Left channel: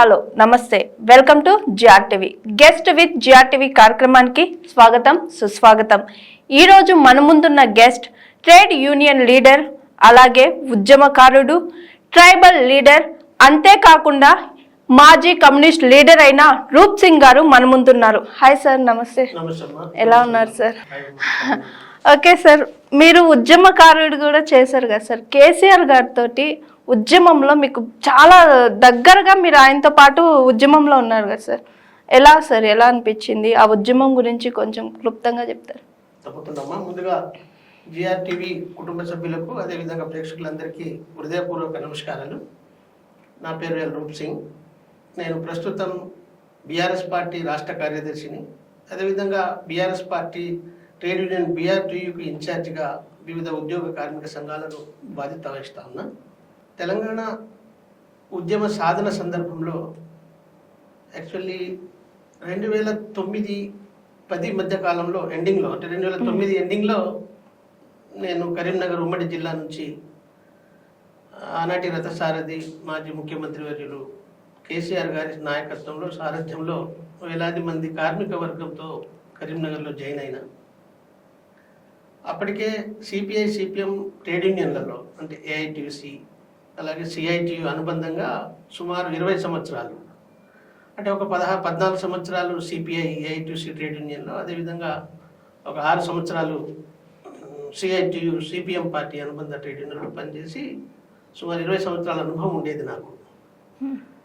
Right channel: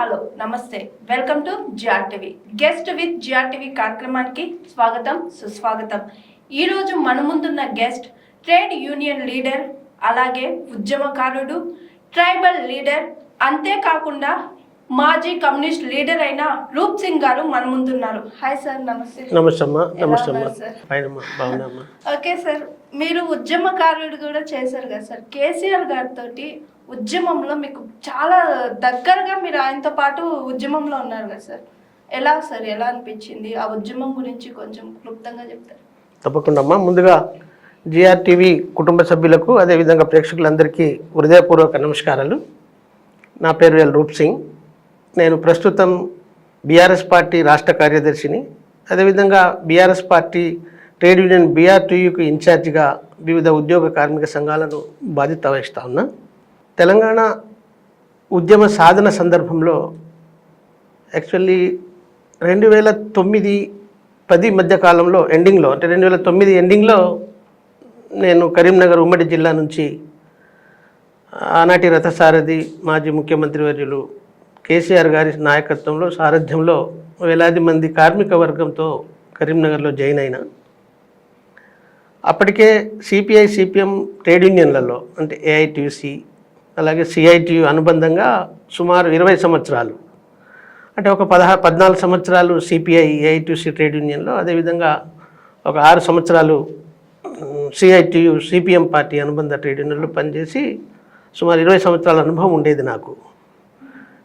Hello నమస్తే welcome to GRTV guest with GRTV కార్యక్రమానికి స్వాగతం సుస్వాగతం. ఈ రోజు మన ముందున్న గెస్ట్ ట్రేడ్ యూనియన్ లీడర్, అలాగే ఉద్యమకారుడు, ట్రైబల్ లీడర్, అంతేకాకుండా మాజీ కమ్యూనిస్ట్ లీడర్ అయిన రూప్ సింగ్ గారు మన ముందున్నారు. హాయ్ సార్, నమస్తే. ఎలా ఉన్నారు సార్? ఓకే సార్, మీరు ఉద్యమకారుడు కూడా చేశారు కదా సార్. కేసీఆర్ గారితో ఉద్యమంలో మీకు చాలా దగ్గరగా మీరు ఆయనతో పాటు ఉద్యమంలో ఉన్నారు కదా సార్. ఎలా సార్, ఎలా అనిపించింది? ఆ ఉద్యమం గురించి కొంచెం క్లుప్తంగా చెప్తారు? తప్పకుండా అమ్మా. ముందుగా జిఆర్టీవీ కుటుంబ సభ్యులకు, అదేవిధంగా ప్రేక్షకులందరికీ హృదయపూర్వక నమస్కారాలు. నా పేరు రూప్ సింగ్. నేను ప్రస్తుతం బీఆర్ఎస్ పార్టీ రాష్ట్ర కార్యదర్శిని. అదేవిధంగా బీఆర్ఎస్ పార్టీ ట్రేడ్ యూనియన్ BR2Uకు ఇన్ఛార్జిగా వివిధ ఉద్యోగ కార్మిక సంఘాలను బాధ్యత వహిస్తూ ఉన్నా. తెలంగాణ ఉద్యమ సాధన సందర్భంలో యాక్చువల్లీ 2009-10 మధ్య కాలంలో ఎండింగ్లో, అంటే 2009 ఎండింగ్లో నేను కరీంనగర్ ఉమ్మడి జిల్లా నుంచి ఆనాటి రథసారథి మాజీ ముఖ్యమంత్రి వర్యులు కేసీఆర్ గారి నాయకత్వంలో, సారథ్యంలో వేలాది మంది కార్మిక వర్గంతో కరీంనగర్లో జాయిన్ అయినా. అప్పటికే సిపిఐ సిపిఎం ట్రేడ్ యూనియన్లలో, అంటే AITUC అలాగే CITU అనుబంధంగా సుమారు 20 సంవత్సరాలు, అంటే ఒక 14 సంవత్సరాలు సిపిఐ AITUC ట్రేడ్ యూనియన్లో, అదేవిధంగా ఒక 6 సంవత్సరాలు CITU సిపిఎం పార్టీ అనుబంధ ట్రేడ్ యూనియన్లో పనిచేసి సుమారు 20 సంవత్సరాల అనుభవం ఉండేది నాకు.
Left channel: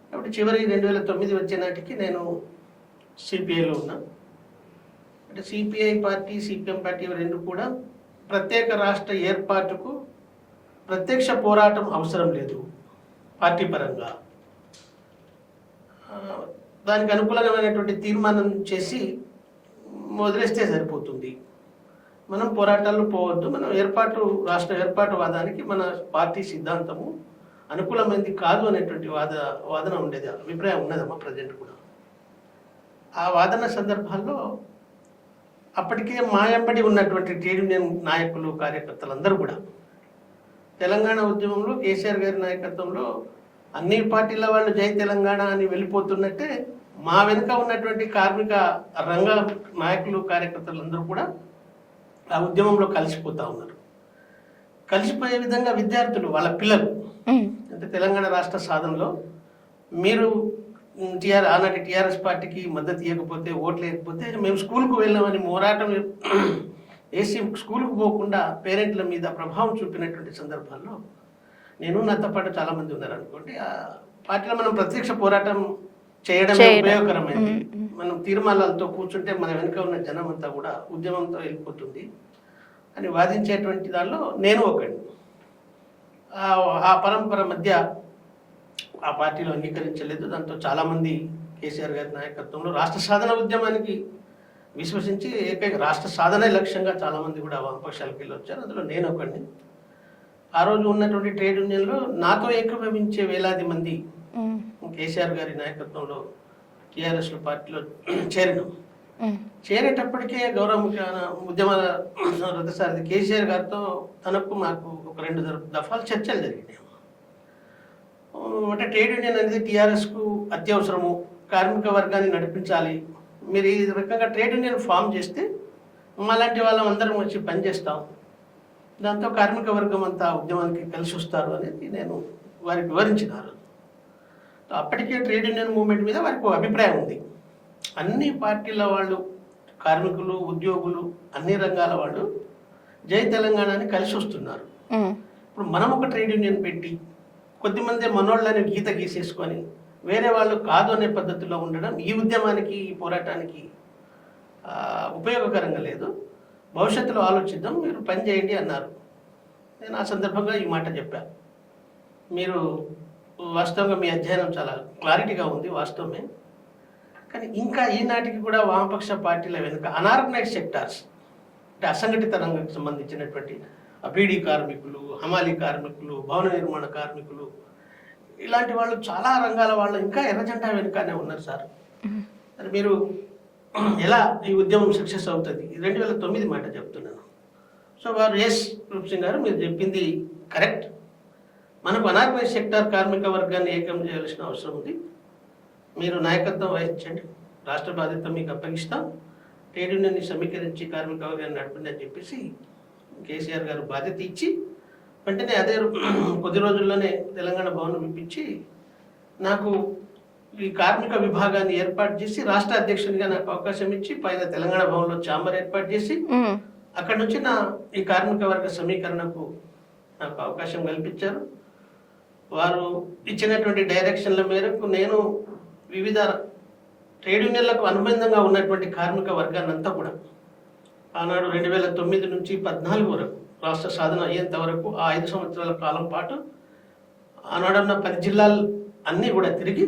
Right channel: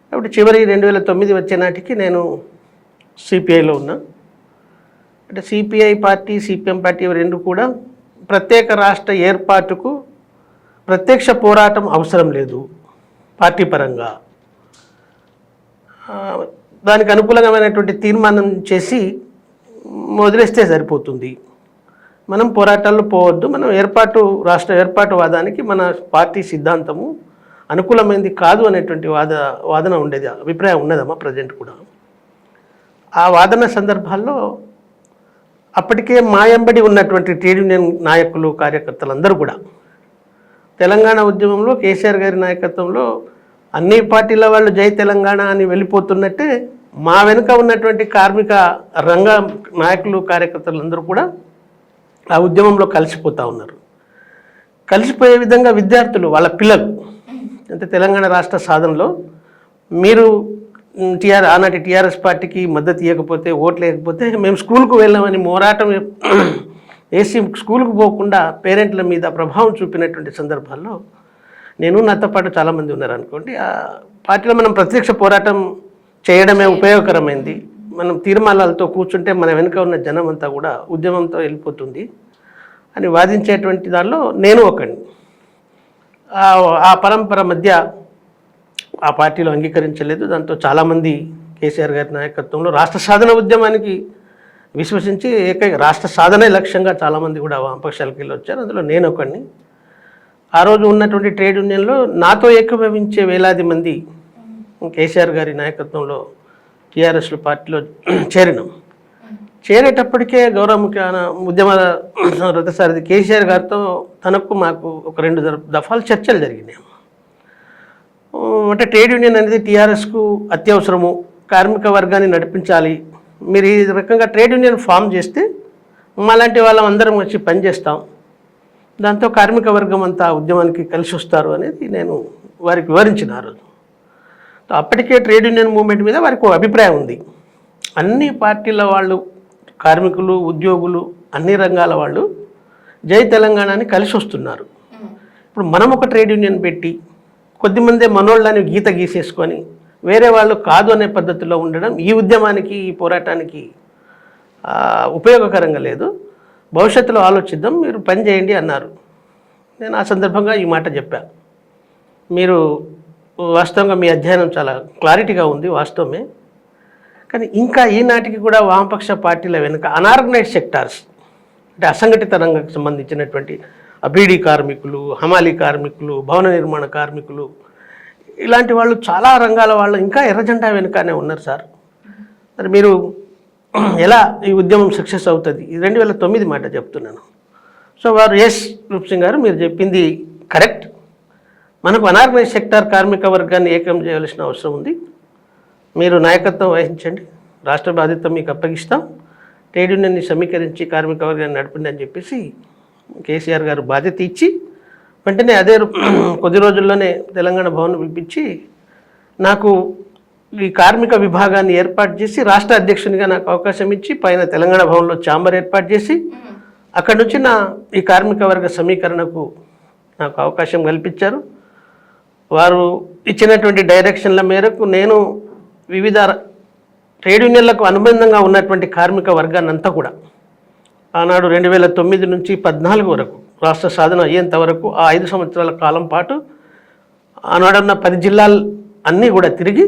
కాబట్టి చివరి 2009 వచ్చే నాటికి నేను సిపిఐలో ఉన్నా. అంటే సిపిఐ పార్టీ సిపిఎం పార్టీ రెండు కూడా ప్రత్యేక రాష్ట్ర ఏర్పాటుకు ప్రత్యక్ష పోరాటం అవసరం లేదు పార్టీ పరంగా. దానికి అనుకూలమైనటువంటి తీర్మానం చేసి వదిలేస్తే సరిపోతుంది. మనం పోరాటాల్లో పోవద్దు. మనం రాష్ట్ర ఏర్పాటువాదానికి మన పార్టీ సిద్ధాంతము అనుకూలమైనది కాదు అనేటువంటి వాదన ఉండేది, అభిప్రాయం ఉన్నదమ్మా ప్రజెంట్ కూడా. ఆ వాదన సందర్భాల్లో అప్పటికే మాయంబడి ఉన్నటువంటి ట్రేడ్ యూనియన్ నాయకులు, కార్యకర్తలు అందరూ కూడా తెలంగాణ ఉద్యమంలో కేసీఆర్ గారి నాయకత్వంలో అన్ని పార్టీల వాళ్ళు జై తెలంగాణ అని వెళ్ళిపోతున్నట్టే మా వెనుక ఉన్నటువంటి కార్మిక రంగ నాయకులు, కార్యకర్తలు అందరూ కూడా ఆ ఉద్యమంలో కలిసిపోతూ ఉన్నారు. కలిసిపోయే విధంగా విద్యార్థులు, వాళ్ళ పిల్లలు, అంటే తెలంగాణ రాష్ట్ర సాధనలో మీరు ఆనాటి టీఆర్ఎస్ పార్టీకి మద్దతు ఇవ్వకపోతే, ఓట్లు వేయకపోతే మేము స్కూల్కు వెళ్ళామని మోరాటం వేసి స్కూల్కు పోకుండా పేరెంట్ల మీద ప్రభావం చూపినటువంటి సందర్భాల్లో నేను, నాతో పాటు చాలామంది ఉన్నారు అనుకోండి. ఆ పార్టీలో మనం ప్రత్యక్ష పోరాటం చేయడమే ఉపయోగకరమైంది. మనం తీర్మానాలతో కూర్చుంటే మన వెనుక ఉన్న జనం అంతా కూడా ఉద్యమంతో వెళ్ళిపోతుంది అని వాదించేటువంటి దానిలో నేను ఒకడిని. ఆ పరంపర మధ్య ఆ పార్టీలో అంగీకరించలేదు. దాంతో చాలామంది కేసీఆర్ గారి నాయకత్వంలో రాష్ట్ర సాధన ఉద్యమానికి విశ్వసించి రాష్ట్ర సాధనే లక్ష్యంగా చాలామంది కూడా వామపక్షాలకు వెళ్ళి వచ్చారు. అందులో నేను ఒకడిని. ఆ రోజు ఉన్నటువంటి ట్రేడ్ యూనియన్లో నాతో ఏకీభవించే వేలాది మంది కేసీఆర్ గారి నాయకత్వంలో టీఆర్ఎస్లో పార్టీలో చేరినాం. చేరేటప్పటికే గౌరవ ముఖ్య ఉద్యమ రథసారథి కేసీఆర్ గారితో మాకు ఒక 2 దఫాలు చర్చలు జరిగినాయి. అంటే ట్రేడ్ యూనియన్ అనేది టీఆర్ఎస్కు అత్యవసరము, కార్మిక వర్గాన్ని నడిపించాలి, మీరు ఈ రకంగా ట్రేడ్ యూనియన్ ఫామ్ చేస్తే మాలాంటి వాళ్ళం అందరం వచ్చి పనిచేస్తాం, దాంతో కార్మిక వర్గం అంతా ఉద్యమానికి కలిసి వస్తారు అనేది నేను వారికి వివరించిన ఆ రోజు. అప్పటికే ట్రేడ్ యూనియన్ మూవ్మెంట్ మీద వారికి ఒక అభిప్రాయం ఉంది. అన్ని పార్టీల వాళ్ళు, కార్మికులు, ఉద్యోగులు, అన్ని రంగాల వాళ్ళు జై తెలంగాణని కలిసి వస్తున్నారు. ఇప్పుడు మనం ఒక ట్రేడ్ యూనియన్ పెట్టి కొద్దిమందే మనోళ్ళని గీత గీసేసుకొని వేరే వాళ్ళు కాదు అనే పద్ధతిలో ఉండడం ఈ ఉద్యమానికి, ఈ పోరాటానికి ఉపయోగకరంగా లేదు. భవిష్యత్తులో ఆలోచిద్దాం, మీరు పని చేయండి అన్నారు. నేను ఆ సందర్భంగా ఈ మాట చెప్పాను. మీరు వాస్తవంగా మీ అధ్యయనం చాలా క్లారిటీగా ఉంది, వాస్తవమే. కానీ ఇంకా ఈనాటికి కూడా వామపక్ష పార్టీల వెనుక అనార్గనైజ్ సెక్టార్స్, అంటే అసంఘటిత రంగానికి సంబంధించినటువంటి బీడీ కార్మికులు, హమాలీ కార్మికులు, భవన నిర్మాణ కార్మికులు, ఇలాంటి వాళ్ళు చాలా రంగాల వాళ్ళు ఇంకా ఎర్రజెండా వెనుకనే ఉన్నారు సార్. మరి మీరు ఎలా ఈ ఉద్యమం సక్సెస్ అవుతుంది? 2009 మాట చెప్తున్నాను. సో వారు రూప్ సింగ్ గారు, మీరు చెప్పింది కరెక్ట్. మనకు అనార్గనైజ్ సెక్టార్ కార్మిక వర్గాన్ని ఏకం చేయాల్సిన అవసరం ఉంది. మీరు నాయకత్వం వహించండి, రాష్ట్ర బాధ్యత మీకు అప్పగిస్తాం, ట్రేడ్ యూనియన్ని సమీకరించి కార్మిక వర్గాన్ని నడపండి అని చెప్పేసి కేసీఆర్ గారు బాధ్యత ఇచ్చి వెంటనే కొద్ది రోజుల్లోనే తెలంగాణ భవన్ పిలిపించి నాకు ఈ కార్మిక విభాగాన్ని ఏర్పాటు చేసి రాష్ట్ర అధ్యక్షునిగా నాకు అవకాశం ఇచ్చి పైన తెలంగాణ భవన్లో ఛాంబర్ ఏర్పాటు చేసి అక్కడి నుంచి ఈ కార్మిక వర్గ సమీకరణకు నాకు అవకాశం కల్పించారు. వారు ఇచ్చినటువంటి డైరెక్షన్ల మేరకు నేను వివిధ ట్రేడ్ యూనియన్లకు అనుబంధంగా ఉన్నటువంటి కార్మిక వర్గాన్ని అంతా కూడా ఆనాడు 2009 నుంచి 14 వరకు రాష్ట్ర సాధన అయ్యేంత వరకు ఆ 5 సంవత్సరాల కాలం పాటు ఆనాడున్న 10 జిల్లాలు అన్నీ కూడా తిరిగి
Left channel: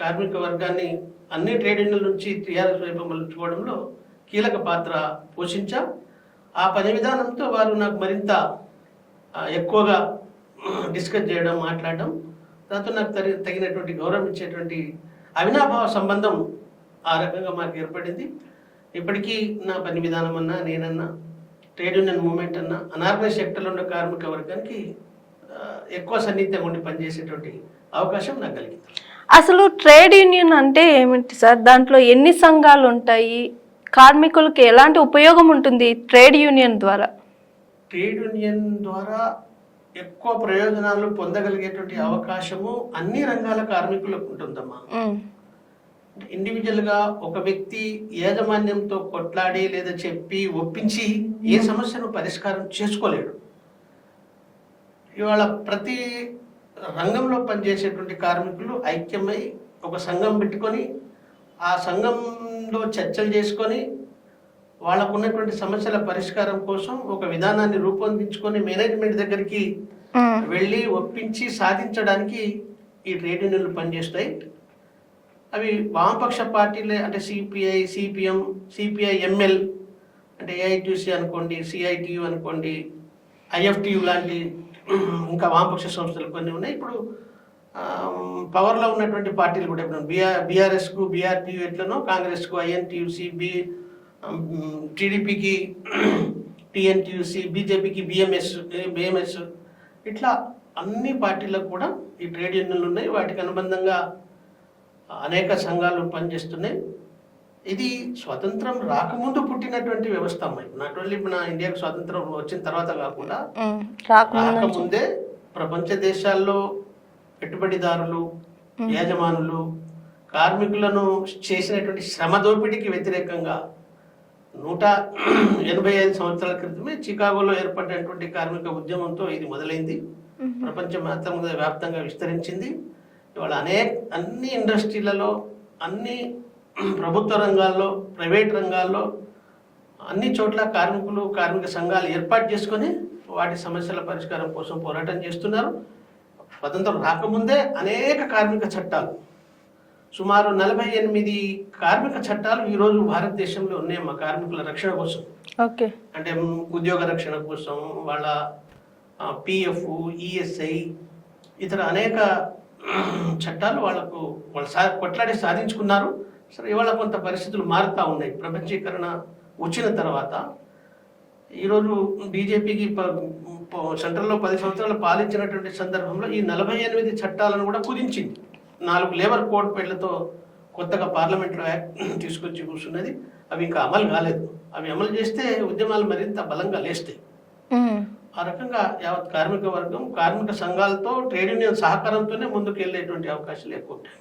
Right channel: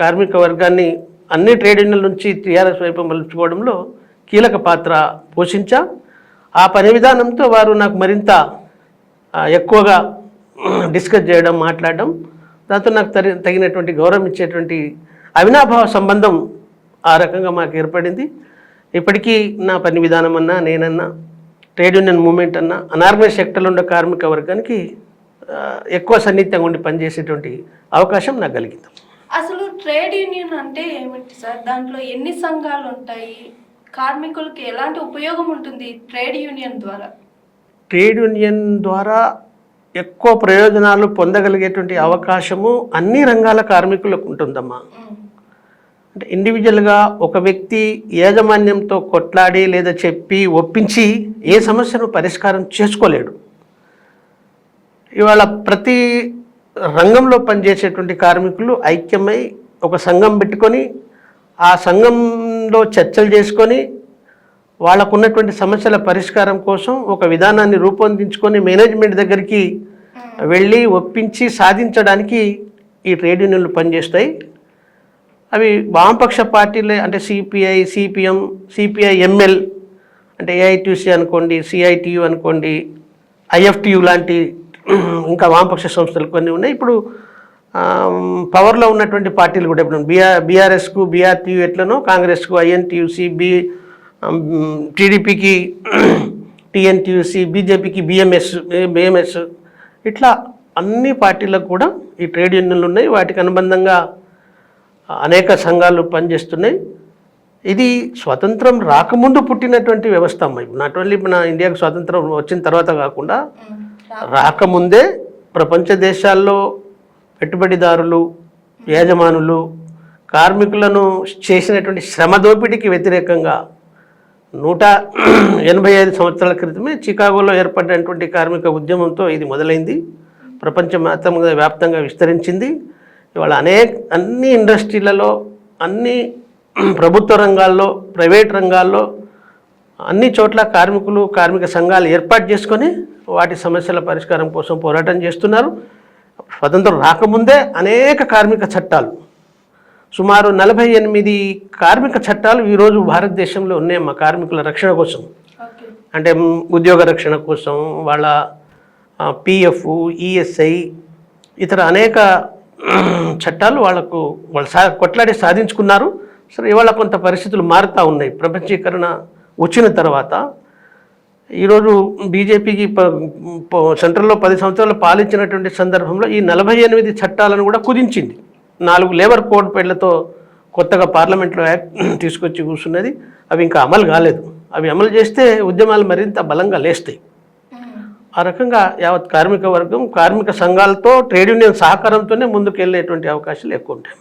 కార్మిక వర్గాన్ని అన్ని ట్రేడ్ యూనియన్ల నుంచి టీఆర్ఎస్ వైపు మలుచుకోవడంలో కీలక పాత్ర పోషించా. ఆ పని విధానంతో వారు నాకు మరింత ఎక్కువగా డిస్కస్ చేయడం, మాట్లాడడం, దాంతో నాకు తగినటువంటి గౌరవం ఇచ్చేటువంటి అవినాభావ సంబంధం ఆ రకంగా మాకు ఏర్పడింది. ఇప్పటికీ నా పని విధానం అన్నా, నేనన్నా, ట్రేడ్ యూనియన్ మూవ్మెంట్ అన్నా, అనార్గనైజ్ సెక్టర్లో ఉన్న కార్మిక వర్గానికి ఎక్కువ సన్నిహితంగా ఉండి పనిచేసేటువంటి అవకాశం నాకు కలిగింది. అసలు ట్రేడ్ యూనియన్ అంటే ఏమిటి సార్? దాంట్లో ఎన్ని సంఘాలు ఉంటాయి? కార్మికులకు ఎలాంటి ఉపయోగం ఉంటుంది ట్రేడ్ యూనియన్ ద్వారా? ట్రేడ్ యూనియన్ ద్వారా ఎక్కువ ప్రయోజనాలు పొందగలిగేటువంటి అవకాశము అన్ని రంగాల కార్మికులకు ఉంటుందమ్మా. అంటే ఇండివిజువల్గా ఒక వ్యక్తి యాజమాన్యంతో కొట్లాడి లేదా చెప్పి ఒప్పించి ఏ సమస్యను పరిష్కారం చేసుకోలేడు. ఇవాళ ప్రతి రంగంలో పనిచేసేటువంటి కార్మికులు ఐక్యమై ఒక సంఘం పెట్టుకొని ఆ సంఘంలో చర్చలు చేసుకొని వాళ్ళకు ఉన్నటువంటి సమస్యల పరిష్కారం కోసం ఒక విధానాన్ని రూపొందించుకొని మేనేజ్మెంట్ దగ్గరికి వెళ్ళి ఒప్పించి సాధించడానికి ఈ ట్రేడ్ యూనియన్లు పనిచేస్తాయి. అవి వామపక్ష పార్టీలే, అంటే సిపిఐ, సిపిఎం, సిపిఐ ఎంఎల్, అంటే ఏఐటీసీ అనుకోండి, సిఐటియు అనుకోండి, ఐఎఫ్టియు లాంటి ఇంకా వామపక్ష సంస్థలు కొన్ని ఉన్నాయి. ఇప్పుడు పవర్లో ఉన్నటువంటి పార్టీలు కూడా ఇప్పుడు బీఆర్ఎస్కు బీఆర్టీయు ఎట్లనో, కాంగ్రెస్కు ఐఎన్టీయూసీ, టీడీపీకి టీఎన్టీయూసీ, బీజేపీకి బిఎంఎస్, ఇట్లా అన్ని పార్టీలకు కూడా ఈ ట్రేడ్ యూనియన్లు ఉన్నాయి. వాటికి అనుబంధంగా అనేక సంఘాలు పనిచేస్తున్నాయి. ఇది స్వతంత్రం రాకముందు పుట్టినటువంటి వ్యవస్థ అమ్మ. ఇప్పుడు నాట్ ఓన్లీ మన ఇండియాకు స్వాతంత్రం వచ్చిన తర్వాత కాకుండా రాకముందే ప్రపంచ దేశాల్లో పెట్టుబడిదారులు, యజమానులు కార్మికులను చేసినటువంటి శ్రమ దోపిడీకి వ్యతిరేకంగా 185 సంవత్సరాల క్రితమే చికాగోలో ఏర్పడినటువంటి కార్మిక ఉద్యమంతో ఇది మొదలైంది. వ్యాప్తంగా విస్తరించింది. ఇవాళ అన్ని ఇండస్ట్రీలలో, అన్ని ప్రభుత్వ రంగాల్లో, ప్రైవేట్ రంగాల్లో, అన్ని చోట్ల కార్మికులు, కార్మిక సంఘాలు ఏర్పాటు చేసుకొని వాటి సమస్యల పరిష్కారం కోసం పోరాటం చేస్తున్నారు. స్వతంత్రం రాకముందే అనేక కార్మిక చట్టాలు, సుమారు 48 కార్మిక చట్టాలు ఈరోజు భారతదేశంలో ఉన్నాయమ్మా కార్మికుల రక్షణ కోసం. అంటే ఉద్యోగ రక్షణ కోసం, వాళ్ళ పిఎఫ్, ఈఎస్ఐ, ఇతర అనేక చట్టాలు వాళ్ళు కొట్లాడి సాధించుకున్నారు. సరే, ఇవాళ కొంత పరిస్థితులు మారుతూ ఉన్నాయి. ప్రపంచీకరణ వచ్చిన తర్వాత ఈరోజు బీజేపీకి సెంట్రల్లో 10 సంవత్సరాలు పాలించినటువంటి సందర్భంలో ఈ 48 చట్టాలను కూడా కుదించింది. 4 లేబర్ కోడ్ పేర్లతో కొత్తగా పార్లమెంట్లో యాక్ట్ తీసుకొచ్చి కూర్చున్నది. అవి ఇంకా అమలు కాలేదు. అవి అమలు చేస్తే ఉద్యమాలు మరింత బలంగా లేస్తాయి. ఆ రకంగా యావత్ కార్మిక వర్గం, కార్మిక సంఘాలతో, ట్రేడ్ యూనియన్ సహకారంతోనే ముందుకు వెళ్ళేటువంటి అవకాశాలు ఎక్కువ ఉంటాయి.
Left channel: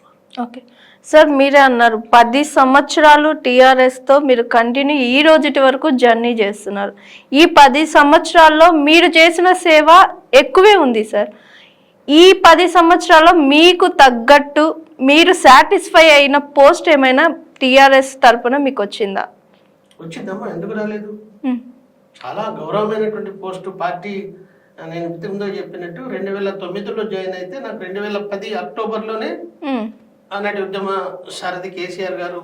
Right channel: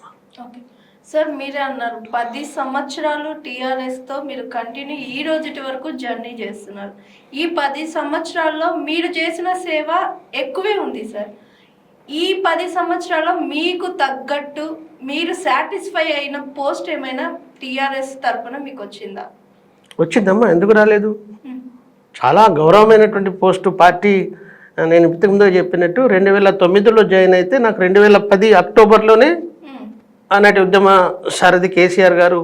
ఓకే సార్, మీరే అన్నారు 10 సంవత్సరాలు టీఆర్ఎస్తో మీరు కంటిన్యూ ఈ రోజుటి వరకు జర్నీ చేస్తున్నారు. ఈ 10 సంవత్సరాల్లో మీరు చేసిన సేవ ఎక్కువే ఉంది సార్. ఈ 10 సంవత్సరాల్లో మీకు తగ్గట్టు మీరు సాటిస్ఫై అయిన పోస్ట్ ఏమైనా టీఆర్ఎస్ తరఫున మీకు వచ్చిందా? వచ్చిందమ్మా, ఎందుకు రాలేదు? చాలా గౌరవమైనటువంటి పోస్టు. పార్టీ నేను ఇంతకుముందు చెప్పినట్టు 2009లో జాయిన్ అయితే నాకు 2010 అక్టోబర్లోనే ఆనాటి ఉద్యమ సారథి కేసీఆర్ గారు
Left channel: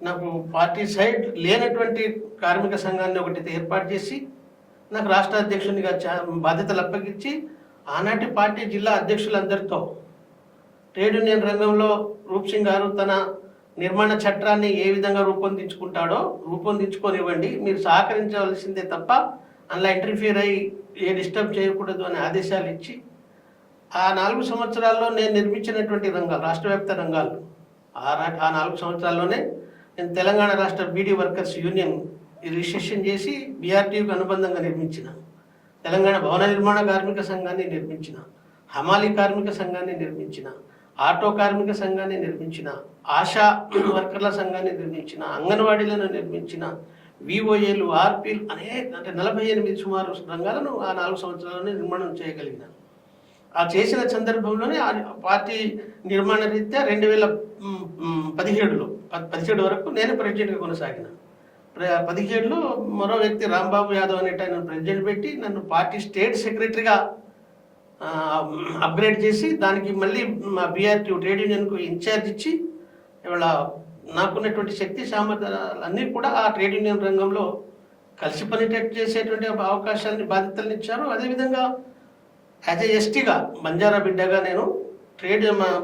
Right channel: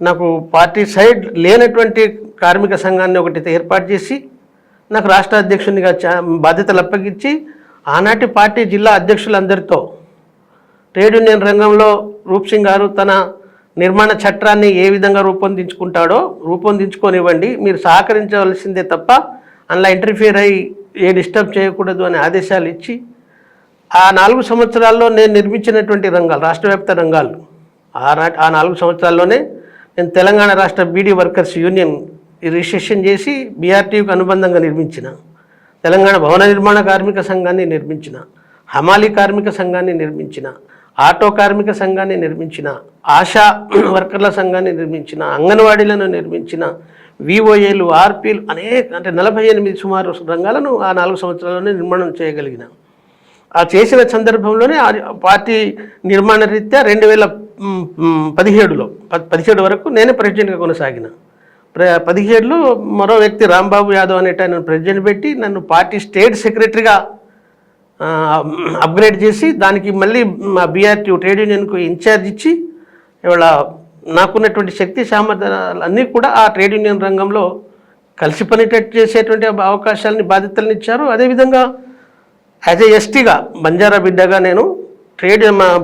నాకు పార్టీ సైడ్ లేనటువంటి కార్మిక సంఘాన్ని ఒకటి ఏర్పాటు చేసి నాకు రాష్ట్ర అధ్యక్షునిగా బాధ్యతలు అప్పగించి ఆనాటి పార్టీ జిల్లా అధ్యక్షులందరితో ట్రేడ్ యూనియన్ రంగంలో రూప్ సింగ్ గారు తన నిర్మాణ చట్టాన్ని ఏ విధంగా రూపొందించుకుంటాడో రూపొందించుకోనివ్వండి, మీరు సహకరించవలసిందే తప్ప అందులో ఇంటర్ఫియర్ అయ్యి ఏ డిస్టర్బ్ చేయకూడదు అనే ఆదేశాలు ఇచ్చి ఆ 4 సంవత్సరాల్లో నేను నిర్మించినటువంటి రంగాలు, రాష్ట్ర వ్యాప్త రంగాలు, ఆ 4 సంవత్సరాల్లోనే నేను తెలంగాణ రాష్ట్ర బీడీ వర్కర్స్ యూనియన్ రిజిస్ట్రేషన్ చేసి బీఆర్టీయూకి అనుబంధంగా నిర్మించిన, తెలంగాణ భవన నిర్మాణ కార్మిక సంఘాన్ని నిర్మించిన, హమాలీ కార్మిక సంఘాన్ని నిర్మించిన, ఆటో కార్మిక సంఘాన్ని నిర్మించిన, ఆశా వర్కర్ల సంఘాన్ని నిర్మించిన, అంగన్వాడీలను నిర్మించిన, విఓఏలు, ఆర్పీలు అంటే 48 సుమారు రంగాలను ఆ 4 సంవత్సరాల్లోనే నిర్మాణం చేయగలిగిన. ఆ చేసిన సందర్భంలోనే పార్టీ నిర్మాణ రీత్యా 2017 వరకు నేనే ప్రెసిడెంట్గా కొనసాగిన. 17లో మరో వ్యక్తి రాంబాబు యాదవ్ అనేట నన్ను ప్రెసిడెంట్ పెట్టి నన్ను పార్టీ స్టేట్ సెక్రటరీగా అప్గ్రేడ్ చేసి దానికి మళ్ళీ మా బీఆర్టీ ట్రేడ్ యూనియన్కు ఇన్ఛార్జ్ ఇచ్చి ఇవాళ నాకున్నటువంటి శక్తి సామర్థ్యాలు అన్నీ కూడా ఆ ట్రేడ్ యూనియన్ రంగంలో కలిసి పనిటట్టు చేసేటువంటి అవకాశాలని బాధ్యతలను ఇచ్చారు. అదేవిధంగా యాజ్ ఏ ఎస్టీగా బంజారా బిడ్డగా నేను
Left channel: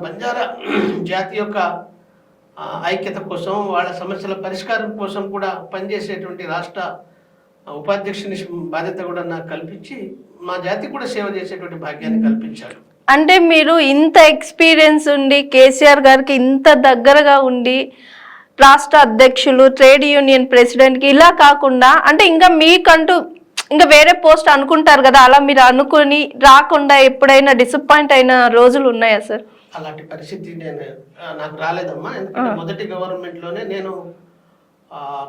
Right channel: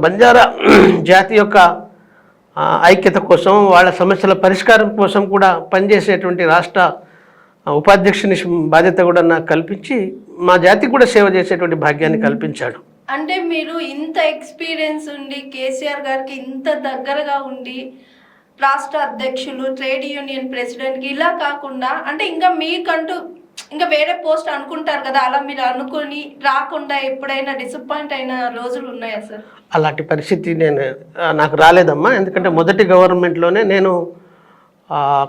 బంజారా జాతి యొక్క ఐక్యత కోసం, వాళ్ళ సమస్యల పరిష్కారం కోసం కూడా పనిచేసేటువంటి రాష్ట్ర ఉపాధ్యక్షుని బాధ్యత కూడా నాకు కల్పించి మా జాతికి కూడా సేవ చేసేటువంటి భాగ్యాన్ని కల్పించాడు. అంటే మీరు ఇంత ఎక్స్పీరియన్స్ ఉండి కేసీఆర్ గారికి ఇంత దగ్గరగా ఉండి రాష్ట్ర అధ్యక్షులు, ట్రేడ్ యూనియన్ ప్రెసిడెంట్కి ఇలా కాకుండా అంటే ఇంకా మీకంటూ ఇంకా వేరే పోస్ట్ అనుకుంటారు కదా, అలా మీరు అనుకుని రాకుండా ఎప్పుడైనా డిసప్పాయింట్ అయిన రోజులు ఉన్నాయా సార్? అలాంటి పరిస్థితి నాకు రాలేదమ్మా. ఎందుకంటే మొదటి గవర్నమెంట్లోనే నేను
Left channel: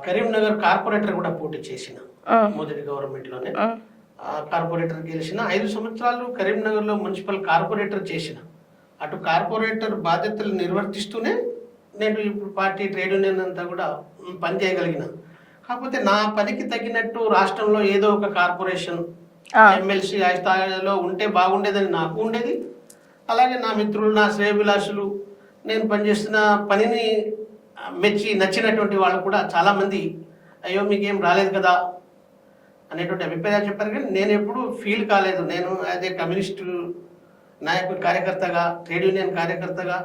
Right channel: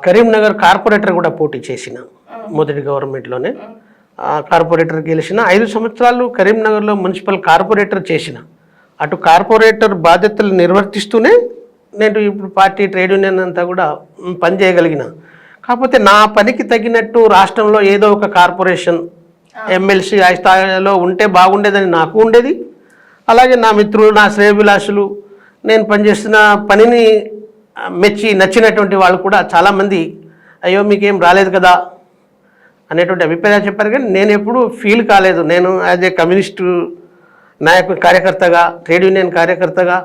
కరీంనగర్ కార్పొరేటర్ కూడా పోటీ చేసిన. మొదటి గవర్నమెంట్లోనే కార్పొరేటర్ గెలిచిన. 5 సంవత్సరాలు కరీంనగర్లో మున్సిపల్ కార్పొరేటర్ చేసిన. అటు కార్పొరేటర్ బాధ్యతలు నిర్వర్తిస్తూనే నేను ఇప్పుడు పార్టీ ట్రేడ్ యూనియన్ అంతా కూడా పనిచేయగలిగిన. కాకపోతే నా పనికి తగినట్టు రాష్ట్రంలో ఏదో ఒక కార్పొరేషన్ ఎమ్మెల్సీ ఆ స్థాయిలో ఉంటే బాగుండేదని నాకు ఉండేది. అలాగే నా మిత్రులు, నా శ్రేయభిలాషులు, నేను పనిచేస్తున్న పనిని మెచ్చి నచ్చినటువంటి వాళ్ళు కూడా చాలామంది అయ్యో మీకేం రాలేదు కదా అనేటువంటి అభిప్రాయాలు చెప్పారు. కానీ నేను ఎప్పుడూ ఫీల్ కాలేదు. నేను యాజ్ ఏ కమ్యూనిస్టు నాయకుడు, కార్యకర్తగా, ట్రేడ్ యూనియన్ కార్యకర్తగా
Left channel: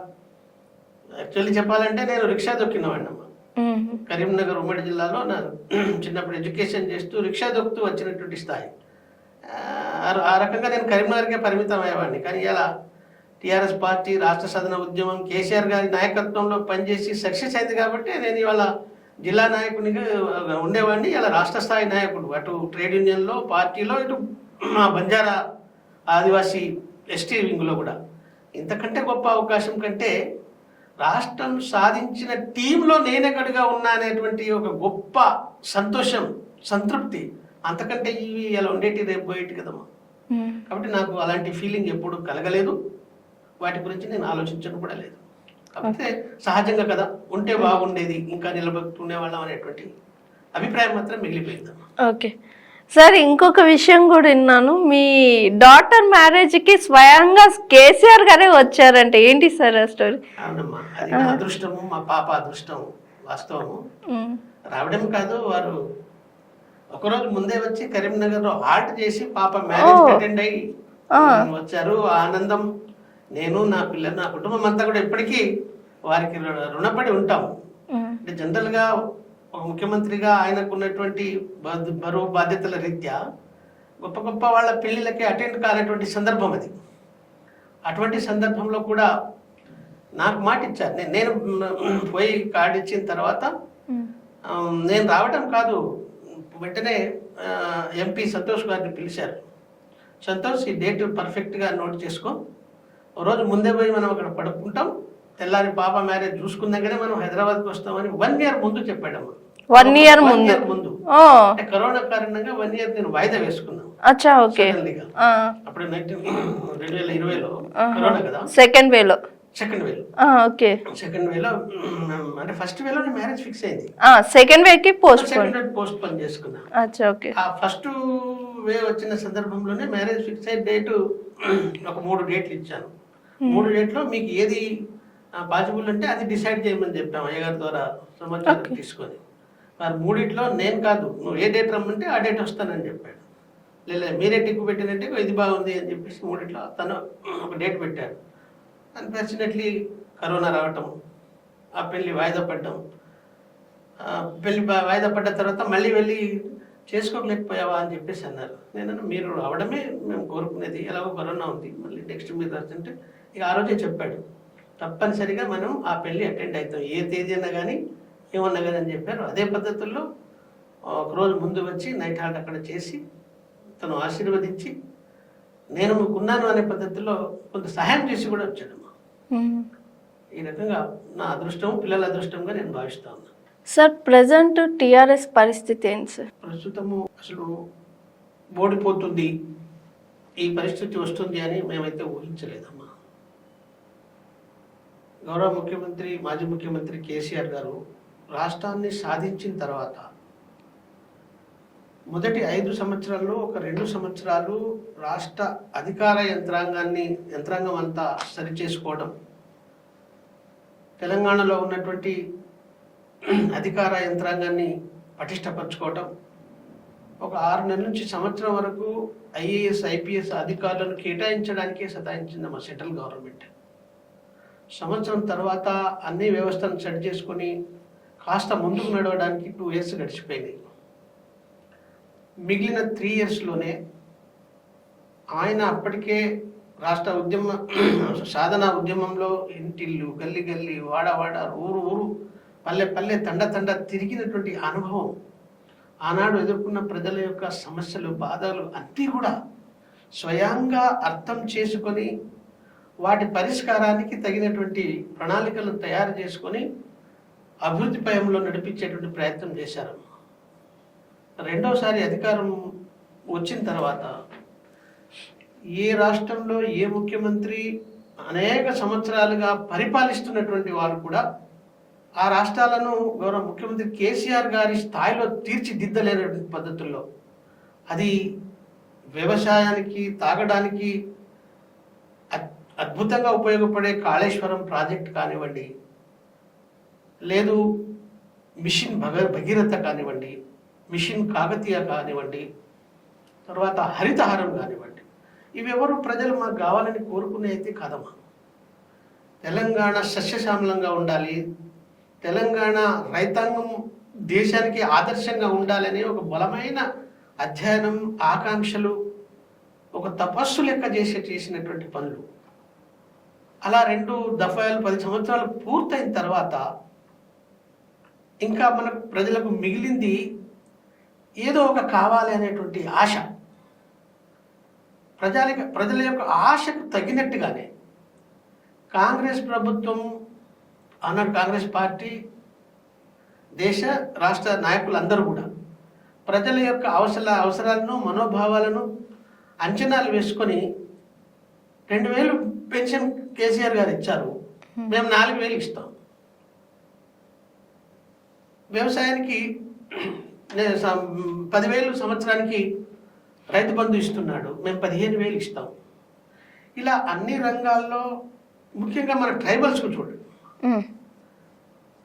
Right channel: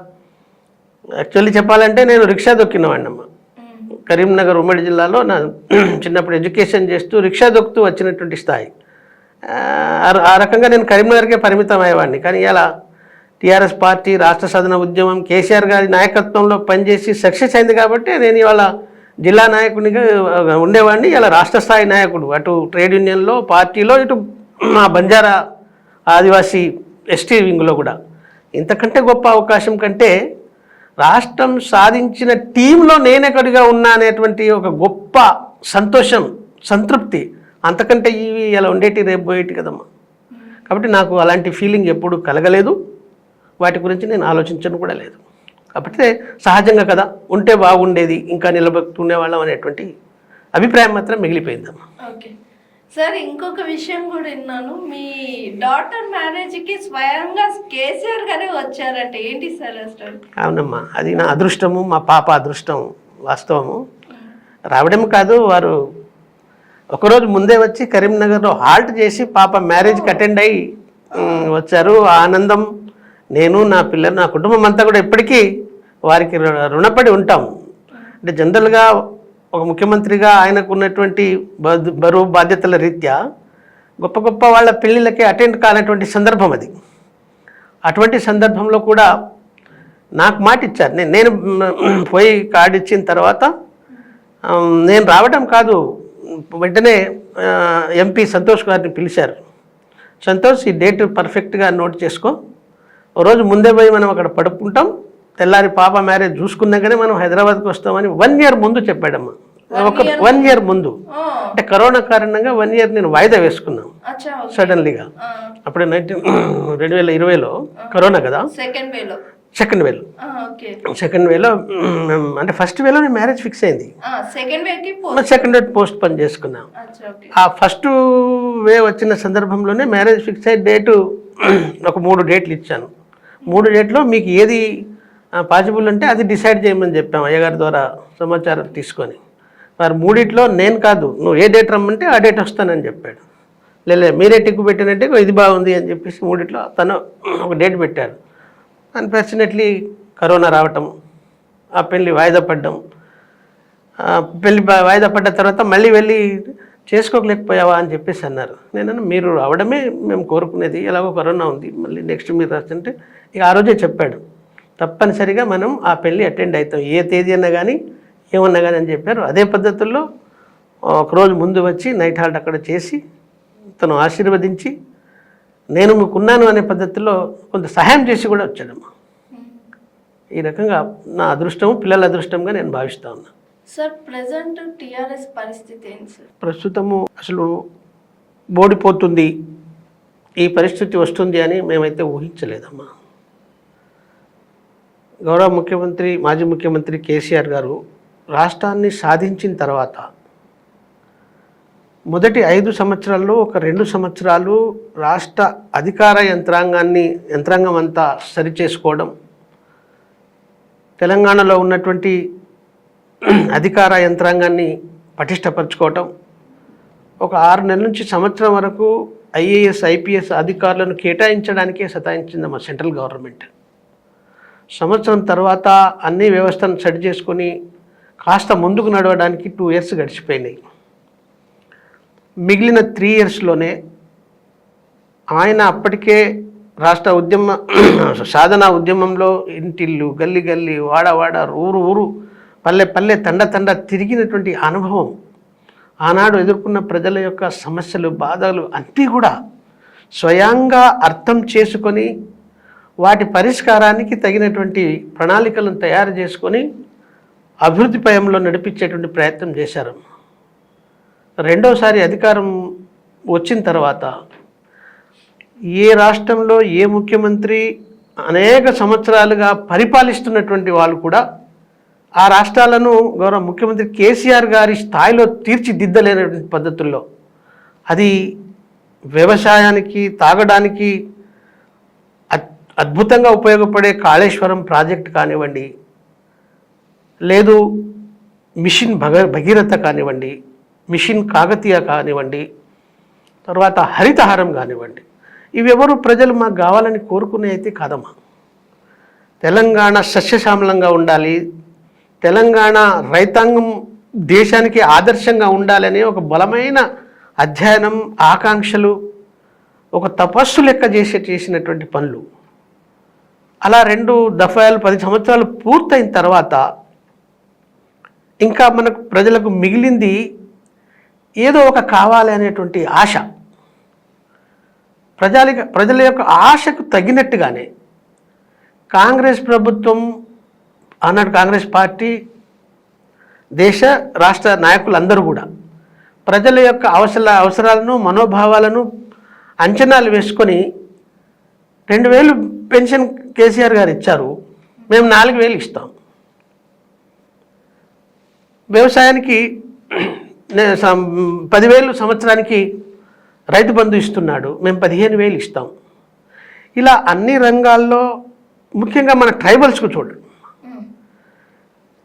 యాక్చువల్లీ చెప్పాలంటే నేను రిక్షా దొక్కినవాడినమ్మా. కరీంనగర్ ఉమ్మడి జిల్లాలో నా చిన్నప్పుడు ఎడ్యుకేషన్ చేస్తూ రిక్షా దొక్కుతూ వచ్చినటువంటి స్థాయి. ఆ రకంగా నేను కరీంనగర్కే పరిమితం అయ్యేవాడిని. కానీ ఇలా టీఆర్ఎస్ పార్టీ రాష్ట్ర సాధన ఉద్యమం కేసీఆర్ గారి నాయకత్వంలో పనిచేసి సక్సెస్ అయింది కాబట్టి నేను ఇవాళ జిల్లా నాయకునిగా ఉండేవాడిని. ఇలా రాష్ట్ర స్థాయి నాయకుడు, అటు ట్రేడ్ యూనియన్లో, పార్టీలో, ఇటు మా బంజారా ఆదివాసీ ఎస్టీ వింగ్లో కూడా. ఇంతకంటే గొప్ప అవకాశం కంటే రాష్ట్రం సాధించిన టీంలో నేనెక్కడిగా ఉన్నా అనేటువంటి ఒక గొప్ప సంతోషం, సంతృప్తి అంతకంటే ఇవి ఇలా ఉండేటి రేపు పోయేటి కదమ్మా. కాబట్టి నాకు అలాంటి ఫీలింగ్ ఎప్పుడు కలగలేదు. వాటి గురించి నేను ఆలోచించను కూడా లేదు. కాబట్టి సహజంగా కదా, ఉంటే బాగుండేది, ఇంకా నిలబెట్టుకునేవాళ్ళం అనేటువంటి అభిప్రాయం మాత్రం మిగిలిపోయిందమ్మా. ఓకే సార్, ఇంకొక విషయం కూడా విన్నాను, మీ డాటర్ మ్యారేజ్కి స్వయంగా కేసీఆర్ గారే వచ్చారంటే ఏంటి సార్ ఆ స్టోరీ? అవునమ్మా, అది నా అదృష్టము, మా పాప అదృష్టం. వాస్తవము. రావడం కాదు, వారు ఒకరోజు ముందే వచ్చి కరీంనగర్లో హాల్ట్ చేసి పాప మ్యారేజ్కి అటెండ్ అయ్యి వచ్చారు. ఆనందం నేను, నా పిల్లలు, నా కుటుంబం అంతా కూడా ఎప్పటికీ వారికి రుణపడి ఉంటాం. అంటే జనరల్గా ఒక ముఖ్యమంత్రిగా ఆయనకు ఉన్నటువంటి బరువు బాధ్యతల రీత్యా గొప్ప గొప్ప వాళ్ళ పెళ్ళిళ్ళకి అటెండ్ కానటువంటి సందర్భం అది. అటువంటి సందర్భంలో కూడా నాకు మాట ఇచ్చారు. నేను పోయి కార్డు ఇచ్చిన తర్వాత నేను రావడం కాదు, వెంటనే ఎంపీ సంతోష్ గారిని పిలిచారు. సంతోష్, ఈ డేట్ పర్ఫెక్ట్గా నోట్ చేసుకో, ఓ రోజు ముందే పోయి మనం అక్కడ పడుకుంటాం, తెల్లారి పాప మ్యారేజ్ చూసుకున్నాకనే మనం హైదరాబాద్కి వస్తామని 1 year ముందు చెప్పాడమ్మా. 1 year ముందు. అంటే కరోనా కారణంగా 1 year నేను వాయిదా వేసుకున్నాను సడన్లీగా. అప్పుడు 2020లో కరోనా కదా, సెకండ్ వేలో అంటే ఫస్ట్ వేలో నేను మ్యారేజ్ ఫిక్స్ అయింది. సెకండ్ వే పోస్ట్ పని చేసుకున్నాను. ఆ ఫస్ట్ వే వచ్చిన సందర్భంలోనే మ్యారేజ్ ఫిక్స్ అయ్యే డేటు ఒక 3 డేట్లు ఇచ్చాను. 3 డేట్లో మీకు ఏది పాసిబుల్ అంటే అది డిసైడ్ చేయమని చెప్పాము అయ్యగారి ద్వారా సమాచారం తీసుకొని. వారు 3 నేను కాదు, నువ్వు ఏ డేట్ రమ్మంటే ఆ డేట్ వస్తానని చెప్పాడు. లేదు మీరే టిక్కు పెట్టినట్టే ఇది బాగుంది అని చెప్పేసి 3 తను ఒక డేట్ పెట్టారు. అన్ఫార్చునేట్లీ కరోనా రావటం, ఆ పెళ్ళి వాయిదా పడ్డం. పెళ్ళి వాయిదా పడ్డ తర్వాత మళ్ళీ వెళ్ళి చేసుకోలేకపోయావా అని చెప్పేసి అన్నారు. నేను మీరు రావడమే మేము కోరుకునేది, ఎలాగో కరోనా ఉంది, మళ్ళీ నెక్స్ట్ మీరు రాస్తుంటే ఇక ఆ రోజే చెప్పాడు, తప్పనిసరిగా మనం ఆ పెళ్ళి అటెండ్ అవుతాం, ఏ తేదీ అన్నా కానీ ఏమన్నా కానీ అని చెప్పారు. అదే పద్ధతుల్లో ఒకరోజు ముందు వచ్చి నైట్ హాల్ట్ అక్కడ చేసి తను ఆశీర్వదించి నేను మీకున్నాను అనే పద్ధతిలో కొంత సహాయం చేసి కూడా వచ్చాడమ్మా. ఈ రకంగా నా అదృష్టం, పిల్లల అదృష్టంగా నేను భావిస్తా ఉన్నా. సార్ ప్రజెంట్ టీఆర్ఎస్ పరిస్థితి ఏంటి సార్? ప్రస్తుతము అసలు ఓడిపోతుంది, ఈ పరిస్థితి వస్తుంది అని మేమైతే ఊహించలేదమ్మా. గౌరవ ముఖ్యమంత్రి, మాజీ ముఖ్యమంత్రి కేసీఆర్ గారు రాష్ట్రాన్ని సాధించిన తర్వాత మొదటి 5 సంవత్సరాల్లో ఒక 2 సంవత్సరాలు రాష్ట్ర అధికార యంత్రాంగం అంతా సరిచేసుకోవడం, తెలంగాణలో ఉన్నటువంటి అధికార యంత్రాంగాన్ని పటిష్టపరచుకోవటం, ఒక 6 నెలల నుంచి సంవత్సరం వరకు ఐఏఎస్ ఐపీఎస్ అధికారులను కేటాయించడానికే సతాయించిందమ్మా సెంట్రల్ గవర్నమెంట్. సంవత్సరం తర్వాత అన్ని వ్యవస్థను సెట్ చేసుకొని కాస్త ముందుకు నడవడానికి 2 ఇయర్స్ గడిచిపోయినాయి. మిగిలిన 3 ఇయర్స్లోనే ఆయన అప్పటికే రాష్ట్ర సాధన ఉద్యమంలో ఇంటిల్లు, గల్లి గల్లి, వాడ ఊరు ఊరు, పల్లె పల్లె, తండ తిరిగినటువంటి అనుభవం, ఆనాడు ఎదుర్కొన్న ప్రజల యొక్క సమస్యలు, బాధలు అన్నీ కూడా స్వయంగా అర్థం చేసుకొని వాటి పరిష్కారానికి తగినటువంటి ప్రణాళికలను తయారు చేసుకొని అభివృద్ధి పయంలో నడిపించేటువంటి ప్రయత్నం చేశారు. రెండోసారి అధికారం వచ్చిన తర్వాత ఏ రాష్ట్రంలో ఏ ముఖ్యమంత్రి అనేక సంవత్సరాలుగా పరిపాలిస్తున్నటువంటి వాళ్ళు కూడా ఆ రాష్ట్రాలను గౌరవ ముఖ్యమంత్రి కేసీఆర్ గారి స్థాయిలో తీర్చిదిద్దలేనటువంటి పద్ధతుల్లో, అది వ్యవసాయానికి, తాగడానికి అద్భుతంగా ఉపయోగపడే కాళేశ్వరం ప్రాజెక్ట్ కానివ్వండి, లేదు మిషన్ భగీరథ కానివ్వండి, మిషన్ కాకతీయ కానివ్వండి, తర్వాత హరితహారం కానివ్వండి, ఇవెవరు ప్రజలు మాకు కావాలని కోరుకునే అయితే కాదమ్మా. తెలంగాణ సస్యశ్యామలంగా ఉండాలి, తెలంగాణ రైతాంగం దేశానికి ఆదర్శంగా ఉండాలని ఒక బలమైన అధ్యయనం, ఆకాంక్షలు, ఒక తపస్సు లెక్క చేసినటువంటి పనులు. అలా 2 దఫాలు 10 సంవత్సరాలు పూర్తయిన తర్వాత ఇంకా మనకు ప్రజలకు మిగిలింది ఏదో ఒక కావాలి అనేటువంటి ఆశ. ప్రజల యొక్క ఆశకు తగినట్టుగానే కాంగ్రెస్ ప్రభుత్వం, ఆనాడు కాంగ్రెస్ పార్టీ, దేశ రాష్ట్ర నాయకులందరూ కూడా ప్రజల యొక్క అవసరాలను, మనోభావాలను అంచనాలు వేసుకొని 2000 పెన్షన్ కేసీఆర్ గారు ఇచ్చారు, మేము 4000 ఇస్తాం. వ్యవసాయానికి 10,000 సంవత్సరానికి రైతు బంధు ఇస్తున్నాడు, మేము 15,000 ఇస్తాం. ఇలా అన్ని రంగాల్లో, ముఖ్యంగా మన ట్రైబల్స్కు చూడండి,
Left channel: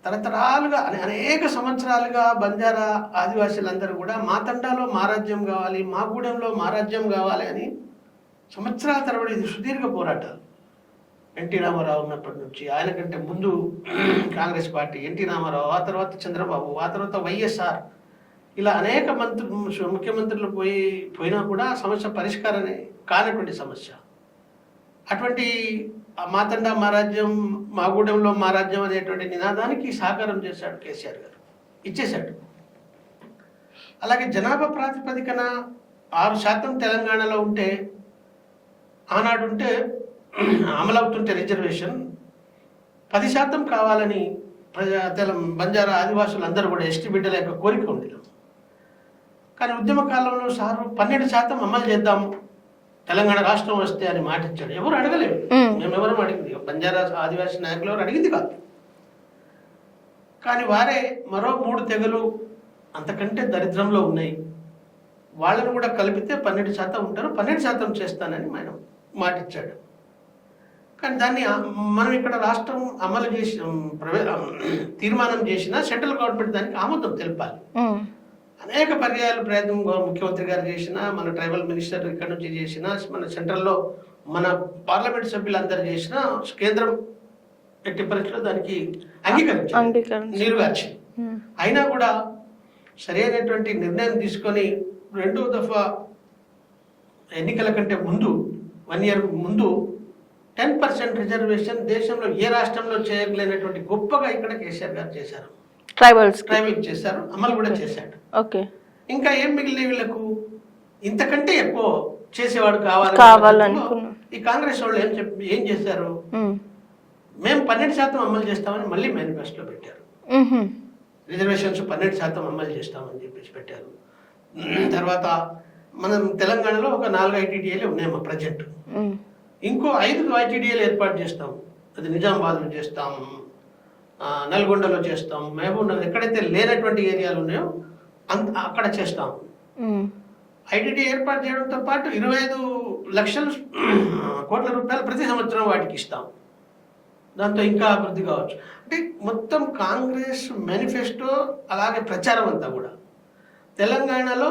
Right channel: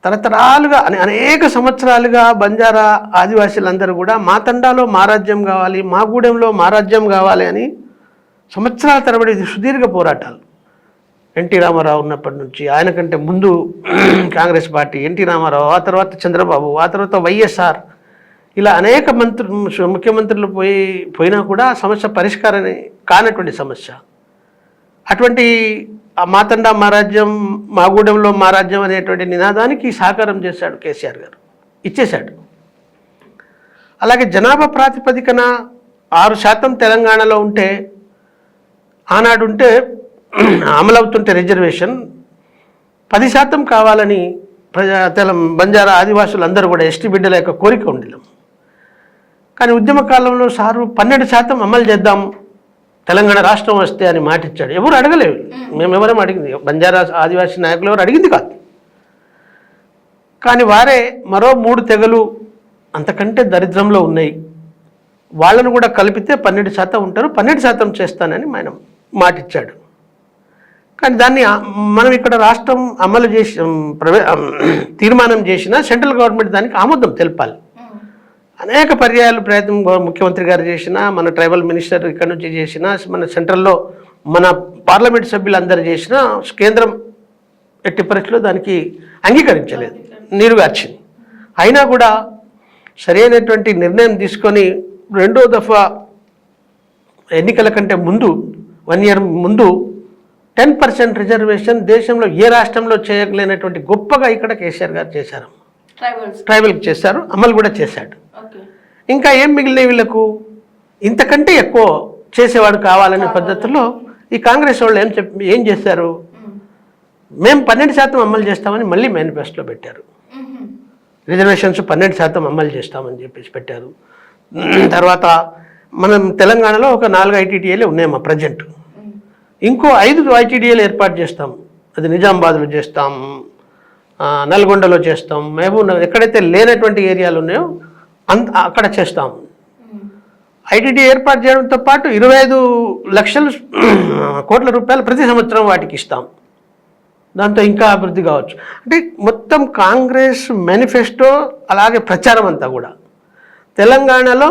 తరతరాలుగా అనేక సంవత్సరాలుగా బంజారా ఆదివాసీలందరూ కూడా మా తండాలో మా రాజ్యం కావాలి, మా గూడెంలో మా రాజ్యం కావాలి అని సంవత్సరాల తరబడి సుదీర్ఘ పోరాటాలు. ఎన్టీ రామారావు ఉన్నప్పటి నుంచి, ఆయన కంటే ముందు కాంగ్రెస్ పార్టీ, ఎన్టీ రామారావు, ఆ తర్వాత చంద్రబాబు, ఆ తర్వాత వైఎస్ఆర్, ఇలా అనేక ముఖ్యమంత్రులు పోయినా కూడా సమస్య పరిష్కారం కానటువంటి సమస్య. అటువంటి మా తండా మా రాజ్యం, మా గూడెంలో మా రాజ్యం అనేటువంటి నినాదానికి సహకారం చేశాడు కేసీఆర్ గారు, ఇచ్చేశాడు. అలాగే జనాభా ప్రాతిపదికన 6% తెలంగాణలో ఉంటే, ఆనాడుంటే అమలవుతుంటే రిజర్వేషన్ 10% కావాలని బంజారా ఆదివాసులు అందరూ కూడా, ఎస్టీ బిడ్డల యొక్క కోరిక ఉండేది. కానీ ఉద్యమ కాలంలో సారు 12% అమలు చేద్దాం తెలంగాణ రాష్ట్రం వస్తే అని మాటిచ్చాడు. ఎవరు అడగలేవు, మేమెవరం అడిగింది, బంజారా ఆదివాసీ నాయకులు ఎవరు అడిగింది కాదు. కానీ వారే మరో 3 తెగలు అంతకంటే దరిద్రంలో ఉన్నాయి, వాళ్ళను కూడా కలిపితే 12% ఉంటారు, 12% చేస్తానని ఆయన మాటిచ్చాడు. కానీ దాన్ని మనం ఇక్కడ రాష్ట్రం అమలు చేసి తీర్మానం చేసిన సెంట్రల్ గవర్నమెంట్ దానికి ఆమోదం తెలపాలి. అనేక పర్యాయాలు ప్రయత్నం ముఖ్యమంత్రి గారు చేసినా, మన ట్రైబల్ మినిస్టర్ ఇక్కడ నుంచి చేసినా, మన సెంట్రల్లో మన పార్లమెంట్ సభ్యులందరూ చేసినా కేంద్రం ఎట్టి పరిస్థితుల్లో దానికి అంగీకరించలేదు, నీరుగార్చింది. అయినా కూడా సరైనటువంటి నిర్ణయం తీసుకొని 2వ దఫా ఎన్నికల కంటే ముందు 1 year ముందు 10% రిజర్వేషన్ దేశంలో ఏ రాష్ట్రంలో చేయలేనటువంటి గొప్పగా ఇక్కడ కేసీఆర్ గారు చేశారు. ట్రైబల్కి చేశారు, అమలు కూడా చేశాడు. ఓకే, ఇంకా ఏం మిగిలినాయి వీళ్ళకు? ఇంతకంటే ఎక్కువ చేసేవాడు కావాలనే పద్ధతిలో ఈ కాంగ్రెస్ వాళ్ళు ఏం చేశారు? మేము 12% అమలు చేస్తామని మళ్ళీ మేనిఫెస్టోలో పెట్టారు. రిజర్వేషన్స్ 12% అమలు చేస్తామని చెప్పేసి పెట్టారు. తర్వాత మనం తెలంగాణలో ఒక 4 ఐటీడీఏలు ఉన్నాయమ్మా ప్రజెంట్. ఇంకో 5 ఐటీడీఏలు ఏర్పాటు చేస్తాం. అది నిజామాబాద్లో చేస్తాం, నల్గొండలో చేస్తాం, మహబూబ్ నగర్, ఎక్కడైతే లేనటువంటి ఏరియాలు ఉన్నాయో అక్కడ చేస్తాం. ఐటీడీ ఏర్పాటు చేయడంతో పాటు 25 లక్షల కోట్ల రూపాయలు ప్రతి సంవత్సరం వాటికి ఇస్తాం. దాంతో ఇంకా అభివృద్ధి కావచ్చు. అంటే మొత్తం కాంగ్రెస్ మేనిఫెస్టో అలాగే ప్రచారం అంతా కూడా తెలంగాణలో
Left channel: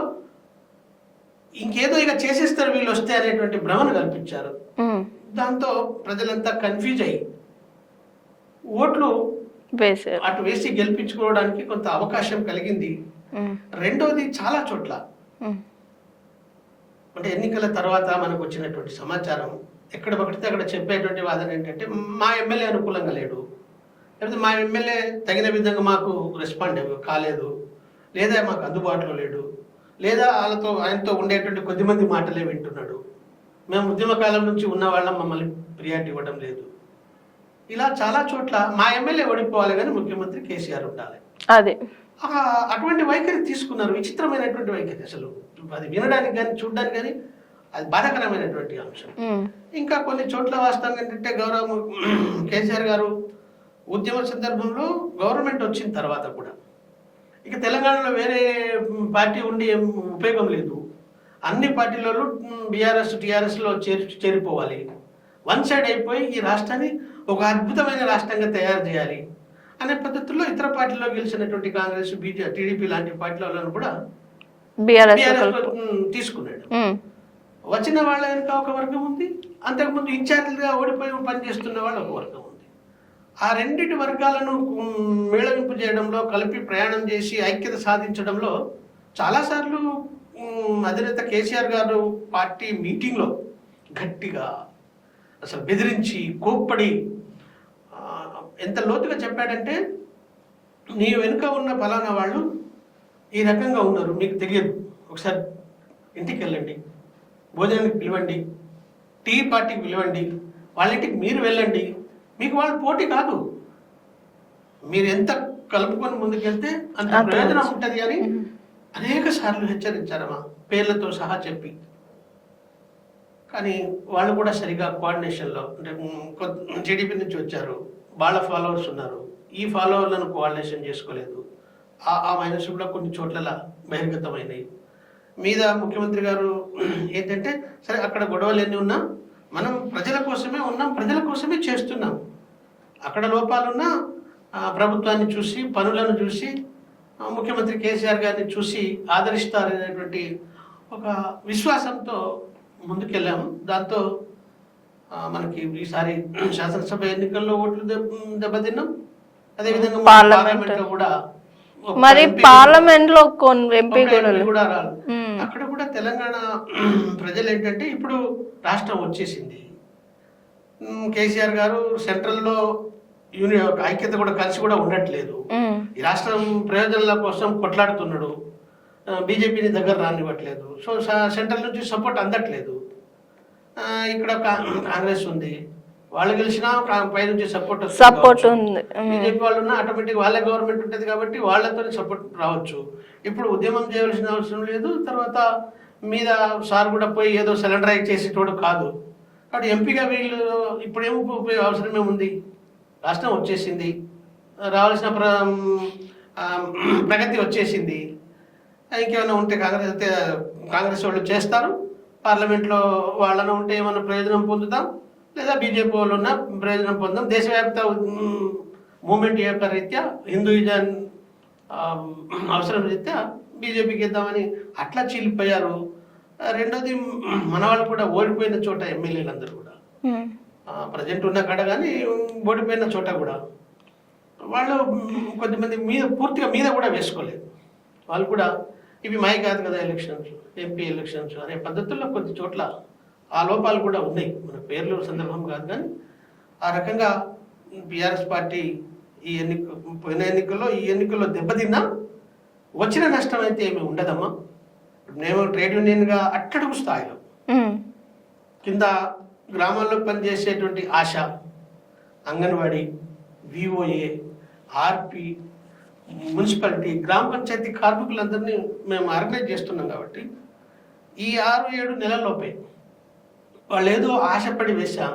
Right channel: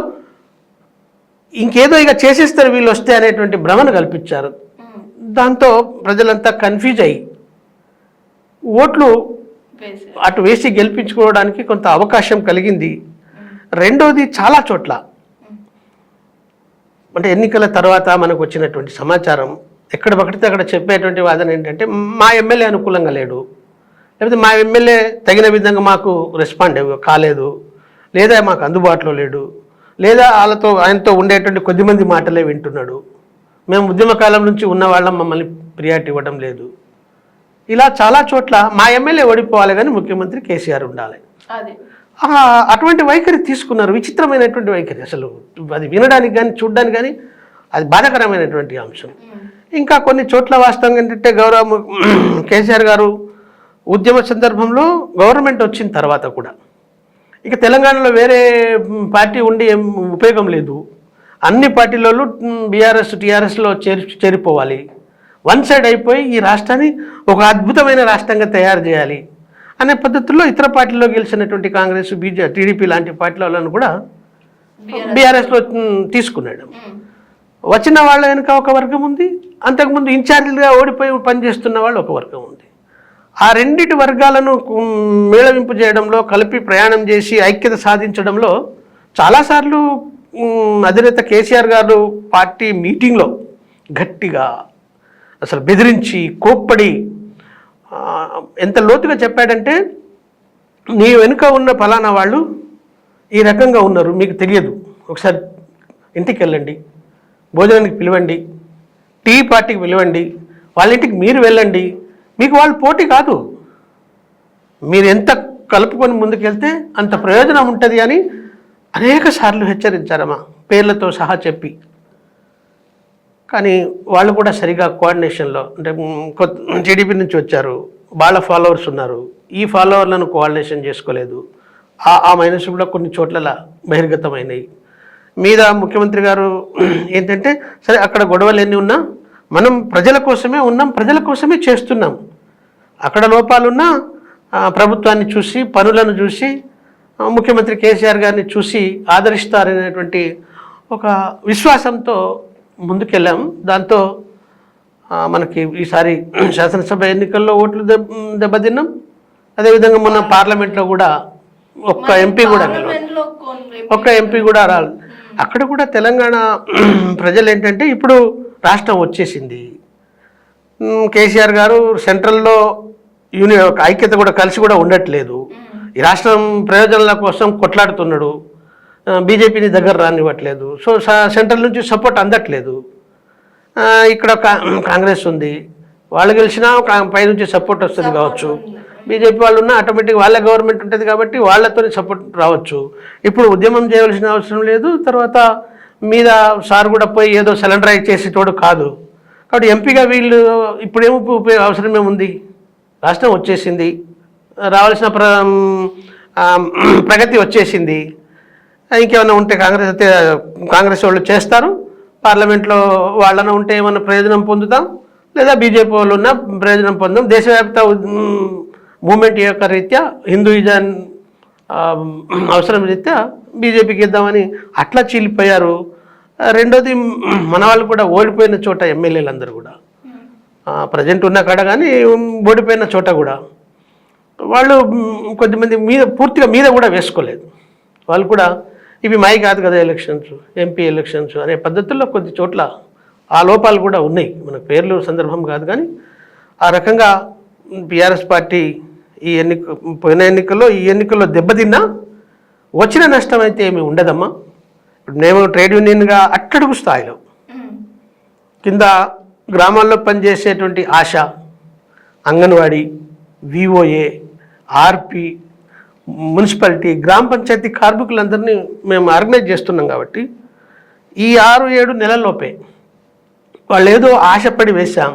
ఇంకేదో ఇక చేసేస్తారు వీళ్ళు వస్తే అనేటువంటి భ్రమను కల్పించారు. దాంతో ప్రజలంతా కన్ఫ్యూజ్ అయ్యి ఓట్లు అటు వేసి గెలిపించుకోవడానికి కొంత అవకాశం కలిగింది. రెండోది, చాలా చోట్ల అంటే ఎన్నికల తర్వాత మనకు వచ్చినటువంటి సమాచారం ఎక్కడ పడితే అక్కడ చెప్పేటువంటి వాదన ఏంటంటే మా ఎమ్మెల్యే అనుకూలంగా లేడు, లేకపోతే మా ఎమ్మెల్యే తగిన విధంగా మాకు రెస్పాండ్ కాలేదు, లేదా మాకు అందుబాటులో లేడు, లేదా ఆయనతో ఉండేటువంటి కొద్దిమంది మాటలే వింటున్నాడు, మేము ఉద్యమకాలం నుంచి ఉన్న వాళ్ళం, మమ్మల్ని ప్రియారిటీ ఇవ్వడం లేదు. ఇలా చాలా చోట్ల మా ఎమ్మెల్యే ఓడిపోవాలి కానీ ముఖ్యమంత్రి కేసీఆర్ ఉండాలి, అదే అటువంటి వైఖరి తీసుకున్నారు. విచిత్రమైనటువంటి వైఖరి, అసలు అది వినడానికి కానీ చూడడానికి కానీ అది బాధాకరమైనటువంటి అంశం. ఇంకా కొన్ని చోట్ల వాస్తవంగా ఏంటంటే గౌరవ కేసీఆర్ గారు ఉద్యమ సందర్భంలో గవర్నమెంట్ వచ్చిన తర్వాత కూడా ఇక తెలంగాణలో వేరే పార్టీ ఉండి ఏం ఉపయోగం లేదు, అన్ని పార్టీలలో బీఆర్ఎస్ టీఆర్ఎస్లో చేరిపోవాలి, వన్ సైడ్ అయిపోయి ఈ రాష్ట్రాన్ని ఒక అద్భుతమైన రాష్ట్రంగా తయారు చేయాలి అనే పద్ధతుల్లో ఇతర పార్టీలో గెలిచినటువంటి కాంగ్రెస్, టీడీపీ లాంటి పార్టీలను కూడా బీఆర్ఎస్లో తీసుకున్నాడు. వచ్చిన వాళ్ళ వెనుక ఒక వర్గం ఉంది, అంతకుముందు ఇన్ఛార్జీలుగా ఓడిపోయి పనిచేస్తున్న వాళ్ళు ఒక వర్గం ఉంది. ఆ రెండిటి వర్గాలను మేళవింపు చేయడంలో, కలిపి ప్రయాణం చేసి ఐక్యత సాధించడంలో చాలాసార్లు అధినేత కేసీఆర్ గారు పార్టీ మీటింగ్లో గట్టిగా అసలు బెదిరించి కోప్పడి ఎంత లోతుగా చెప్పాడంటే, నీ వెనుక ఉన్న ఫలానా వాళ్ళు ఈ రకంగా ఉన్నారు, మీకు తెలియదు, ఒకసారి ఇంటికి వెళ్ళండి, భోజనానికి పిలవండి, టీ పార్టీకి పిలవండి, వాళ్ళ ఇంటికి మీరు వెళ్ళండి, మీకు వాళ్ళు పోటీ కాదు, మీరు ఎంత కలుపుకొని ముందుకెళ్తే అంత ప్రయోజనం ఉంటుంది అని అనేక సార్లు హెచ్చరించారమ్మా, పేర్లతో సహా చెప్పి. కానీ వాళ్ళు కూడా సరిగా కోఆర్డినేషన్లో, అంటే టీడీపీ నుంచి వచ్చారు, వాళ్ళ ఫాలోవర్స్ ఉన్నారు, ఈ ఫాలోవర్లను కోఆర్డినేషన్ చేసుకోలేదు. ఆ మైనస్ కూడా కొన్ని చోట్ల బహిర్గతమైనవి. మీద ముఖ్యమంత్రి గారు ఏంటంటే, సరే అక్కడ గొడవలు ఎన్ని ఉన్నా మనం ప్రజల కోసమే ఉన్నాం, ప్రజల కోసమే చేస్తున్నాం, అక్కడ లోపాలున్నా ప్రభుత్వాన్ని చూసి, పనులను చూసి, ముఖ్యమంత్రి కేసీఆర్ గారిని చూసి ఆదరిస్తారనేటువంటి ఒక విశ్వాసంతో ముందుకెళ్ళాం. దాంతో మనకి ఈసారి శాసనసభ ఎన్నికల్లో ఓట్లు దెబ్బతిన్నాం. అదేవిధంగా మన పార్లమెంట్లో కూడా ఒక్క ఎంపీ కూడా రాలేదు. అక్కడ కూడా తెలంగాణ ప్రజలు ఏంటంటే, ఇప్పుడు రాష్ట్రం వచ్చేసింది, కేసీఆర్ గారు సెంట్రల్లో ఐక్యత కూడా కలిసి కూడా ఉండట్లేదు, ఈ రాష్ట్రం ప్రయోజనాల కోసం కొట్లాడుతున్నాడు, బీజేపీని దగ్గర రానివ్వట్లేదు, సో సెంట్రల్ నుంచి సపోర్ట్ అందట్లేదు. ఇక్కడ కాంగ్రెస్ ఉంది, వాళ్ళు గెలిచినా పైనుంచి సపోర్ట్ వస్తుంది కావచ్చు, బీజేపీ వాళ్ళు ఉన్నా ఆటోమేటిక్ వాళ్ళ గవర్నమెంట్ ఉంటుంది కాబట్టి వాళ్ళతో సపోర్ట్ రావచ్చు. ఇప్పుడు ఉద్యమం చేయవలసిన అవసరం లేదు, తర్వాత మీద సార్ కూడా పోయి ఏదో సిలిండరైజ్ చేసేటోడు కాదు, కాబట్టి ఎంపీగా వీళ్ళు ఇప్పుడేమో అవసరమే ఉంది, రాష్ట్రం వచ్చేసింది, రావాల్సిన ప్రగతి వచ్చేసింది, ఇంకేమైనా ఉంటే కాంగ్రెస్ వాళ్ళు చేస్తారు, పార్లమెంట్లో వాళ్ళన ఉంటే ఏమైనా ప్రయోజనం పొందుతాం, లేదా బీజేపీ వాళ్ళు ఉన్న ప్రయోజనం పొందాం, దేశవ్యాప్త మూమెంట్ యొక్క రీత్యా హిందూయిజం అవసరం రీత్యా బీజేపీకి ఇద్దామని అట్లా చీలిపోయారు. రెండోది, మన వాళ్ళు కూడా ఓడిపోయిన చోట ఎమ్మెల్యేలందరూ కూడా ప్రజెంట్ ఉన్న కాడ కానీ ఓడిపోయిన చోట కూడా వాళ్ళు కొద్దిమంది పూర్తిగా మీద కూడా వేసుకోలేదు. వాళ్ళు కూడా ఇవి మాయి కాదు కదా ఎలక్షన్స్, ఎంపీ ఎలక్షన్స్ అనే పద్ధతుల్లో కొద్ది చోట్ల ఆ లోపాలు కూడా ఉన్నాయి, మన పేర్లు సందర్భం కాదు. కానీ ఆ రకంగా బీఆర్ఎస్ పార్టీ పోయిన ఎన్నికల్లో ఈ ఎన్నికల్లో దెబ్బతిన్నా వచ్చిన నష్టం అయితే ఏమి ఉండదమ్మా. ఇప్పుడు మేము ట్రేడ్ యూనియన్గా అట్టడుగు స్థాయిలో కింద గ్రామాల్లో పనిచేసేటువంటి ఆశ, అంగన్వాడీ, విఓఏ, ఆర్పి, మున్సిపాలిటీ, గ్రామ పంచాయతీ కార్మికులందరినీ మేము ఆర్గనైజ్ చేస్తున్నాం. కాబట్టి ఈ 6-7 నెలల్లోపే వాళ్ళు ఏదో ఆశపడి వేశాం,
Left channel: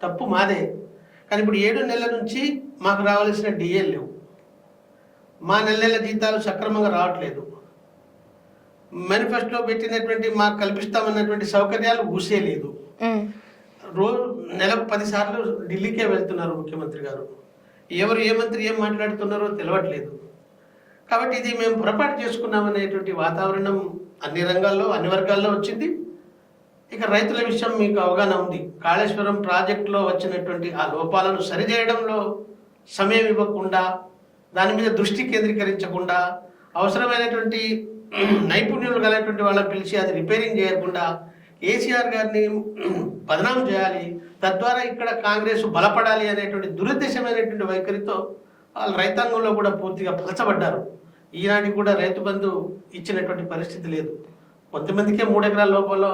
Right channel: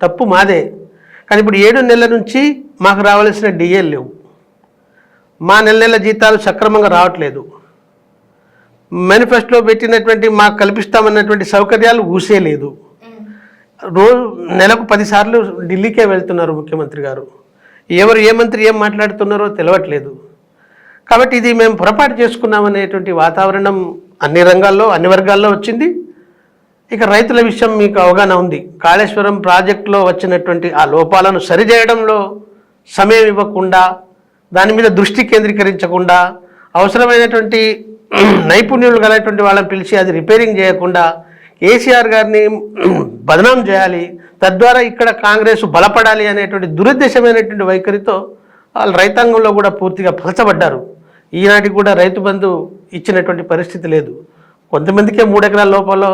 తప్పు మాదే. కానీ ఇప్పుడు 7 నెలల నుంచి మాకు రావాల్సిన డిఏలు లేవు, మా నెల జీతాలు సక్రమంగా రావట్లేదు, మేనిఫెస్టోలో పెట్టినటువంటి మాకు కల్పిస్తామన్నటువంటి సౌకర్యాలు ఊసేలేదు. రోజు నెలకు 10 సార్లు ఢిల్లీకే వెళ్తున్నారు ముఖ్యమంత్రి గారు, ఎవరు ఏ మంత్రి ఏం మాట్లాడుతున్నారో తెలియట్లేదు. కాబట్టి ఇది మేము పొరపాటు చేసుకున్నామనేటువంటి వాతావరణం అన్ని రంగాల్లో అన్ని వర్గాల్లో వచ్చింది. ఇక రైతుల విషయం మీకు అవగాహన ఉంది. కాళేశ్వరం ప్రాజెక్టులో వచ్చినటువంటి ఆ లోపాలను సరిచేయడంలో సమయం ఇవ్వకుండా, దాని మీద దృష్టి కేంద్రీకరించకుండా, అవసరమైనటువంటి నైపుణ్యులు కలిగినటువంటి వాళ్ళని పిలిచి అది రిపేరింగ్ చేయకుండా కేసీఆర్ గారిని బదనాం చేయాలి, తద్వారా ఇక్కడ కాంగ్రెస్ బలపడాలి అనేటువంటి దురుద్దేశమైనటువంటి వైఖరితో వాళ్ళు రైతాంగంలో కూడా పూర్తిగా పలచబడ్డారు. ఈనాటికి కూడా రైతు బంధు ఇచ్చినటువంటి పరిస్థితి లేదు. కొంతమందికే 3 ఎకరాల లోపల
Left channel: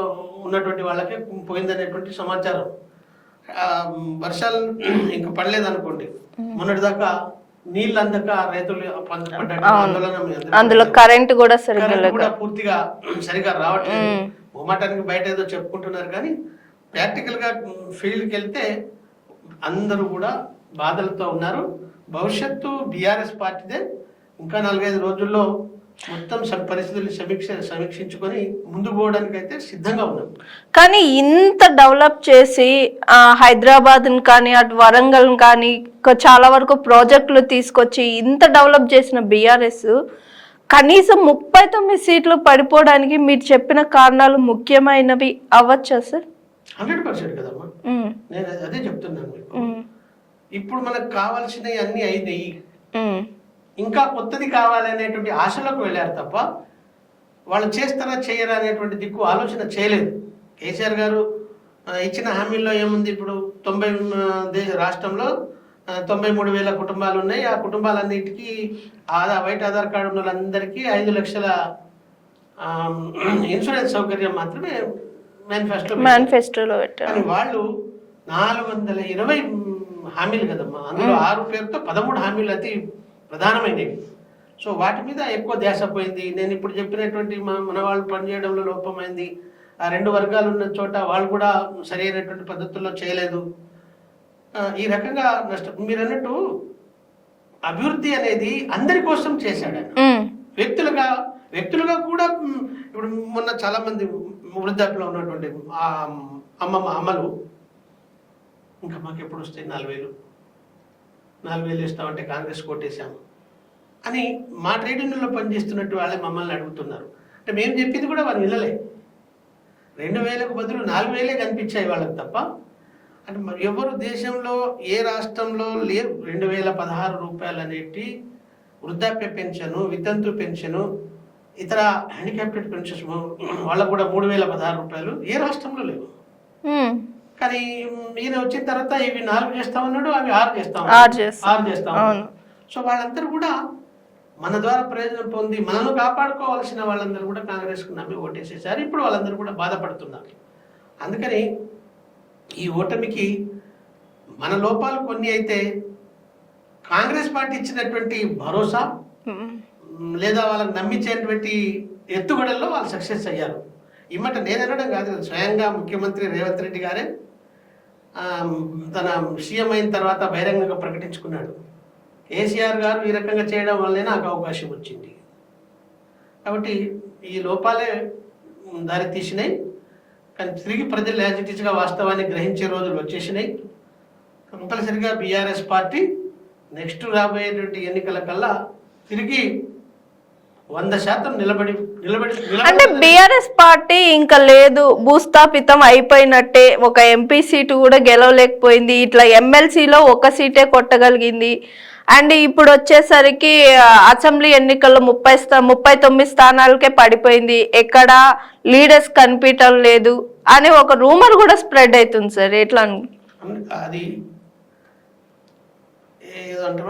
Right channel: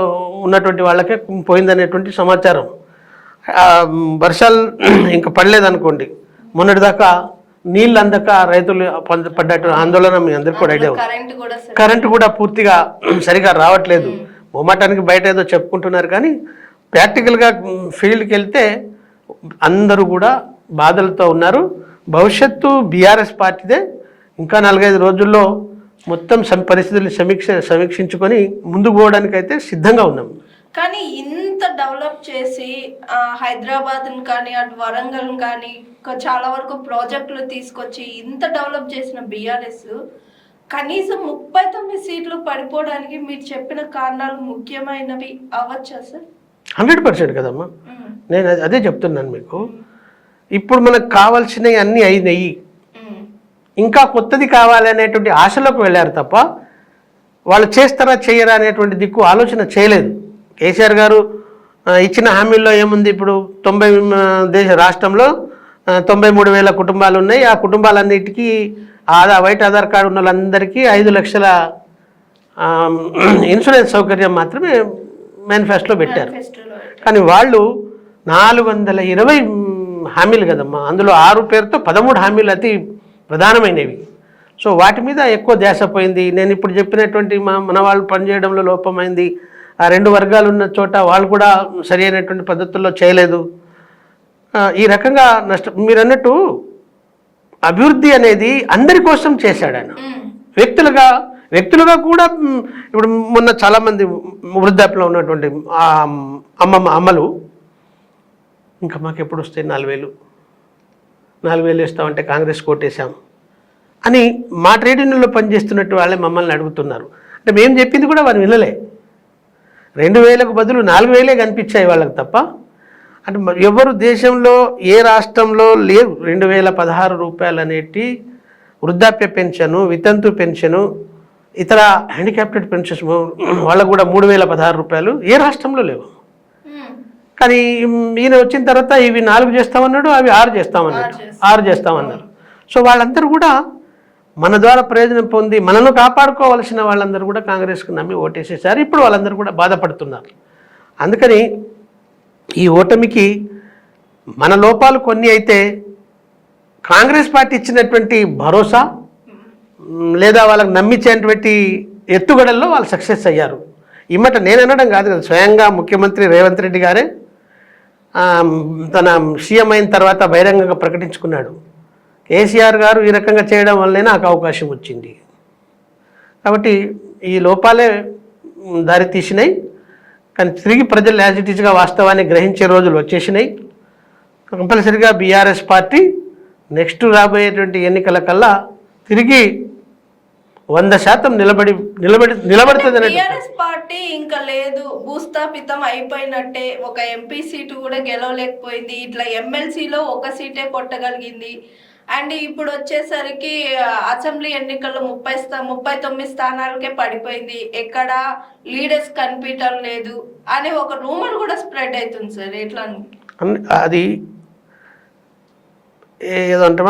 ఉన్నటువంటి వాళ్ళకే పోయిందనేటువంటి సమాచారం. వర్షాలు ఇంకా పడలేదనుకోండి, మొన్నటిదాకా నీళ్ళు అందక రైతులు పడ్డ ఆందోళన మీ అందరికీ కరెంటు కూడా పూర్తిగా సరిగా రావట్లేదు. మొమ్మాటానికి బయట ఏదో చెప్పుకుంటున్నారు, కానీ ప్రాక్టికల్గా ఫీల్డ్కి వెళ్తే అందరూ కూడా బాధలతో ఉన్నారు. భవిష్యత్తు బీఆర్ఎస్ పార్టీదే. ఇంకా 4-5 రోజుల్లో మొత్తం పరిస్థితులను సమీక్షించుకొని ముందుకు పోవడానికి అయితే సిద్ధంగా ఉన్నాం. కానీ ఇంత డెవలప్ చేసి హైదరాబాద్ని కానీ అటు వరంగల్ కానీ చాలా వరకు ప్రాజెక్టులు తీసుకొచ్చి ఇంత డెవలప్ చేసిన బీఆర్ఎస్ కనీసం 39 సీట్లు పడిపోవడానికి మీరు చెప్పిన కారణాలు ముఖ్యమైనవి అవ్వచ్చా సార్? 100% కదమ్మా, నేను అదే చెప్తున్నాను మీకు. ఇప్పుడు మనకు కావాల్సినవి అన్నీ అయినాయి, ఇంకా కొత్తది కావాలి అనేటువంటి ఆశలోకి వెళ్ళారు తప్ప వాళ్ళు చేస్తారా చేయరా అనేటువంటి దిక్కు ఆలోచన చేయలేదు. కేసీఆర్ గారు ఇచ్చిన హామీల్లో ఏముంది? ఇప్పుడు రాష్ట్రంలో 93,000 కుటుంబాలు ఉన్నాయి. ఆ కుటుంబాలన్నిటికీ వైట్ ఆధార్ కార్డు ఉన్న వాళ్ళందరికీ 5 లక్షల ఇన్సూరెన్స్ సౌకర్యం మాత్రమే మేనిఫెస్టోలో పెట్టారు. కానీ వాళ్ళు 420 హామీలు కదమ్మా, అందులో 6 పేరుతో 13 హామీలు అతి ప్రధానమైనవి. సో వాటి మీద ఎక్కువ ధ్యాస పోయింది. నేను ఇప్పుడు చెప్పినటువంటి మన వాళ్ళు పనిచేయడంలో లోపమైంది. ఆ 2 వర్గాలు ఉన్న చోట వాళ్ళు కూడా సరి అయినటువంటి పద్ధతుల్లో చేయలేదు. ఈ రకంగా మీరు అన్నట్టు అభివృద్ధి అనేది అందరి కోసం చేశాడు ఆయన. వ్యక్తులుగా కూడా ఇప్పుడు మొన్న చాలామంది వృద్ధాప్యంలో ఉన్నటువంటి అమ్మలు ఇంకా మాకు ఎప్పుడు వస్తాయి 4,000 ఇస్తామంటే కాంగ్రెస్ కోటేశాం అని మా ట్రేడ్ యూనియన్లో పనిచేస్తున్నట్టు వాళ్ళే మమ్మల్ని అడుగుతున్నారు. అంటే మేము చెప్పింది కూడా వారు వినలే. 2,000కు బదులు 4,000 కనిపించాయి వాళ్ళకి తప్ప. అంటే ఎవరు దేశంలో ఏ రాష్ట్రంలో లేవు 2,016 రూపాయలు అనేటి వృద్ధాప్య పెన్షను, వితంతు పెన్షను, ఇతర హ్యాండిక్యాప్టెడ్ పెన్షన్స్ వాళ్ళకు కూడా 3,016 రూపాయలు ఏ రాష్ట్రంలో లేవు. కానీ ఈయన వచ్చిన తర్వాత ఇవి 4 చేస్తామన్నాడు, అవి 6 చేస్తామన్నాడు. సో వాళ్ళందరూ కూడా మన ద్వారా ప్రయోజనం పొంది మనను కాపాడుకోవాల్సిన వాళ్ళందరూ కూడా కాంగ్రెస్కు నమ్మి ఓటేసేసారు. ఇప్పుడు వాళ్ళందరూ కూడా బాధపడుతున్నారు. అందుకని ఈ ఓటమికి మన లోపాలు కొన్ని అయితే కాంగ్రెస్ పార్టీ ఇచ్చినటువంటి భరోసా లేదా వాళ్ళకి నమ్మించేటువంటి ఎత్తుగడల్లో వాళ్ళు సక్సెస్ అయ్యారు. ఇమ్మట నేను అనడం కాదు కదా, స్వయంగా ముఖ్యమంత్రి రేవంత్ రెడ్డి గారే తన సీఎం అయిన తర్వాత బహిరంగంగా ప్రకటించుకున్నాడు, కేసీఆర్ గారు ఈ రకంగా చేయడం వల్లనే నాకు అవకాశం వచ్చింది. కాబట్టి ఈ లోపాలే దారి తీసినాయి. కానీ తిరిగి ప్రజలు యాజ్ ఇట్ ఈస్గా వాస్తవాన్ని గ్రహించే రోజులు వచ్చేసినాయి. కంపల్సరిగా బీఆర్ఎస్ పార్టీ నెక్స్ట్ రాబోయేటువంటి ఎన్నికల కల్లా తిరిగి 100% నిలబడుతుంది. బీఆర్ఎస్ పార్టీ ఇంకా లేదు, భూస్థాపితం అయిపోయినట్టే. ఒక ఎంపీ సీటు కూడా గెలవలేకపోయింది. ఇట్లా ఎమ్మెల్సీలో 1 సీటే కొట్టగలిగింది. అండ్ ఇప్పుడు వచ్చేసరికి అసెంబ్లీ ఎన్నికల్లో 39 స్థానాలకే పడిపోయింది, ఎక్కడ లీడర్స్ కనిపించడం లేదు అని ఒక రూమర్ కూడా స్ప్రెడ్ అవుతుంది సార్. ఎట్లా అది ఏదో అంటే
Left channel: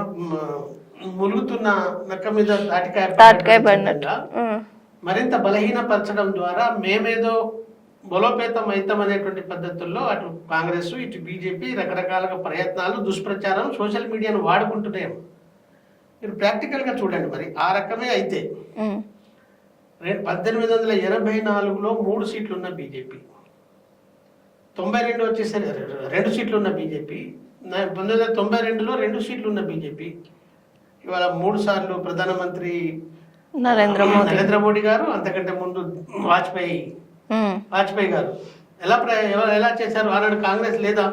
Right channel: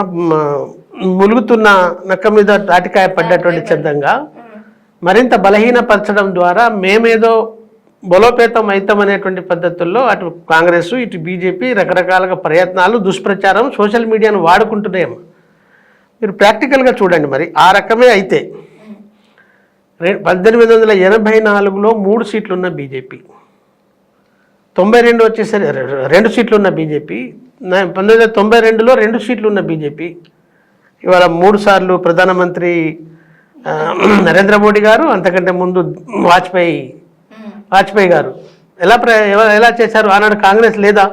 ములుగుతున్న నక్క మీద తాటికాయ పడ్డటువంటి సిద్ధంగా మరింత బలహీనపరచడం ద్వారా మేమేదో బలోపేతం అవుతామనేటువంటి పద్ధతుల్లో అటు కాంగ్రెస్ ఇటు బీజేపీ రకరకాలుగా ప్రయత్నాలు దుష్ప్రచారం సోషల్ మీడియాను వాడుకుంటున్నాయేమో. మీరు ప్రాక్టికల్గా చూడండి. మరి ఆ రకమే అయితే 1884లో 3 సీట్లు ఉన్న బీజేపీ, 92 వచ్చేసరి 2 సీట్లు ఉన్న బీజేపీ, 1992లో 2 సీట్లు ఉన్న బీజేపీ ఇవాళ 3 సార్లు ప్రధానమంత్రి నరేంద్ర మోడీ గారు, అంతకంటే ముందు వాజ్పేయి గారు ఎలా చేశారు? ఆనాడు కాంగ్రెస్ లేదా?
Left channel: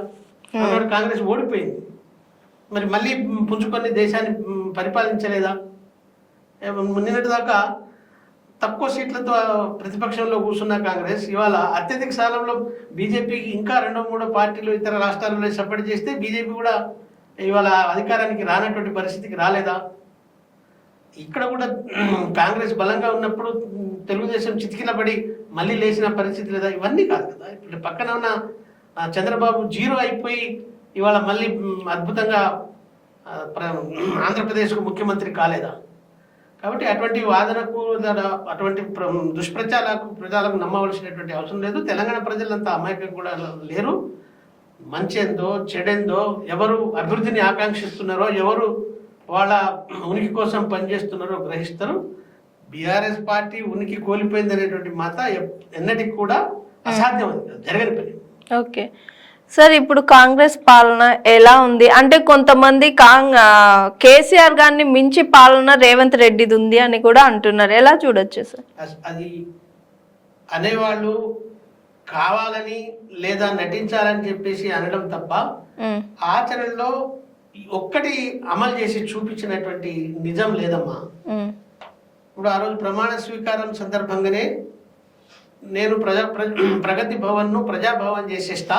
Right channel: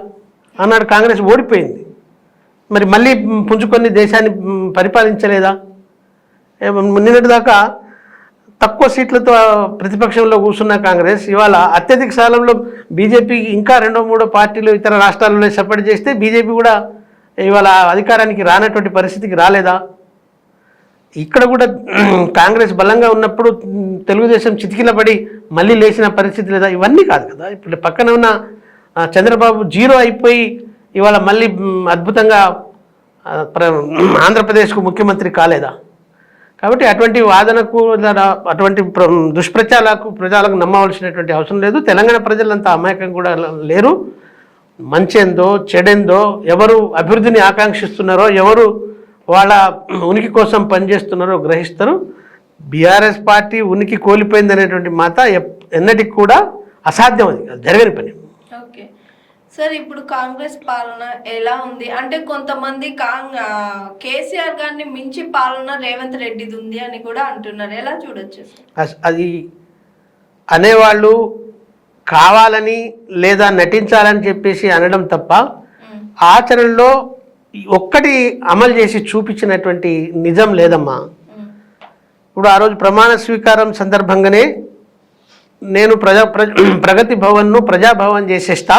ఆనాడు కాంగ్రెస్ ఓడిపోయింది. మరి మళ్ళీ పుంజుకొని దేశాన్ని పరిపాలించలేదా? నిన్నటి దాకా తక్కువ సీట్లతో ప్రతిపక్షంలో కూర్చున్న కాంగ్రెస్ ఇవాళ అత్యధిక స్థానంలో బీజేపీ ఇంకా 2-3 పార్టీలు ఇతర రాష్ట్రాలలో సపోర్ట్ చేస్తే బీజేపీ కూడా ఇవాళ అధికారానికి రానటువంటి పరిస్థితికి రాలేదా? ఇక్కడ కూడా కాంగ్రెస్ బలంగా ఉన్నప్పుడు తెలుగుదేశం చితికిలపడి మళ్ళీ లేచిన పరిస్థితి లేదా? ఇవన్నీ కాదు కదా. ఇప్పుడు పక్కన ఉన్న చంద్రబాబు 0 అయిపోయి ఇవాళ మళ్ళీ అద్భుతంగా ఆంధ్రప్రదేశ్కు ముఖ్యమంత్రి కాలేదా? కాబట్టి అటువంటి వాదనకు అటువంటి ప్రజలకు నమ్మవలసినటువంటి అవసరం లేదు. తెలంగాణ ప్రజలంతా అమాయకం కూడా లేరు. మంచేందో చెడేందో, ఎవరు అభివృద్ధిని ఆకాంక్షిస్తున్నారో, ఎవరు వాళ్ళ ఉనికి కోసం పనిచేస్తున్నారో గ్రహిస్తారు. బీఆర్ఎస్ పార్టీ ఉనికి కోల్పోయింది అనేటువంటి మాట ఎన్నటికి కూడా అసాధ్యం, అది జరగని పని. ఓకే సార్, ఇప్పుడు కాంగ్రెస్ పాలన ఎలా ఉంది అంటే కొంతమంది కేసీఆర్ గారిని మించి పాలన రేవంత్ రెడ్డిది ఉంది అని కూడా అంటున్నారు. ఎలా చూడొచ్చు సార్? అది అనేవాళ్ళు కావాలని లేదా నటించాలని చెప్పేసి అనడం తప్ప ఆచరణలో ఒక్కటి అమలు చేసి చూపించినటువంటి నిజం లేదమ్మా. ఇప్పుడు ఆ రోజు ప్రమాణ స్వీకారం సందర్భంగానే నేను ప్రగతి భవన్ను ప్రజాభవన్ చేసేస్తా,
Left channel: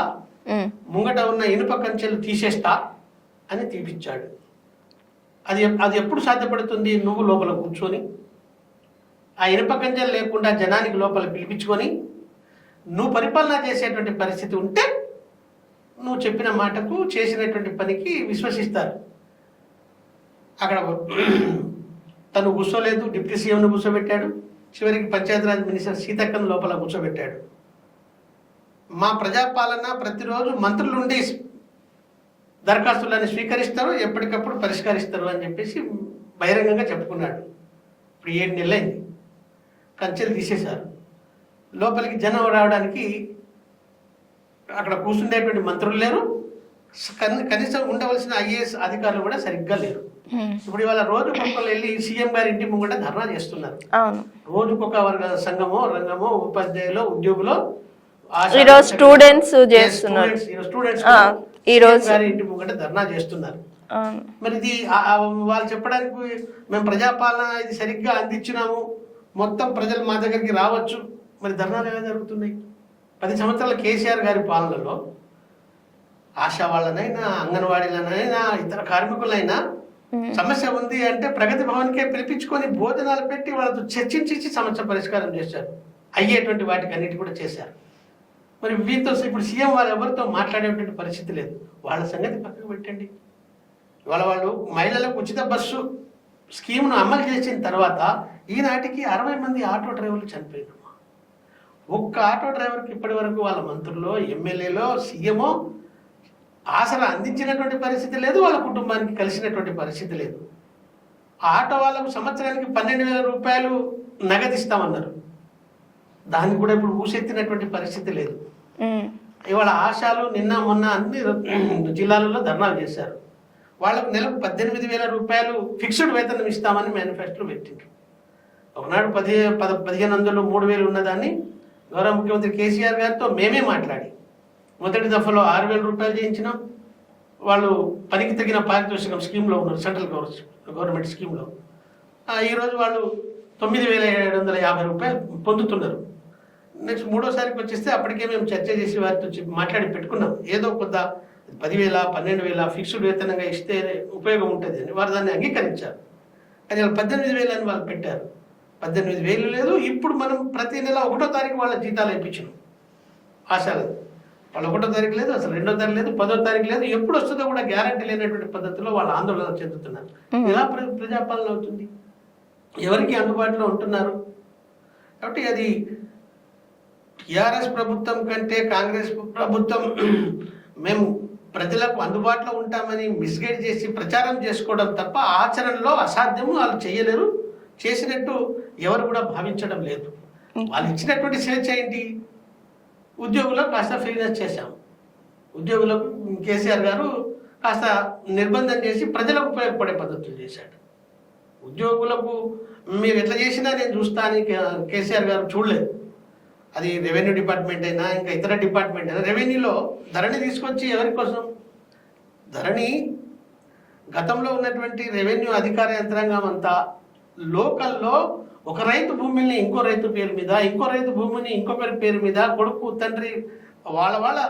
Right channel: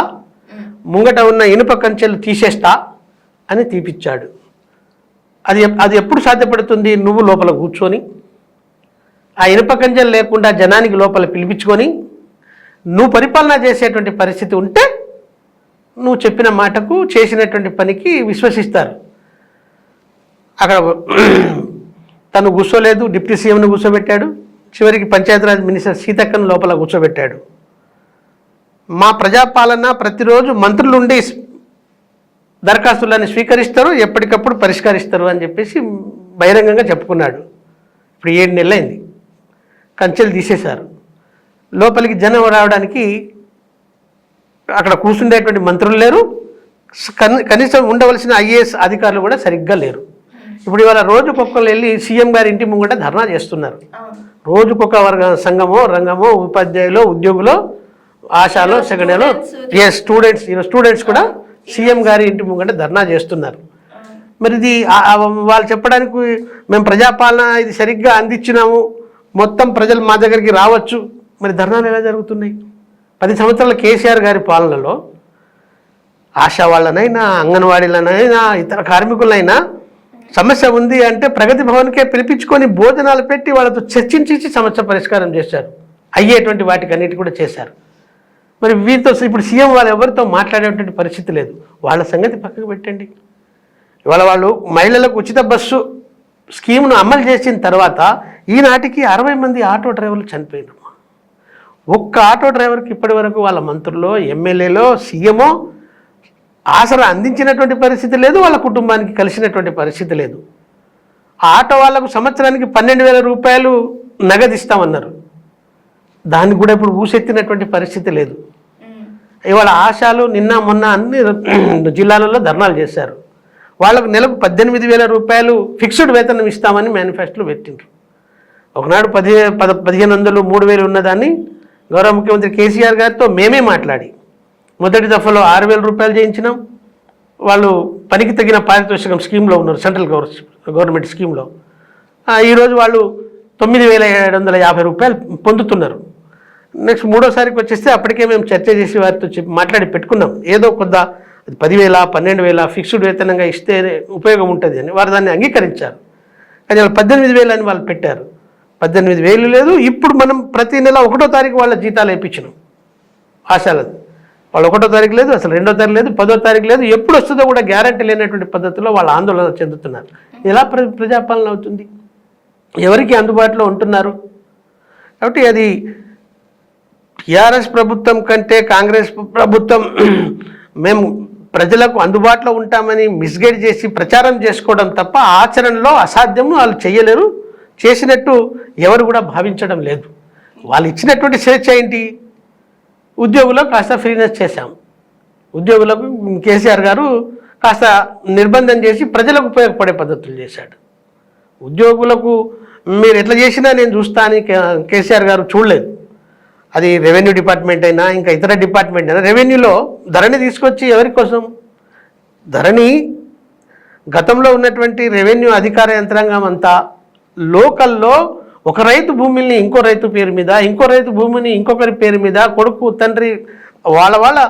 ముంగట ఉన్న ఇనుప కంచెలు తీసేస్తా అని తీపిచ్చాడు. అది ఎప్పుడు సాధ్యపడుతుంది? నువ్వు లోపల కూర్చొని ఆ ఇనుప కంచెలు లేకుండా జనానికి లోపల పిలిపించుకొని నువ్వు పరిపాలన చేసేటువంటి పరిస్థితి ఉంటే నువ్వు చెప్పిన మాటకు చేసినటువంటి పనికి విశ్వసిస్తారు. అక్కడ తను కూర్చోలేదు, డిప్యూటీ సీఎంను కూర్చోబెట్టాడు, చివరికి పంచాయతీరాజ్ మినిస్టర్ సీతక్కను లోపల కూర్చోబెట్టాడు. మా ప్రజాపాలన ప్రతిరోజు మంత్రులుండి దరఖాస్తులను స్వీకరిస్తారు, ఎప్పటికప్పుడు పరిష్కరిస్తారు అని చెప్పేసి బహిరంగంగా చెప్పుకున్నాడు. ఇప్పుడు 7 నెలలైంది, కంచెలు తీసేశారు. లోపలికి జనం రావడానికి అక్కడ కూర్చుండేటువంటి మంత్రులు లేరు, కనీసం ఉండవలసిన ఐఏఎస్ అధికారులు కూడా సరిగ్గా లేరు. ఇప్పుడు ఇవాళ రోజుకొకరు వెళ్ళి సీఎం గారి ఇంటి ముంగట ధర్నా చేస్తున్నారు. రోజుకొక వర్గ సంఘమో రంగమో ఉపాధ్యాయులు ఉద్యోగులు స్టూడెంట్స్ కూడా సీఎం గారి ఇంటి ముంగట ధర్నా చేస్తున్నారు. మరి ఇది వాళ్ళు చెప్పడానికి మేము ప్రజాపాలన ఇది సరిగ్గా అందించినాము, మొత్తం ప్రజలు మా దగ్గరికి రావచ్చు. మరి ధర్నాలు ఎలా జరుగుతున్నాయి? 10 సంవత్సరాల కేసీఆర్ గారి పాలనలో ఆశా వాళ్ళనైనా అంగన్వాడీలనైనా ఇతర కార్మికులైనా సమస్య ఉంది అంటే ప్రగతి భవన్కే పిలిపించుకొని భోజనాలు పెట్టి వాళ్ళతో చర్చించి సమస్య పరిష్కారం చేశారు. అయ్యేటువంటి వాటికి అన్నిటి కూడా చేశారు. మరి వీరితో ఇప్పుడు సీఎం వాళ్ళు ఎవరితో మాట్లాడేటువంటి పరిస్థితి లేదు. వాళ్ళ సంగతి పక్కకు పెట్టండి. ఇవాళ వాళ్ళు మహిళలకు ఉచిత బస్సు స్కీమ్ను అమలు చేసిన తర్వాత ఈనాటికి 60 మంది ఆటో డ్రైవర్లు చనిపోయారు. ఒక్క ఆటో డ్రైవర్కి ఇప్పటి వరకు వాళ్ళ మంత్రుల్లో ఎమ్మెల్యేలో సీఎమో ఆసరా అందించినటువంటి పరిస్థితి లేదు, వాళ్ళ కుటుంబానికి కలిసినటువంటి పరిస్థితి లేదు. ఆ ఆటో వాళ్లకు సంవత్సరానికి 12,000 రూపాయలు నగదిస్తామన్నారు, దానికి కూడా ఇప్పుడు ఊసెత్తినటువంటి పరిస్థితి లేదు. ఇవాళ ఆశాలు నిన్న మొన్న అన్ని జిల్లాలలో ధర్నాలు చేశారు. వాళ్ళకు నెలకు 18,000 రూపాయలు ఫిక్స్డ్ వేతనం ఇస్తామని మేనిఫెస్టోలో పెట్టిండ్రు. ఒకనాడు 1,500 3,000 ఉన్నదాన్ని గౌరవ ముఖ్యమంత్రి కేసీఆర్ గారితో మేమే మాట్లాడి మొదటి దఫాలో 6,000 రూపాయలు చేయించినాం. వాళ్ళు పనికి తగిన పారితోషికం స్కీమ్లో ఉన్నారు, సెంట్రల్ గవర్నమెంట్ స్కీమ్లో. ఈరోజు వాళ్ళు 9,750 రూపాయలు పొందుతున్నారు. నెక్స్ట్ 3వ సారికి వచ్చేస్తే అప్పటికే మేము చర్చ చేసి వారితో మాట్లాడి పెట్టుకున్నాం. ఏదో కొద్ద అది 10,000 12,000 ఫిక్స్డ్ వేతనంగా ఇస్తే ఉపయోగం ఉంటుంది అని వారు దాన్ని అంగీకరించారు. కానీ వాళ్ళు 18,000 అని వాళ్ళు పెట్టారు. 18,000 లేదు. ఇప్పుడు మనం ప్రతి నెల 1వ తారీఖు వాళ్ళ జీతాలు వేయించినాం ఆశాలది. వాళ్ళు 1వ తారీఖు లేదు, అసలు 2వ తారీఖు లేదు, 10వ తారీఖు లేదు, ఎప్పుడు వస్తుందో కూడా గ్యారంటీ లేనటువంటి పద్ధతిలో వాళ్ళు ఆందోళన చెందుతున్నారు. ఎలా ప్రజాపాలన అవుతుంది? ఎవరికి అందుబాటులో ఉంటున్నారు? కాబట్టి అది టీఆర్ఎస్ ప్రభుత్వం కంటే కాంగ్రెస్ ప్రభుత్వం మేము ప్రజలకు అందుబాటులో ఉంటామని మిస్గైడ్ చేసి ప్రచారం చేసుకోవడం తప్ప ఆచరణలో అసాధ్యము. వాళ్ళు చేయలేరు, చేసినట్టు ఎవరు కూడా భావించడం లేదు. వాళ్ళు ఇచ్చినటువంటి స్వేచ్ఛ ఏంటి? ఉద్యోగులకు కాస్త ఫ్రీనెస్ చేశాం. ఉద్యోగులకు కేసీఆర్ గారు కాస్త నిర్బంధం చేసి ప్రజలకు ఉపయోగపడే పద్ధతులు చేశాడు. ఉద్యోగులకు మీరు ఎట్లా చేసినా నేను చూస్తా అని కేసీఆర్ గారు చూడలేదు. అది రెవెన్యూ డిపార్ట్మెంట్ అయినా ఇంకా ఇతర డిపార్ట్మెంట్ అయినా. రెవెన్యూలో ధరణి తీసుకొచ్చి ఎవరి కోసం? ధరణి గతంలో ఉన్నటువంటి రెవెన్యూ అధికార యంత్రాంగం అంతా లోకల్లో ఒక రైతు భూమిని ఇంకో రైతు పేరు మీద, ఇంకో రైతు భూమిని ఇంకొకరి పేరు మీద, కొడుకు తండ్రి వాళ్ళ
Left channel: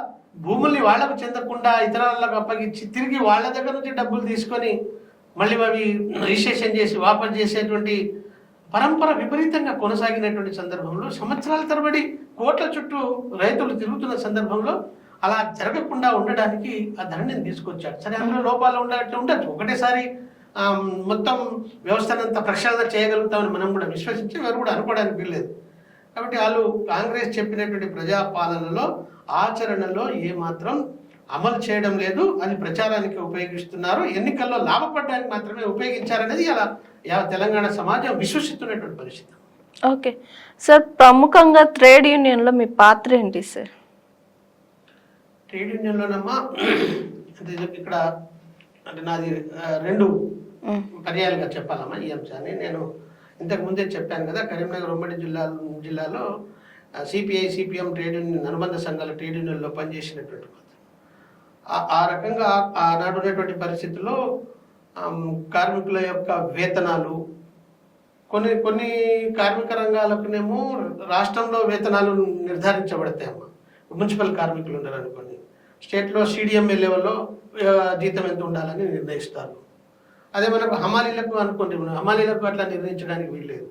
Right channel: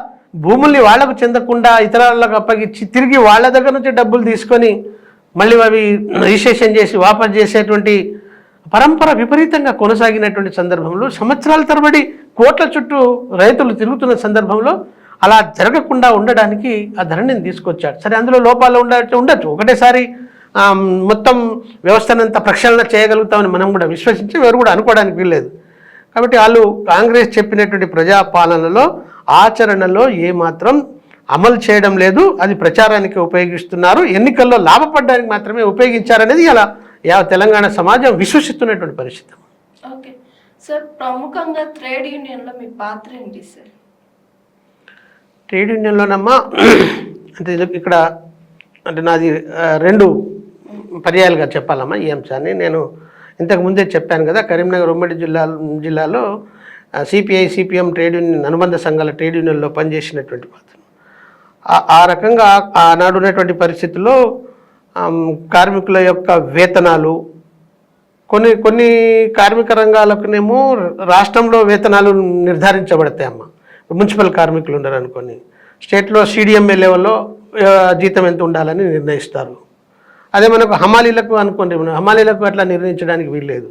భూముల్ని వాళ్లకు చెందకుండా ఇతరులకు అప్పగించి తిరిగి వాళ్ళ దగ్గర నుంచి డబ్బులు తీసుకొని మళ్ళీ అవి రిజిస్ట్రేషన్ చేసి వాపసు చేసేటువంటి పరంపర విపరీతంగా కొనసాగినటువంటి సందర్భంలో సంవత్సరాల తరబడి కోట్ల చుట్టూ రైతులు తిరుగుతున్న సందర్భంలో అలా జరగకుండా ఉండడానికి ఆ ధరణిని తీసుకొచ్చాడు. సరే, అందులో లోపాలు ఉండొచ్చు. ఒకటేసారి మొత్తం వ్యవస్థనంతా ప్రక్షాళన చేయగలుగుతామని మనం కూడా విశ్వసించి ఎవరు కూడా అనుకోవడానికి వీల్లేదు. కాబట్టి వాళ్ళు కాంగ్రెస్ చెప్పినటువంటి ప్రజాపాలనలో ఆచరణలో ఏమాత్రం అమలు చేయడం లేదు. అది ప్రచారానికి ఉపయోగిస్తున్నారు, ఎన్నికల్లో లాభపడడానికి మాత్రమే ఉపయోగించారనేది ఇలా తెలంగాణ సమాజం విశ్వసిస్తున్నటువంటి పరిస్థితి. ఓకే సార్, ప్రముఖంగా ట్రేడ్ యూనియన్లో మీ పాత్ర ఏంటి సార్? ట్రేడ్ యూనియన్లోనమ్మా అంటే ఇక్కడ అంటే నాది 2 పర్యాయాలుగా చెప్పాలమ్మా ఈ అంశాన్ని. నేను ఇంతకు ముందే చెప్పాను కదా, కరీంనగర్ ఉమ్మడి జిల్లాలో సిపిఐ సిపిఎం ట్రేడ్ యూనియన్ అనుబంధ సంఘాల ట్రేడ్ యూనియన్లో పనిచేసినటువంటి పాత్ర. ఆ రకంగా ఆనాడు ఉన్నటువంటి పరిస్థితుల్లో కార్మికుల యొక్క వేతనాలు కొన్ని కార్మిక రంగాలకునేమో రాష్ట్రంలో వేతనాలు నిర్ధారించబడతాయమ్మా. మున్సిపల్ కార్మికులు ఉన్నారు అనుకోని, స్టేట్లో సిడిఎంఏ లెవెల్లో జీతం ఎంత ఉండాలని నిర్ణయిస్తారు. అదే మనకు హమాలీలకు అనుకోండి, హమాలీలకు అట్లా నిర్ణయించడానికి వీల్లేదు.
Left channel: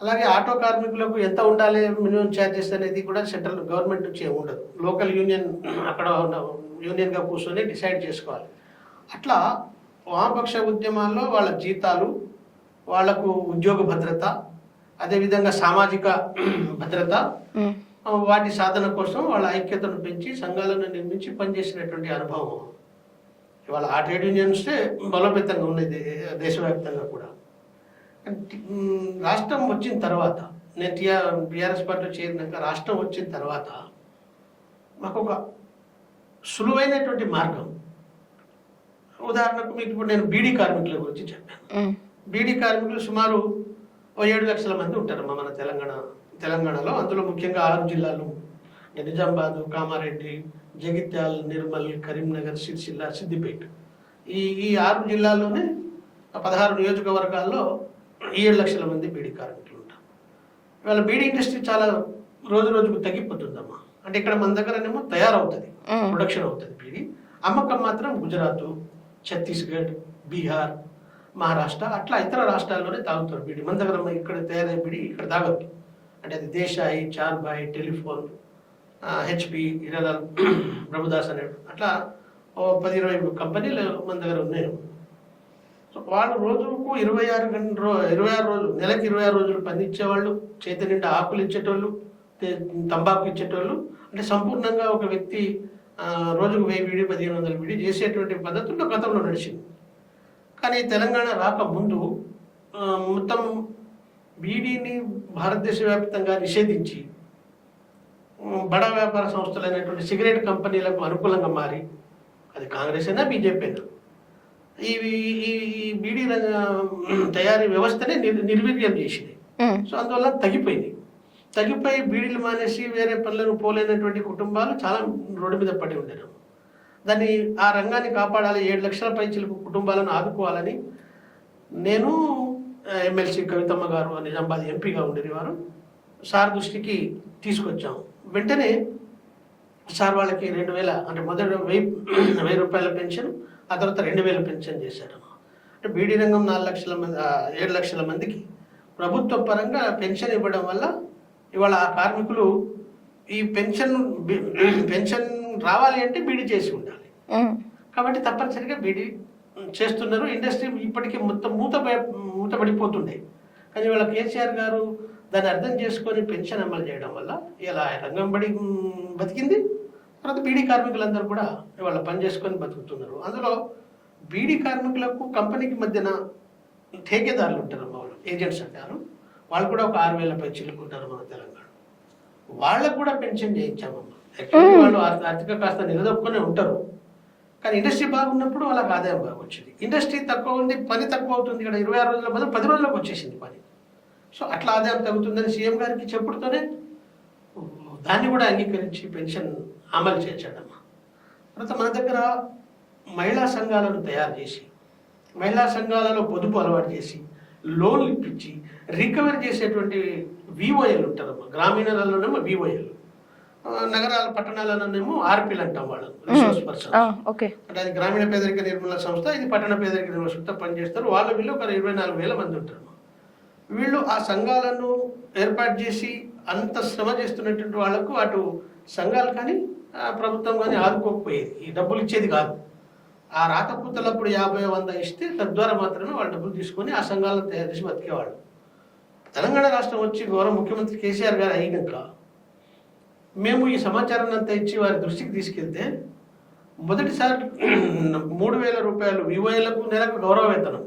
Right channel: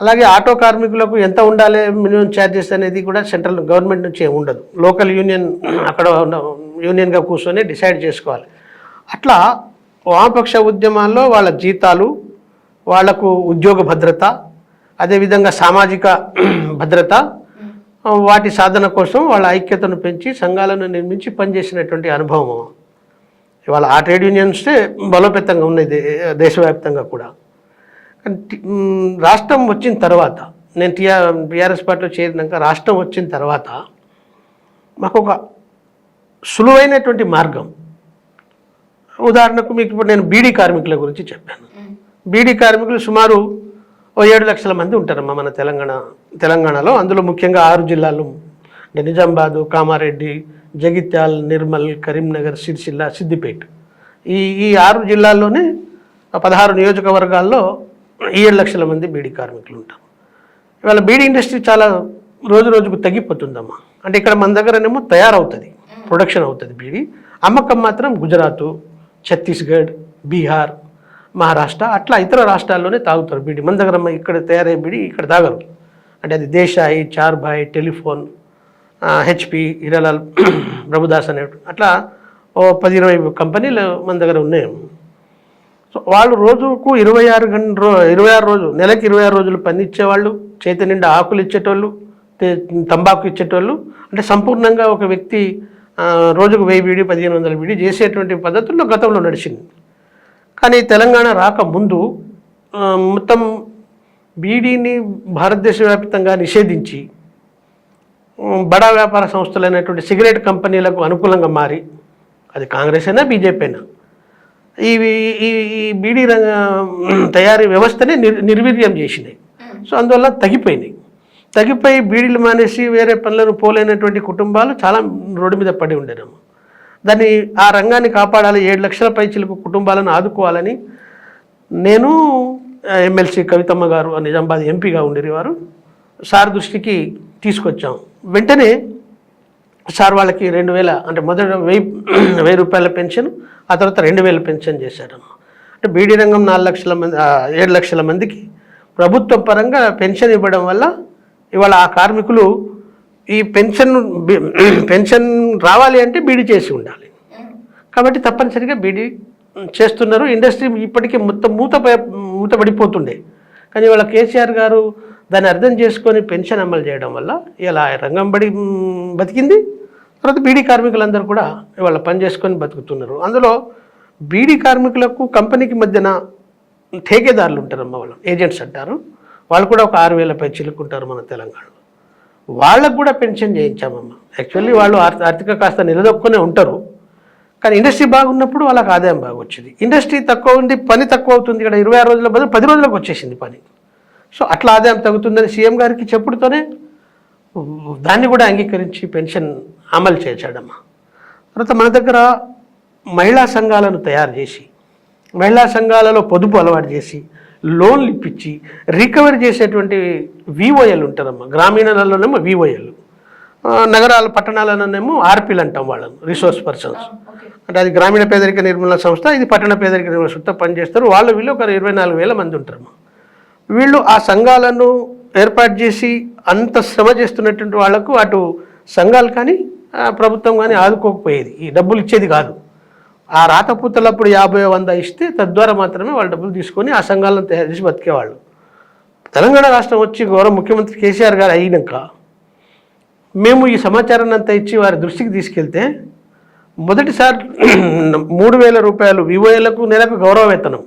అలాగే ఆటో కార్మికులకు ఎంత ఉండాలి మినిమం ఛార్జెస్ అనేది కూడా సెంట్రల్ గవర్నమెంట్ నుంచి ఉండదు. లోకల్ యూనియన్ అక్కడ యూనియన్గా కూర్చొని డిసైడ్ చేసుకోవాలి. అట్లా వామపక్ష ఉద్యమాల్లో వాళ్ళ జీతాలు, వాళ్లకు ఉద్యోగ భద్రత, అదేవిధంగా సామాజిక భద్రత, వాటి సాధన కోసం వాళ్ళ ఐక్యతను పెంచి సంఘాలను నిర్మించి పనిచేసినటువంటి అనుభవం ఇవాళ ఆ ట్రేడ్ యూనియన్సే బలోపేతంగా ఉన్నాయి దేశవ్యాప్తంగా కూడా. రాష్ట్రం వచ్చిన తర్వాత, నేను టీఆర్ఎస్ పార్టీలో చేరినాక రాష్ట్రం వచ్చిన తర్వాత మాకు ఒక సులువైనటువంటి మార్గం. ఉదాహరణకు మీకు ఇప్పుడు నేను బీడీ కార్మికుల గురించి చెప్పాను. బీడీ కార్మికులు సుమారు 7 లక్షల మంది ఉంటారమ్మా మన తెలంగాణలో. అందులో ముఖ్యంగా 6 జిల్లాలు అంటే నిజామాబాదు, కామారెడ్డి, జగిత్యాల్, నిర్మల్, కరీంనగర్, సిరిసిల్ల, సిద్దిపేట, ఈ 6 జిల్లాల్లోనే 16 నియోజకవర్గాల్లో 7 లక్షల మంది బీడీ కార్మికులు ఉంటారు. ఇవాళ బీడీ ఇండస్ట్రీ చాలా రోజుకు తగ్గిపోతుందమ్మా. అంటే ఇక్కడ మన దగ్గరనేమో తయారవుతుంది, ప్రొడక్షన్ అవుతుంది బీడీ, అమ్మకం మాత్రం గుజరాత్, ఛత్తీస్గఢ్, బీహార్, మహారాష్ట్ర అట్లా ఇతర రాష్ట్రాల్లోనే తాగుతారు బీడీ. మన దగ్గర ఇక్కడ తయారయ్యే బీడీ ఇక్కడ తాగరు. అంటే అది దేశాయి, చార్భాయ్, టెలిఫోన్, హెచ్పి, హిరాలాల్, ప్రభుదాస్ అనే అట్లా 10-20 కంపెనీలు మన దగ్గర ఉన్నాయి. సో వాళ్ళు రోజుకు 26 రోజులు, నెలకి 26 రోజులు పని ఇచ్చేవాళ్ళు, చేతి నిండా ఆకులు ఇచ్చేటోళ్ళు, తంబాకు ఇచ్చేటోళ్ళు. అంటే సంపూర్ణంగా ఒక వ్యక్తి రోజుకు 1000 బీడీ, 1500 బీడీ చేసేటువంటి పద్ధతుల్లో గతంలో నడిచింది. కానీ తెలంగాణ రాకముందు మొత్తం బీడీని భారతదేశ వ్యాప్తంగా నిషేధించి బడా వ్యాపార సంస్థలైనటువంటి సిగరెట్ కంపెనీలకు అనుకూలంగా మారి, అది కాంగ్రెస్ అయినా బీజేపీ అయినా, ఈ బీడీ తయారీ వ్యవస్థని నిర్వీర్యం చేసినాయి. సో అందువల్ల తగ్గిపోయి బీడీలు మానేసి వేరే పనులను పోలేనటువంటి కుటుంబాలు చాలా రోడ్డు మీద పడి ఉండేను. దాన్ని ఆ రంగాన్ని కాపాడాలి, 7 లక్షల పైచిలకు కుటుంబాలను ఆదుకోవాలని నేను, ఎమ్మెల్సీ కవితమ్మ గారు నిజామాబాద్ ఎంపీగా ఉండేవారు, సార్ దృష్టికి తీసుకొచ్చాం. వెంటనే సార్ వాళ్ళకి 2000 అంటే మొదట 1000 రూపాయల పెన్షన్, ఆ తర్వాత 2000 పెన్షన్ చేశాడమ్మా. అంటే బీడీ రంగం 4 లక్షల మంది 7 లక్షల మందికి ప్రభుత్వ పరంగా పెన్షన్ ఇవ్వడం వల్ల ఇవాళ ఆ కార్మికులు ఈ పెన్షన్ రావాలి అంటే బీడీ చేసి ఉండాలి. కాబట్టి తప్పనిసరిగా బీడీ చేస్తున్నారు. ఇండస్ట్రీ ఇప్పటికీ మొత్తం మూతపడిపోతుండే. కానీ ఇవాళ కేసీఆర్ గారు దాన్ని అర్థం చేసుకొని పెన్షన్ అమలు చేయడం వల్ల ఇలా రంగం బతికింది. తర్వాత బీడీ కార్మికులందరూ కూడా ఇవాళ పని చేసుకొని బతుకుతున్నారు. అందులో బీడీ కార్మికులకు కంపెనీకి మధ్యన ఠేకేదారులు ఉంటారమ్మ, వాళ్ళు ఏజెంట్స్ అంటారు. వాళ్ళు కూడా ఒక 6000 పై చిలుకుంటారు మన తెలంగాణలో. వాళ్ళకు కూడా పెన్షన్ చేయించామమ్మ. యాక్చువల్లీ వాళ్ళు ఆర్థిక కాస్త నిలదొక్కునే ఉంటారు. కానీ ఇండస్ట్రీ బాగున్నప్పుడు వాళ్ళకి ఆదాయం బాగా వచ్చింది. ఇండస్ట్రీ తక్కువ ఉంది, పని తక్కువ అవుతుంది. ఇక్కడ 26 రోజుల బదులు 10 రోజులకు వచ్చేసింది పని. సో అట్లా ఆదాయం తగ్గుతుందని సీఎం గారికి చెప్పుడుతోనే దాన్ని కూడా అంగీకరించి పెన్షన్ అమలు చేశాడమ్మా. తర్వాత మన దగ్గర మహిళా సంఘాలను తయారు చేసి, మహిళా సంఘాలలో పొదుపు అలవాటు చేసి, లోన్లు ఇప్పించి రికవరీ చేసేటువంటి విఓఎల్ ఉంటారమ్మా. గ్రామీణలలోనేమో విఓఎల్, నగరాల పట్టణాలలోనేమో ఆర్పీలు అంటాం వాళ్ళను, రిసోర్స్ పర్సన్స్. అంటే అది గ్రామీణ పేదరిక నిర్మూలన సంస్థ, ఇది పట్టణ పేదరిక నిర్మూలన సంస్థ పనిచేస్తారు. వీళ్ళు ఒక 24,000 మంది ఉంటారు. వీళ్ళు ఆ సంఘాలను ఏర్పాటు చేసి అంత శ్రమ చేస్తున్నటువంటి వాళ్లకు అటు సంఘాలు కానీ ప్రభుత్వం కానీ ఆదుకోకపోయేది, ఈ డబ్బులు ఇచ్చేది కాదు. ఆ రాతపూతలప్పుడు 50-100 ఇస్తే తద్వారా మాత్రమే వాళ్ళ డబ్బులు తీసుకొని ఆ సంఘాలను తయారు చేసి బతికేవాళ్ళు. తెలంగాణ రాష్ట్రం వచ్చి గౌరవ ముఖ్యమంత్రి కేసీఆర్ గారు అయినాక మేము ఈ సమాచారాన్ని అంతా ఇచ్చి వారి దృష్టికి తీసుకెళ్తే మొదటిసారి 3,000 రూపాయలు వివోఏలకు నెలకు గౌరవ వేతనం,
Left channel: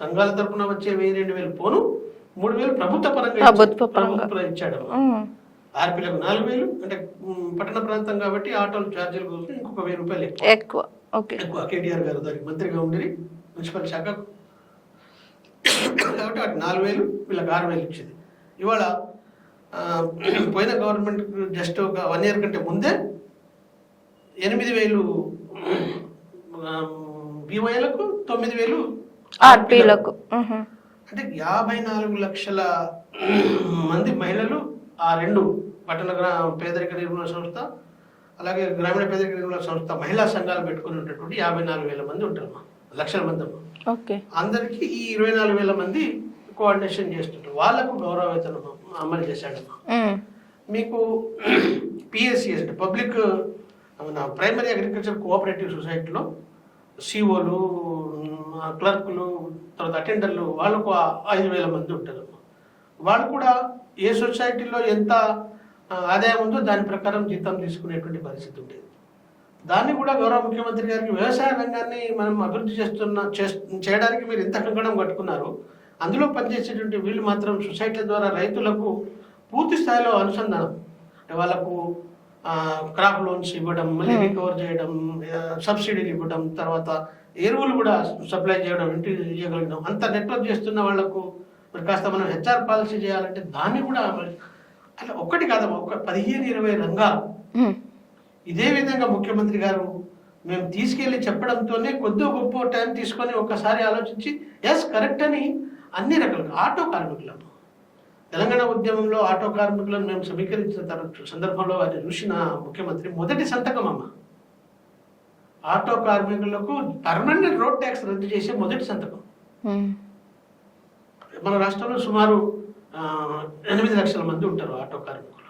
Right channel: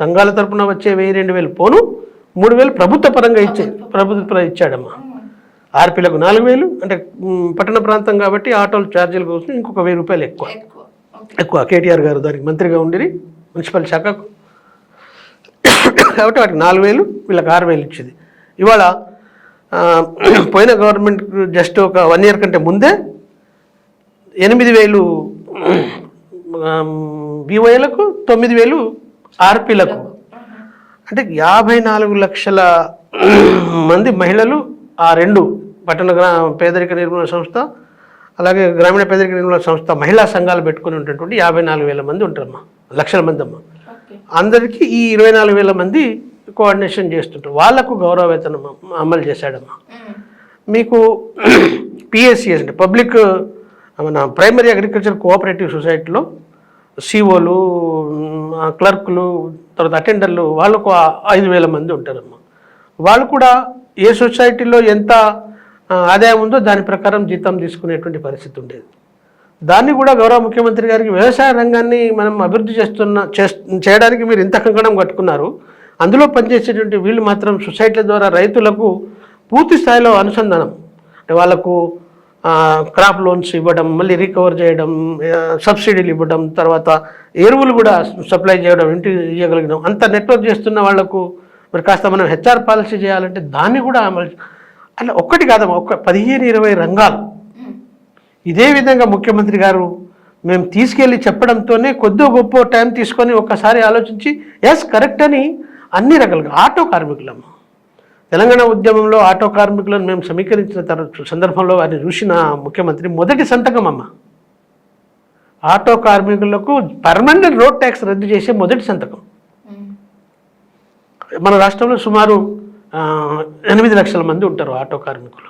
సంఘాల తరపున వచ్చే 1,000-2,000 పోను 3,000 ప్రభుత్వ పరంగా ప్రభుత్వం ఇచ్చాడమ్మా. ఆర్పీలకు 4,000, అంటే పట్టణ ప్రాంతం కాబట్టి ఆటోల ఛార్జీల కోసం ఇంకొక 1,000 రూపాయలు ఎక్కువ. కేటీఆర్ గారు దానికి మంత్రిగా ఉండి మున్సిపల్ శాఖకు, కాబట్టి వాటికి 4,000, వీళ్ళకి 6,000 ఇచ్చేది. ఇవాళ పోయిన గవర్నమెంట్ జస్ట్ ఒక 1 year కంటే ముందే 8,000 వివోఏలకు, 9,000 ఆర్పీలకు. అంటే 54 లక్షల మంది మహిళలు ఆ 2 పట్టణ పేదరిక నిర్మూలన సంస్థ అలాగే గ్రామీణ పేదరిక నిర్మూలన సంస్థ మహిళా సంఘాలు పెట్టుకుని ఉన్నటువంటి 54,000 మంది ఉంటారమ్మా, లక్షల మంది అమ్మా. అందరికీ ఈ 24,000 మంది కోఆర్డినేషన్ చేస్తుంటారు. వాళ్లకు గౌరవ వేతనం అమలు చేశాడమ్మా. మీకు పిఎస్సిఎస్ అంటే పబ్లిక్ మన ప్రైమరీ అగ్రికల్చర్ కోఆపరేటివ్ సొసైటీలో సిఓలు, క్లర్కులు, తర్వాత అటెండర్లు, వాళ్ళకు 5,000 మంది ఉంటారమ్మా. వాళ్ళు కూడా ఏ సొసైటీలో ఎంత ఆదాయం ఉందో దాని ప్రకారం జీతం తీసుకునేటువంటి పరిస్థితి ఉండేది. దాన్ని కూడా గౌరవ ముఖ్యమంత్రి గారికి వ్యవసాయ రంగాన్ని మనం అభివృద్ధి చేయడానికి మీరు ఇంత కంకణం కట్టుకున్నారు, అందులో పనిచేసేటువంటి వీళ్ళు మాత్రం సొసైటీల ద్వారా రైతులకు పూర్తి స్థాయిలో అనుసంధానం, అంటే వాళ్ళకు క్రాప్ లోన్స్ ఇవ్వడం, మళ్ళీ రికవర్ చేయడం, సబ్సిడీలు ఇవ్వడం, తర్వాత ఎరువులు కూడా సప్లై చేయడం, ఇంటికి ఇవ్వగలిగడం, అంత నెట్వర్క్ చేస్తున్న వాళ్లకు మరి కాస్త మనం హెచ్ఆర్ పాలసీ చేయాలంటే దాన్ని కూడా అమలు, అట్లా ఒక్కటి కాదమ్మా, ఒక 15-20 రంగాలు. ఇదే విధంగా ముఖ్యమంత్రి గారు మేము తీసుకెళ్ళి చెప్పడంతోనే కొద్దిగా గొప్ప టైం తీసుకొని ఒక్కసారి ఆలోచించి ఎస్ కరెక్ట్ అని అన్ని రకాలుగా ఆటో కార్మికులమ్మ, తెలంగాణ ఉద్యమంలో ఆటో కార్మికులను మేము సమీకరించిన సందర్భంలో వారిని చూసిన ముఖ్యమంత్రి మొదటి సంతకం అమ్మ, ఆటో కార్మికులకు పర్మనెంట్ రోడ్ ట్యాక్స్ రద్దు చేసే మొదటి సంతకం. మన రాష్ట్రంలో సుమారు 8 లక్షల మంది ఉంటారు ఆటో కార్మికులు.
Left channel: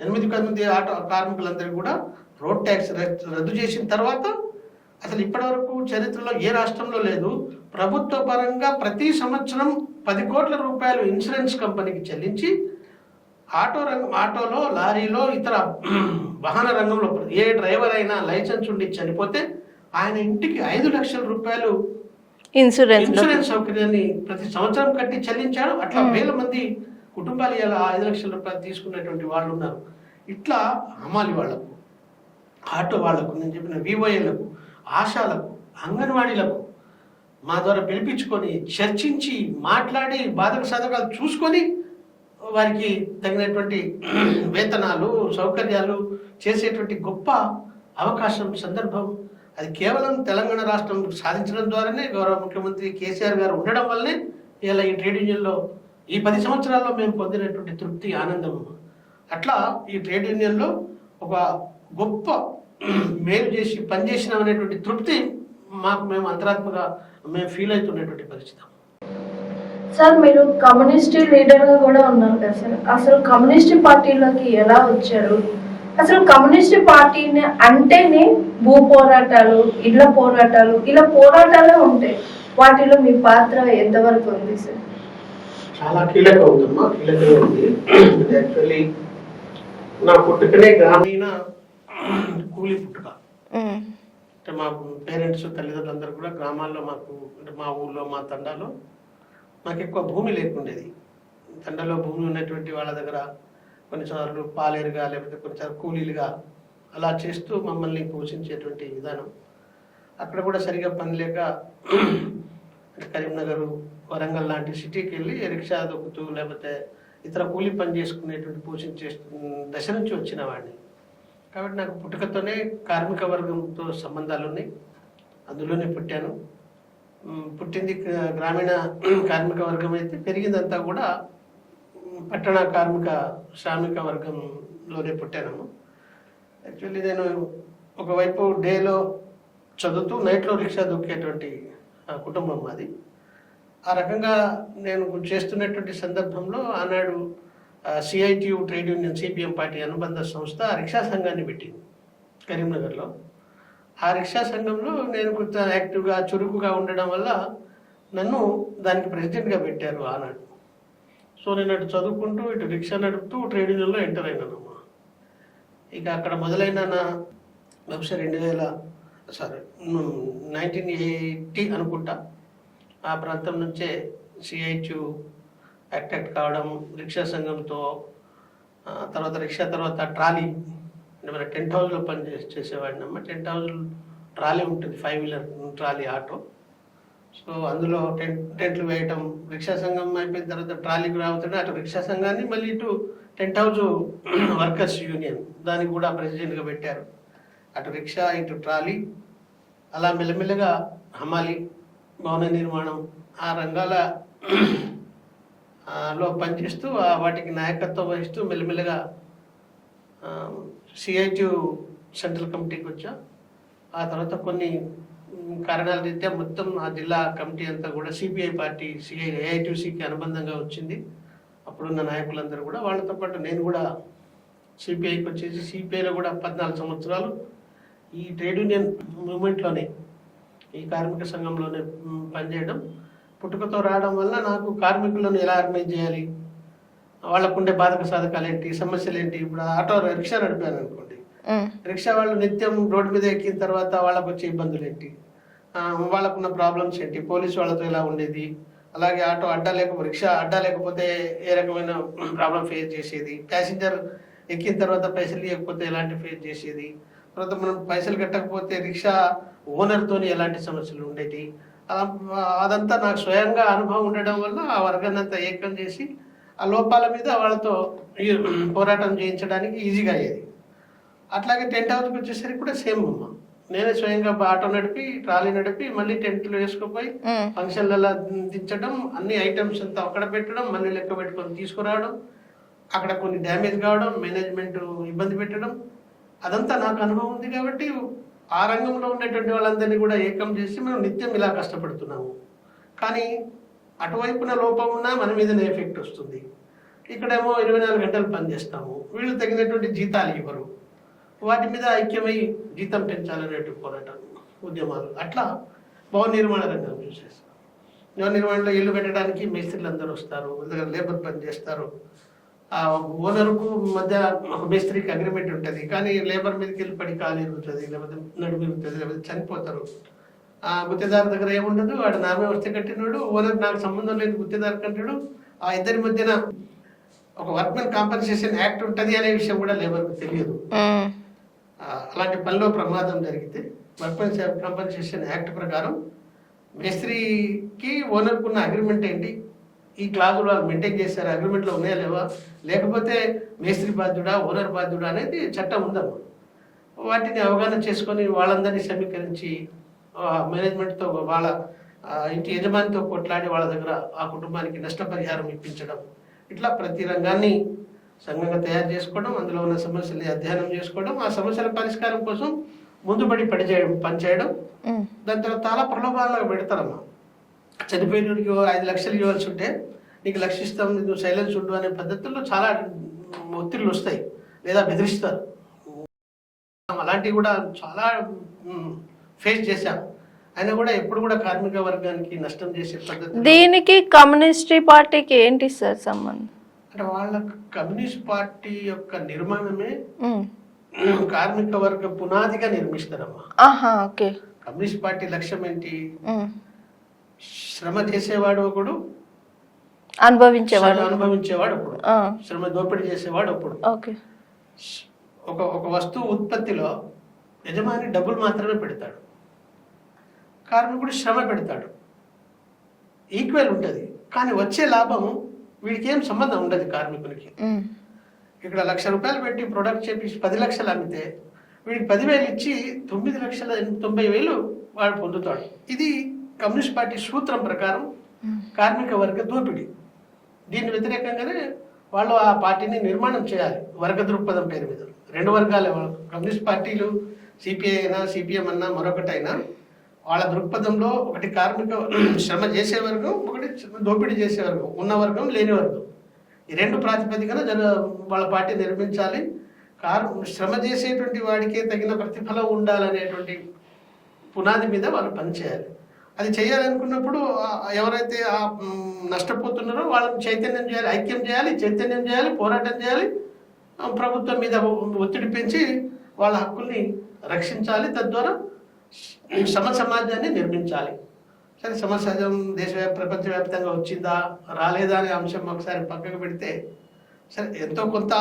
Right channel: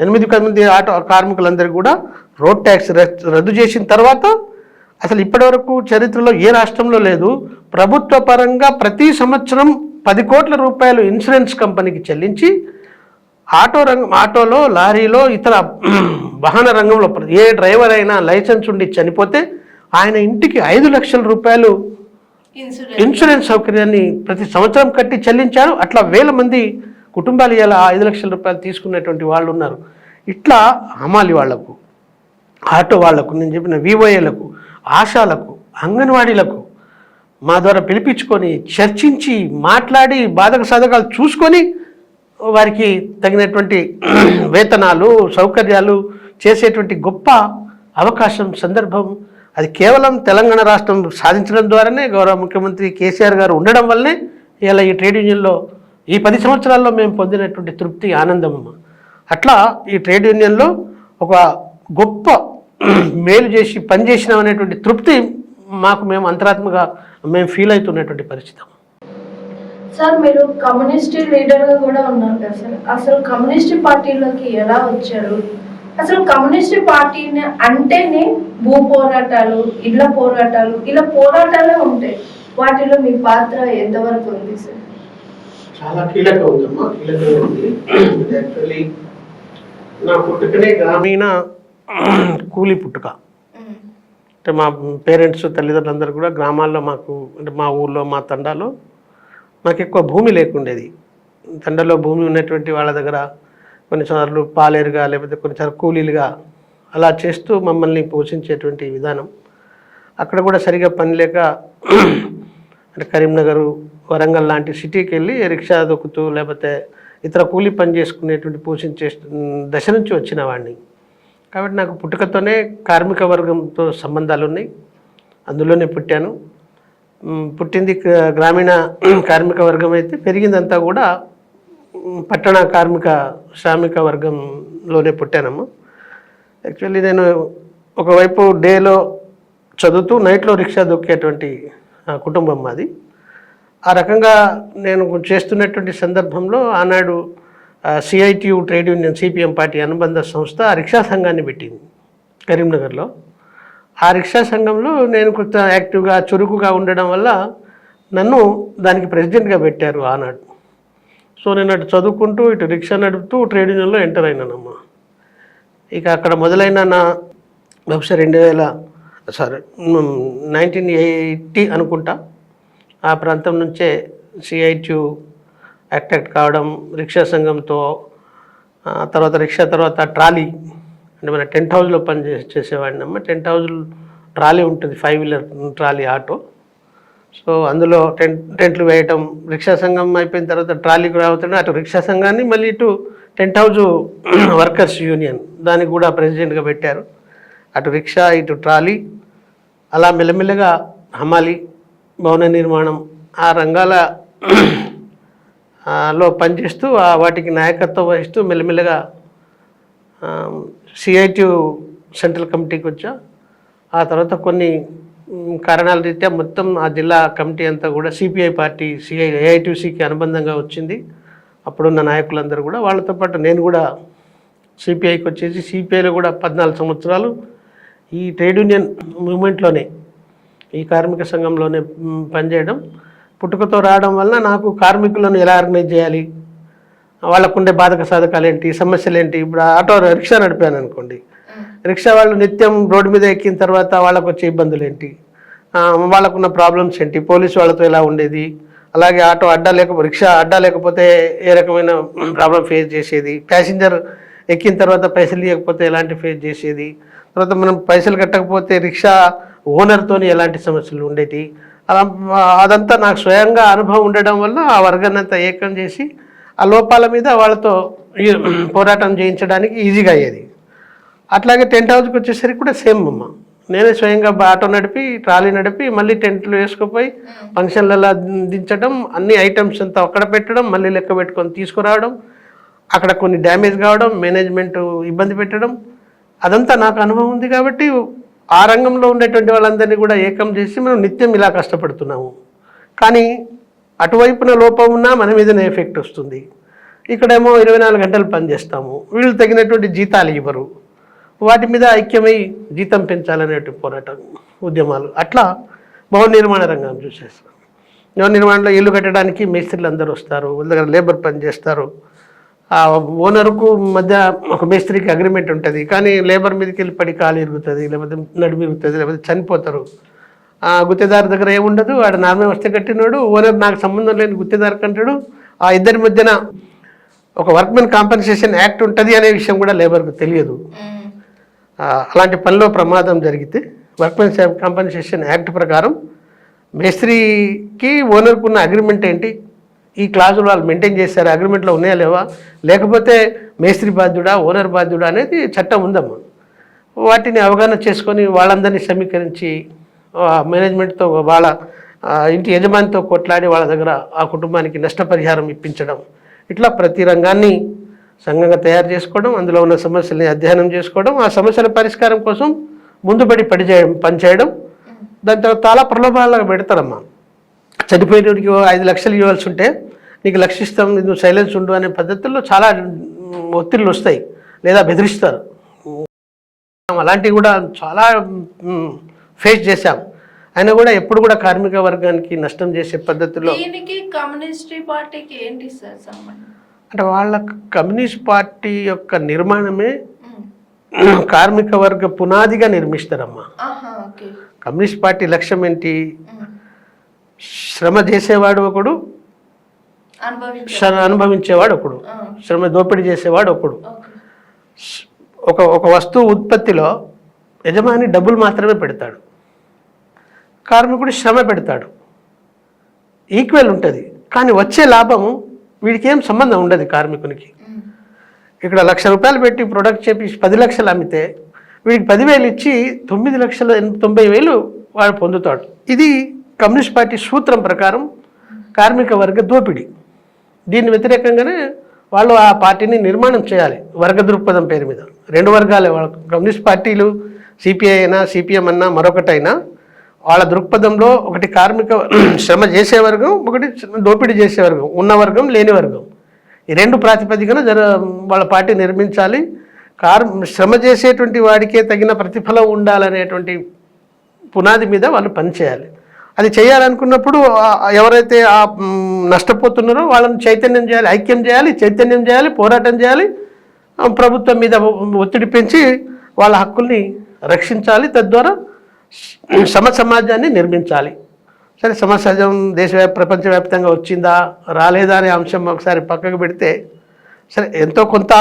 8 మంది ఆటో కార్మికులందరికీ కూడా రోడ్ ట్యాక్స్ రద్దు చేసిన తర్వాత అసలు ఇప్పటివరకు చరిత్రలో ఏ రాష్ట్రంలో లేదు, ప్రభుత్వ పరంగా ప్రతి సంవత్సరం 10 కోట్ల రూపాయలు ఇన్సూరెన్స్ కంపెనీకి చెల్లించి ఆటోలో, లారీలో, ఇతర వాహన రంగంలో ఏ డ్రైవర్ అయినా లైసెన్స్ ఉండి చనిపోతే ఆయన ఇంటికి 5 లక్షల రూపాయలు ఇన్సూరెన్స్ సౌకర్యాన్ని ప్రతి సంవత్సరం కట్టి చెల్లించారు. అట్లా 1,000 మంది కుటుంబాలు ఇలా 5 లక్షల రూపాయలు తీసుకునేటువంటి వాళ్ళు ఉన్నారు. ఇట్లా హమాలి వాళ్లకు, ఆటో వాళ్లకు, నేను చెప్పిన వివోఏలకు, ఆశాలకు, అంగన్వాడీలకు మా ద్వారా పిలిపించుకొని చర్చించి మాట్లాడి బాధక సాధకాలు చూసుకొని వారికి తగినటువంటి వేతనాలు, సౌకర్యాలు చేసేటువంటి గొప్ప అవకాశం, సందర్భం అది కేవలం తెలంగాణ రాష్ట్రం సాధించడం ద్వారానే, గౌరవ ముఖ్యమంత్రి కేసీఆర్ గారు ఉండడం వల్లనే ఇలా ఈ ట్రేడ్ యూనియన్లో ఈ 10 సంవత్సరాల్లో మేము పొందినటువంటి తృప్తి, ఆనందం. అట్లా ఈ ట్రేడ్ యూనియన్లో ఒక గొప్ప మేలు చేసి పనిచేసినాం అనేటువంటి తృప్తి మేము అంతరాత్మగా మేము ఫీల్ అవుతున్నటువంటి పరిస్థితి. సార్ మీరు కమ్యూనిస్ట్ లీడర్గా కూడా ఉన్నారు కదా సార్, అసలు కమ్యూనిస్ట్ పార్టీలోకి ఎలా వచ్చారు? అసలు కమ్యూనిస్ట్ పార్టీని అంటేనే భూ పోరాటాలు, ఇళ్ల పోరాటాలు, ఇలా పోరాటాలే ఉంటాయి. వాటిలో మీ పాత్ర ఎంతవరకు ఉంది సార్? చాలా కీలకం ఉందమ్మా, కీలకంగా ఉంది. యాక్చువల్లీ నా పుట్టుకనే గ్రామీణ కూలీ పుట్టుక. అంటే మా పేరెంట్స్ తల్లిదండ్రులందరూ కూడా గ్రామాల్లో మాకు, అంటే మా ఊళ్ళో మా తండాలో మాకు ఎక్కువ భూమి లేకుండేది. తండలో భూమి ఉన్నటువంటి వాళ్ళ దగ్గర కొన్నిసార్లు పాలేరుగా లేకపోతే కొన్నిసార్లు కూలీలుగా అలా చేస్తూ మమ్మల్ని పోషించేటువంటి విధానం. అక్కడ కూడా సరిగా పని లేక అంటే కరీంనగర్, వరంగల్ లాంటి సిటీకి వెళ్ళి రిక్షా దొక్కుతూ లేకపోతే ఇతర కూలీ పని చేసుకునేటువంటి పోషించే దశ నుంచి వచ్చిన వాడిని. కాబట్టి నాకు పుట్టుకతోనే కార్మిక వర్గంతో సంబంధాలు ఉన్నాయి. అందులోనే పుట్టాను. పుట్టింది గ్రామీణ కార్మిక వర్గం అయితే పెరిగిందంతా కూడా పట్టణ శ్రామిక వర్గంలోనే పుట్టానమ్మా. యాక్చువల్లీ నేను ఒకవైపు డేలో చదువుతూ నైట్లో రిక్షా దొక్కేటువంటి కుటుంబం మాది. ఆ రకంగా నేను చేస్తున్నటువంటి సందర్భంలో ఆనాడు CITU trade union, CPM party అనుబంధ సంస్థ ఆ రిక్షా సంఘాన్ని పెట్టింది కరీంనగర్లో. ఆ రిక్షా సంఘంలో నేను కొంత యాక్టివ్గా చురుకుగా ఉండడం వల్ల నన్ను దానికి ప్రెసిడెంట్గా పెట్టారు ఆనాడు. సో నేను అటు చదువుకుంటూ ఇటు రిక్షా నడుపుతూ ట్రేడ్ యూనియన్లో ఎంటర్ అయినానమ్మా. ఇక అక్కడ మొదలైన నా బహుశా 1980 అనుకుంటా ఆ ప్రాంతం నుంచే సిఐటియు యాక్ట్ కావడం, రిక్షా సంఘంతో తర్వాత రిక్షా తర్వాత ట్రాలీ, అంటే మన టెంట్ హౌస్లో పని చేసేవాడిని అమ్మ. టెంట్ హౌస్ ట్రాలీ ఉంటుంది, 5 వీలర్ ట్రాలీ ఆటో. సో అందులో టెంట్లు వేయటం, రిక్షా సంఘం అయిపోయిన తర్వాత ట్రాలీకి రావుతుంటే అటు రిక్షా సంఘాన్ని మళ్ళీ ఇటు టెంట్ హౌస్ వర్కర్స్ యూనియన్ దానికి కూడా ప్రెసిడెంట్గా పెట్టారు. అటు రిక్షా ఇటు ట్రాలీ అలా మెల్లమెల్లగా హమాలి, భవన నిర్మాణం ఆ రంగాల లో పనిచేస్తూ వాటికి నాయకత్వం వహిస్తూ మెల్లమెల్లగా సిఐటియు సెంట్రల్ కమిటీకి వచ్చా. ఆ తర్వాత కొన్ని కారణాల రీత్యా మొత్తం ఆ జిల్లా కమిటీ అంతా కూడా సిపిఐ పార్టీ ఏఐటిసికి అనుబంధంగా వచ్చింది. అప్పుడున్న నాయకులందరూ కూడా, వాళ్ళతో పాటు నేను కూడా సిపిఐకి వచ్చేసి సిపిఐలో కూడా 14 సంవత్సరాలు ఈ ట్రేడ్ యూనియన్ మూమెంట్లోనే, ఈ కార్మిక సంఘంలోనే పనిచేయడం. పుట్టుకతో రావడం వలన నాకు కార్మికులను ఎలా ఆర్గనైజ్ చేయాలి, వాళ్ళకుండే బాధక సాధకాలు ఏంటి, సమస్యలు ఏంటి. ఇప్పుడు ఆటో రిక్షా నడిపాను అనుకోండి, రిక్షా వాళ్ళు నిత్యం రోడ్డు మీద ఎక్కిన తర్వాత వాళ్ళకు వచ్చే ఇబ్బందులు ఏంటి, వాళ్ళకున్న ప్రాబ్లమ్స్ ఏంటి, పోలీసు వాళ్ళతో ఎలా ఉండేది, అలాగే ఆటో రిక్షా అడ్డా లేకపోతే ఏ రకమైన ప్రాబ్లం ఫేస్ చేసేది, ప్యాసింజర్ ఎక్కిన తర్వాత పైసలు ఇవ్వకపోతే ఎలాంటి ఫేస్ చేసేది, తర్వాత మనం పైసలు కట్టకపోతే రిక్షా ఓనర్తో ఎలాంటి సమస్యలు ఉండేవి. అదంతా నాకు స్వయంగా అనుభవం ఉండడం వల్ల ఆ వర్గాన్ని అంతా ఏకం చేసి ఆ లోపాల మీద వాళ్ళతో పోరాటం చేయించడానికి ఈజీగా అయ్యేది. అట్లాగే టెంట్ హౌస్కి వచ్చేసరికి కూడా సేమ్ అమ్మ. నేనే స్వయంగా ఆటో నడిపి ట్రాలీ నడిపి మళ్ళీ టెంట్లు వేసుకుపోయి ఫంక్షన్లలో దించడం, అన్ని ఐటమ్స్ అంతా అక్కడ పెట్టడం, మళ్ళీ లెక్క పెట్టుకొని తీసుకురావడం, అక్కడ కొన్ని డ్యామేజ్ కావడం, మేనేజ్మెంట్ ఇబ్బంది పెట్టడం, అదంతా నాకు అనుభవం ఉంది. కాబట్టి ఆ రంగంలో ఉండేటువంటి వాళ్ళందరినీ కూడా ఏకం చేసి మనం నిత్యం ఇలా కష్టపడుతున్నాము. కానీ అటువైపున లోపం ఉన్నా మన మీదనే ఎఫెక్ట్ వస్తుంది. ఇక్కడేమో 24 గంటలు పనిచేస్తాము, వీళ్ళు తగినటువంటి జీతాలు ఇవ్వరు, వాటి మీద ఐక్యమై జీతం పెంచాలనేటువంటి పోరాటం ఉద్యమాలు. అట్లా భవన నిర్మాణ రంగం చూసేస్తాం. భవన నిర్మాణంలో ఇల్లు కట్టడానికి మేస్త్రీలు అందరూ వస్తారు, వాళ్ళ దగ్గర లేబర్ పని చేస్తారు. ఆ ఓనర్కు మధ్య ఒక మేస్త్రికి అగ్రిమెంట్ ఉంటుంది, కానీ లేబర్ మీదకి వెళ్ళి పడి కాలు ఇరుగుతుంది, లేకపోతే నడుము ఇరుగుతుంది, లేకపోతే చనిపోతారు. ఆ గుత్తేదారు దగ్గర ఏముండదు, వాడు నామే వస్తే కట్టినాడు, ఓనర్ నాకు సంబంధం లేని గుత్తేదారు కంటాడు. ఆ ఇద్దరి మధ్యన ఒక వర్క్మెన్ కాంపెన్సేషన్ యాక్ట్ ఉంటుంది అనే విషయం కూడా లేబర్కు తెలియదు. అలాంటి పనిలో ప్రమాదం జరిగితే వర్క్మెన్ కాంపెన్సేషన్ యాక్ట్ ప్రకారం మేస్త్రికి ఓనర్కు ఉన్న అగ్రిమెంట్ ఏంటి, ఈ క్లాజులు వాళ్ళు మెయింటైన్ చేశారు, అగ్రిమెంట్లో ఉన్నాయా లేవా, లేకపోతే మేస్త్రి బాధ్యుడా ఓనర్ బాధ్యుడా అనేది చట్టం ఉందమ్మా. వాటిని అవగాహన చేసుకొని వాళ్ళందరినీ సమీకరించి మేనేజ్మెంట్తో వాళ్ళ ఇంటి యజమానితో కొట్లాడి వాళ్ళ దగ్గర ఆ కుటుంబానికి నష్టపరిహారం ఇప్పించడం, ఇట్లా ప్రతి రంగాన్ని సంఘంగా తయారు చేసుకోవడం, అందులో ఉన్న సమస్యల్ని అధ్యయనం చేసుకోవడం, ఆ సమస్యల పరిష్కారం కోసం ముందుపడి పనిచేయడం. దాని తర్వాత చాలా ప్రలోభాలుగా పెడతారమ్మా. చనిపోయినడికి 5 లక్షలు ఇవ్వాల్సి ఉంటే నీకు 1 లక్ష ఇస్తాం, నువ్వు సైలెన్స్ ఉండు అనే పద్ధతుల్లో చాలా ఒత్తిళ్ళు వస్తాయి, లేదా బెదిరిస్తారు. అలాంటివి కూడా చాలా ఫేస్ చేశాం. అయినా కూడా ఎప్పుడు కూడా కార్మిక వర్గానికి నష్టం చేసే పద్ధతిలో. దీనికి కమ్యూనిస్ట్ పార్టీకి ఏంటి సార్ సంబంధం? అంటే వాళ్ళ కమ్యూనిస్ట్ పార్టీ యొక్క నిర్మాణమే కార్మిక వర్గ పునాదిగా నిర్మిస్తారమ్మా. కమ్యూనిస్ట్ పార్టీ లక్ష్యం ఏంటి? శ్రమ చేసేవాడు ఒకడు, అనుభవించేవాడు ఒకడు, శ్రమ దోపిడీ చేసేవాడు ఒకడు. ఒక వస్తువు ఉత్పత్తిలో యజమాని డబ్బులు మాత్రమే పెడతాడు, కార్మికుడు శ్రమ పెడతాడు, ఈక్వల్ ఉంటుంది. కానీ వచ్చే లాభము వీడికి ఏం సంబంధం ఉండదు కార్మికునికి. ఇక్కడ 1 లక్ష రూపాయలు పెట్టి ప్రొడక్ట్ చెప్పి 10 లక్షలు అమ్మితే వీడికి 10,000 ఇచ్చి 9,90,000 వాడు పొందుతాడు. ఇది కమ్యూనిస్ట్ పార్టీ సూత్రం ప్రకారం కార్మిక వర్గ దోపిడీ. దీని వ్యతిరేకంగానే వాళ్ళు ఆ పార్టీని నిర్మాణం చేయాలి, వర్గ దృక్పథం పేరు మీద. 2 వర్గాలే వాళ్ళ కమ్యూనిస్ట్ పార్టీలు, సిపిఐ అయినా సిపిఎం అన్నా మరొకటైనా వాళ్ళ దృక్పథంలో ఒకటి కార్మిక శ్రమ చేసే వర్గం, ఒకటి దోపిడీ చేసే వర్గం, ఉన్న వర్గం లేని వర్గం. ఈ 2 ప్రాతిపదికన వాళ్ళ పార్టీ నిర్మించాలి. శ్రమ చేసేటువంటి వాడికే తగిన ప్రతిఫలం ఉండాలనేటువంటి పునాది మీద వాళ్ళు పనిచేయాలి. అది చేయాలనుకున్నప్పుడు ఎవరైతే నష్టపోతున్నారో వాళ్ళని చైతన్యం చేయాలి, ఐక్యం చేయాలి, చైతన్యం చేయాలి, పోరాటం చేయాలి, ప్రభుత్వం మీద ఒత్తిడి పెంచి వాళ్ళ హక్కుల్ని రక్షించాలి. తద్వారా సమాజాన్ని నిర్మించాలి. సరే, సమాజం ప్రపంచవ్యాప్తంగా వచ్చిందా రాలేదా అనే అంశం ఒకసారి పక్కకు పెడితే, సరే ఎంతో కొంత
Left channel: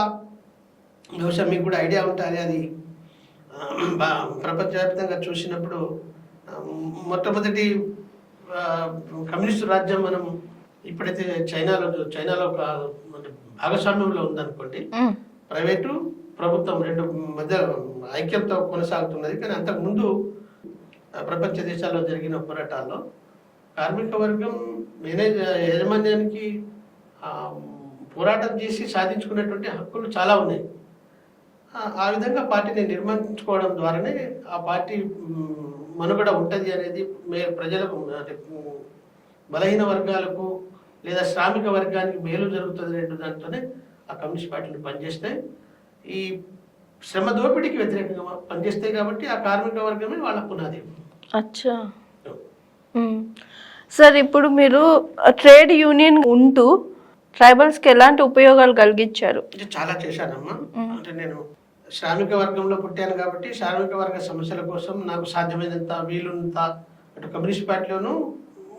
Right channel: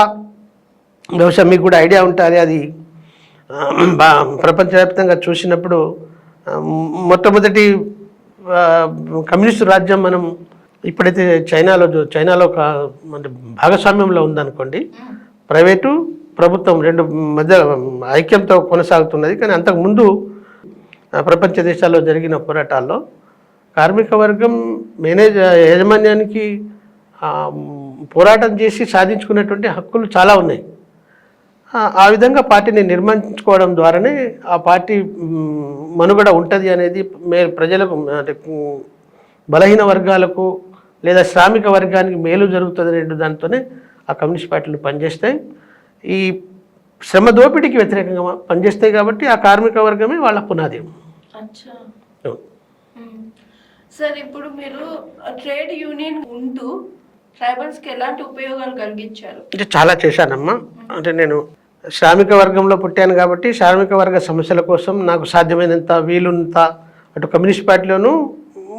బహుశా మీకు కూడా ఐడియా ఉంటుంది. అది ప్రపంచవ్యాప్తంగా చూసినప్పుడు మొట్టమొదటి కమ్యూనిస్టు రాజ్యం మనం ఇప్పుడైతే చైనాలో అంటే భాగస్వామ్యంలో ఉందనుకోండి, ప్రైవేటు ప్రభుత్వం 2 మధ్య ఐక్యంతో కొనసాగుతున్నది. కానీ అంతకుముందు ప్రపంచ దేశాల్లో జరిగిన పోరాటాల్లో కార్మిక వర్గం యాజమాన్యానికి పోరాటం చేసి సాధించుకున్నటువంటి హక్కులు చాలా ఉన్నాయి. ఆ విధంగా పార్టీని నిర్మించుకోవడం ద్వారానే ఆ పార్టీ మనుగడ ఉంటుంది అనేది ప్రజలకు, అంటే బలహీన వర్గాలకు లేదా శ్రామిక వర్గానికి మేలు జరుగుతుంది అనే దాంతోనే ఆ కమ్యూనిస్ట్ పార్టీలు పనిచేస్తాయి. ఈ శ్రమ దోపిడీకి వ్యతిరేకంగా పనిచేస్తాయి కాబట్టి ఆ కార్మిక వర్గమే వాళ్ళ పునాది. అచ్చా సార్, ఇప్పుడు మీరు ట్రేడ్ యూనియన్ ఉంటూ ట్రైబల్స్కి ఎలాంటి ఉపయోగాలు కలిగించారు? అంటే చాలా చేశానమ్మా. అంటే నేను శ్రామిక వర్గంలో పుట్టాను కాబట్టి శ్రామిక వర్గ సమస్యల కోసం నాకు సాధ్యమైనంత వీలుంత అటు కమ్యూనిస్ట్ పార్టీలోనూ